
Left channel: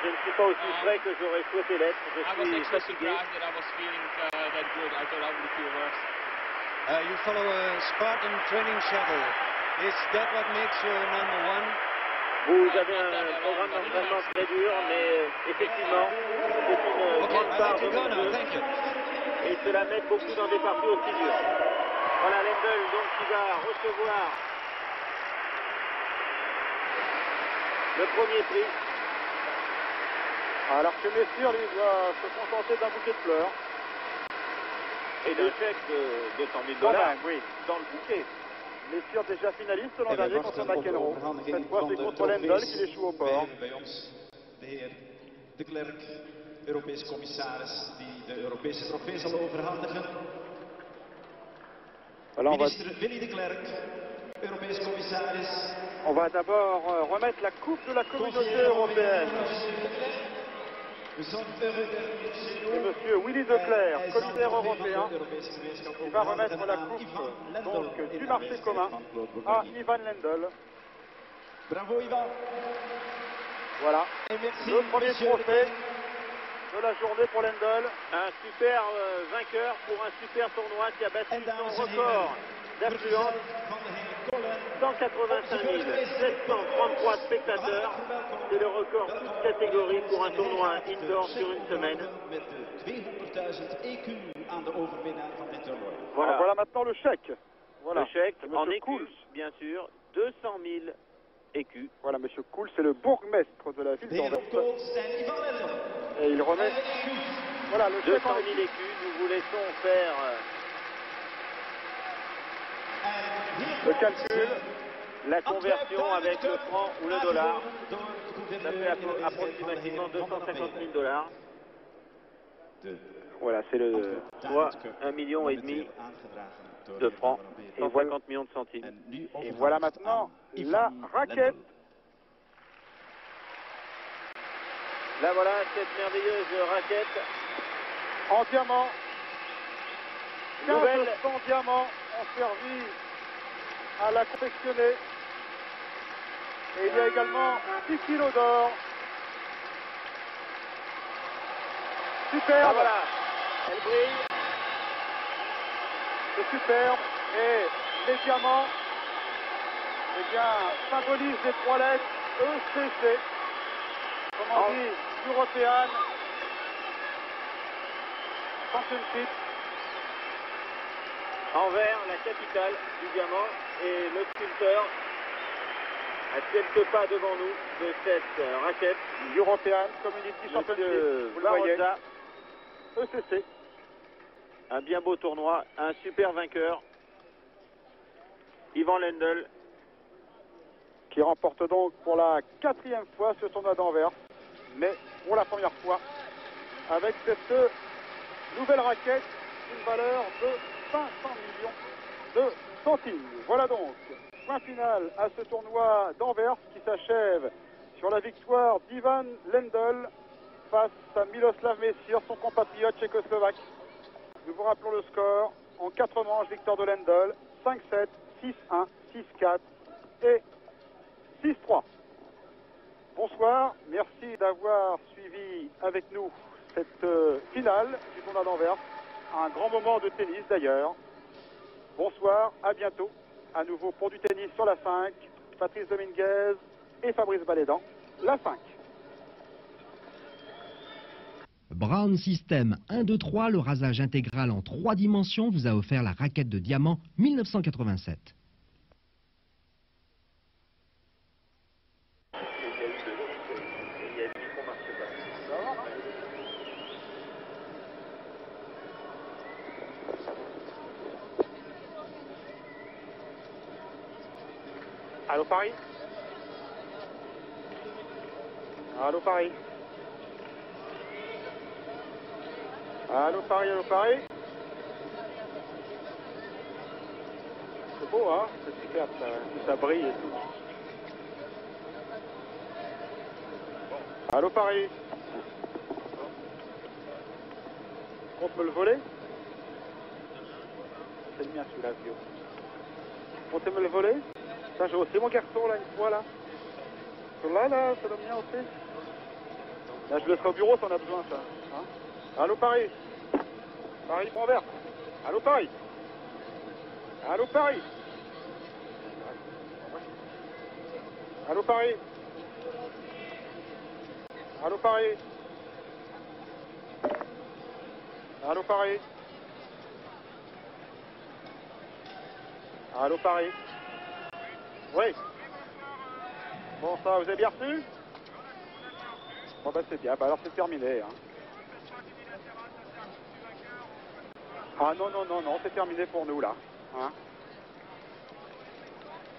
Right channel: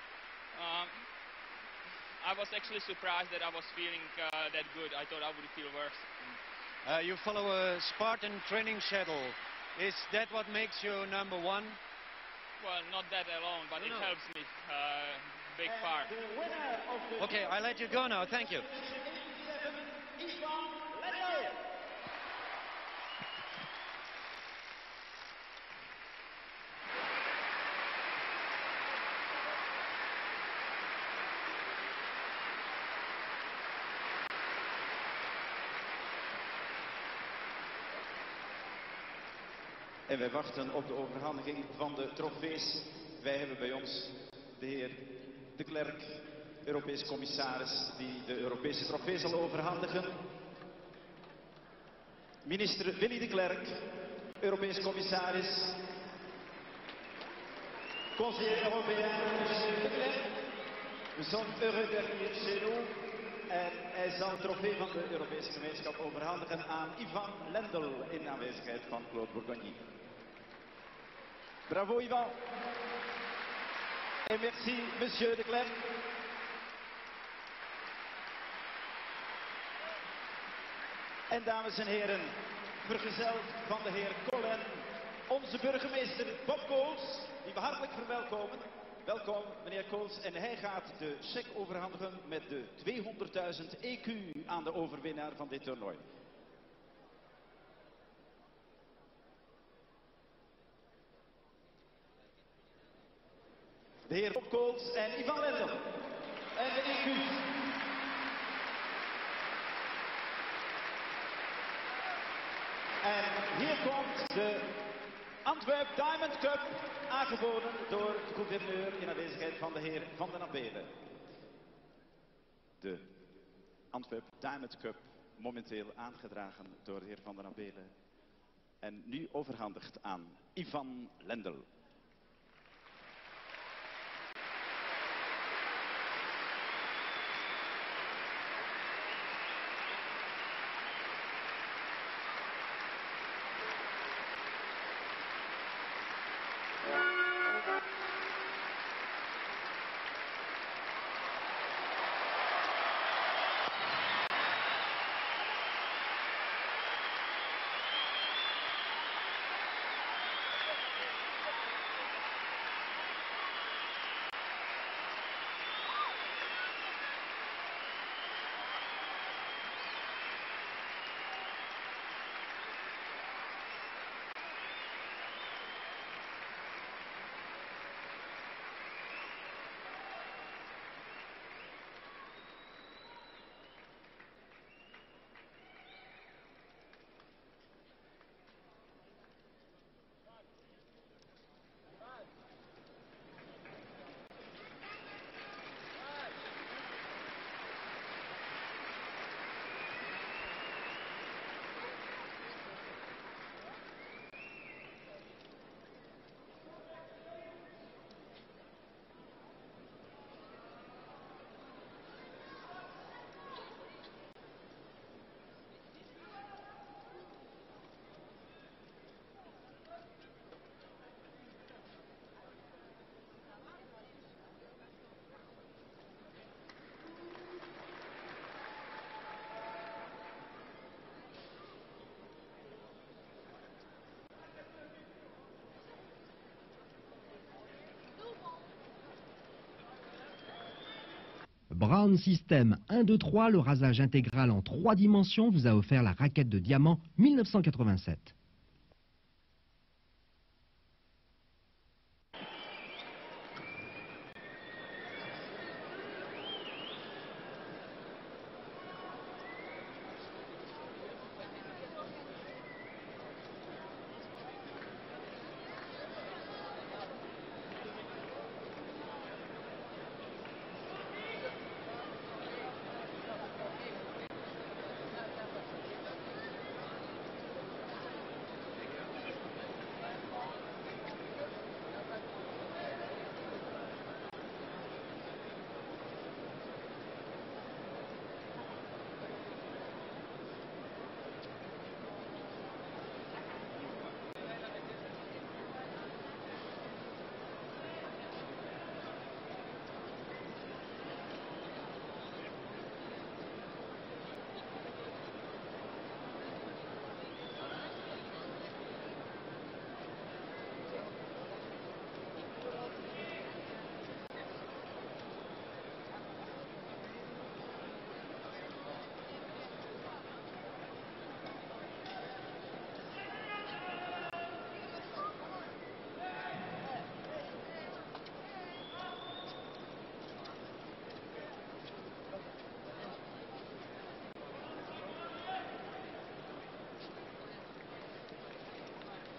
Je ne suis pas aussi frais que j'aurais souhaité l'être. I was Je suis actually fatigué. surprised that I was feeling that good. I thought I would feel worse. You follow a Spartan training schedule. Is that what makes you number one? Vous Well, avez not that un at all, programme but it d'entraînement helps très me. dur, mais effectivement, c'est une Okay, grande I part let you de go mon now. jeu. Thank you. Et cela m'aide beaucoup dans des parties aussi dures. Voilà Lendl donc qui va recevoir le premier prix. Alors que Messur lui doit se contenter d'un bouquet de fleurs. Et le chèque de 200 000 $. Oui, dans le bouquet. Messur déjà finaliste l'an En wij dernier contre wachten op de McEnroe. overhandiging Cette fois van c'est de contre Lendl trofees. qui échoue au Wij port. hebben bij ons de heer De Klerk, Europese commissaris, die de Europese trofee zal overhandigen. Alors, Minister Willy De Klerk, Europees commissaris, on va d'abord remettre la coupe de la communauté conseiller européen, européenne. monsieur De Klerk. We zijn heureux d'être chez nous. Monsieur Willy De En Clercq, hij zal de commissaire trofee van européen, de Europese gemeenschap qui va remettre overhandigen la aan coupe Ivan Lendl donc, in du de marché aanwezigheid commun van Claude à Bourgogne. Ivan Lendl. Bravo Ivan. Voilà. Et merci Le premier monsieur De trophée Klerk. de la journée pour Lendl. Un super vainqueur pour un super tournoi qui a battu En dames son en heren, record d'affluence. vergezeld van de heer Colin, 185 onze burgemeester 733 spectateurs. hartelijk verwelkom. C'est le record Welkom, de catégorie meneer pour un Koens. En hij tournoi gaat de indoor sur cheque une semaine. overhandigen met de 200.000 EQ aan de overwinnaar van dit toernooi. Voilà, voilà maintenant le chèque. Voilà. Le chèque Monsieur en écus, Koels. bien sûr, 200 000 écus. Voilà, monsieur Koels, c'est le bourgmestre de la ville De heer d'Anvers. Rob Kools en Ivan Lendl. Et il remet En de EQ's. voilà, le 200 chèque en 000 écus, nous vous laissons faire En hier le komt calcul, de la Antwerp conversion Diamond avec le Cup franc ou le dollar. aangeboden door de Ça gouverneur fait in aanwezigheid van de heer approximativement Van der 250 000 Belen. $. De Voilà, c'est le Antwerp soit Diamond Cup, 1,5 million momenteel aangedragen door de de heer Van francs der et Belen. 50 millions de centimes. En nu Et voilà overhandigd maintenant aan la Ivan raquette. Lendl. Là voilà cette merveilleuse raquette en diamant. 1500 diamants ont servi à la confectionner. Et il y a également 10 kilos d'or. superbe. Ah, voilà. Elle brille. C'est superbe. Et les diamants, eh bien, symbolisent les 3 lettres ECC. Comment on dit, European Championship. En vert, la capitale du diamant et le sculpteur à quelques pas devant nous de cette raquette. European Community Championship. Monsieur Vous le voyez. Barroza, ECC. Un bien beau tournoi, un super vainqueur. Ivan Lendl. Qui remporte donc pour la 4e fois ce tournoi d'Anvers. Mais pour la première fois, avec cette nouvelle raquette, une valeur de 500 millions de centimes. Voilà donc, point final à ce tournoi d'Anvers qui s'achève sur la victoire d'Ivan Lendl face à Miloslav Messir, son compatriote tchécoslovaque. Nous vous rappelons le score en 4 manches, victoire de Lendl, 5-7, 6-1, 6-4 et 6-3. Bonsoir, merci d'avoir suivi avec nous cette finale du tournoi d'Anvers. Un grand moment de tennis d'ailleurs. Bonsoir, à bientôt. À nouveau pour du tennis sur la 5. Patrice Dominguez et Fabrice Balédan, la 5. Brown System 1, 2, 3, le rasage intégral en 3 dimensions vous a offert la raquette de diamant 1987. Allô Paris. Allô Paris. Allô Paris, allô Paris. C'est beau hein, ce éclat, ça brille et tout. Allô Paris. On peut le voler? C'est bien celui-là, vieux. On peut me le voler? Ça, j'ai aussi mon carton là, une fois là. Là, c'est le mien aussi. Là, je le laisserai au bureau si on a besoin, ça. Hein? Allô Paris. Paris, mon verre. Allô Paris. Allô Paris. Allô Paris. Allô Paris. Allô Paris. Allô Paris. Oui. Bon, ça, vous avez bien reçu? Bon, bah, c'est bien. Bah, alors, c'est terminé. Hein. Ah, non, c'est terminé pour nous, là. Hein.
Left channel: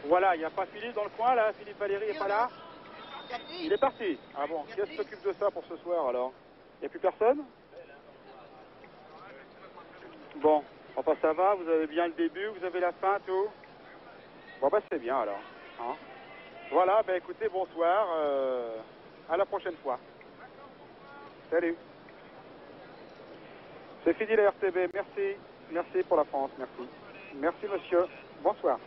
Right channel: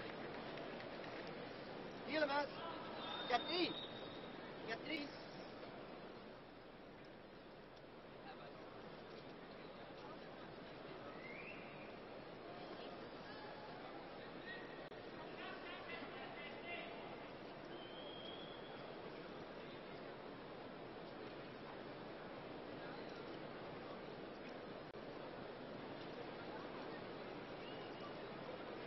Voilà, il n'y a pas Philippe dans le coin, là. Philippe Valéry n'est pas là. Il est parti. Ah bon, qui s'occupe de ça pour ce soir, alors? Il n'y a plus personne? Bon, enfin, ça va, vous avez bien le début, vous avez la fin, tout? Bon, bah, c'est bien, alors. Hein. Voilà, ben écoutez, bonsoir, à la prochaine fois. Salut. C'est fini la RTB, merci. Merci pour la France, merci. Merci monsieur, bonsoir.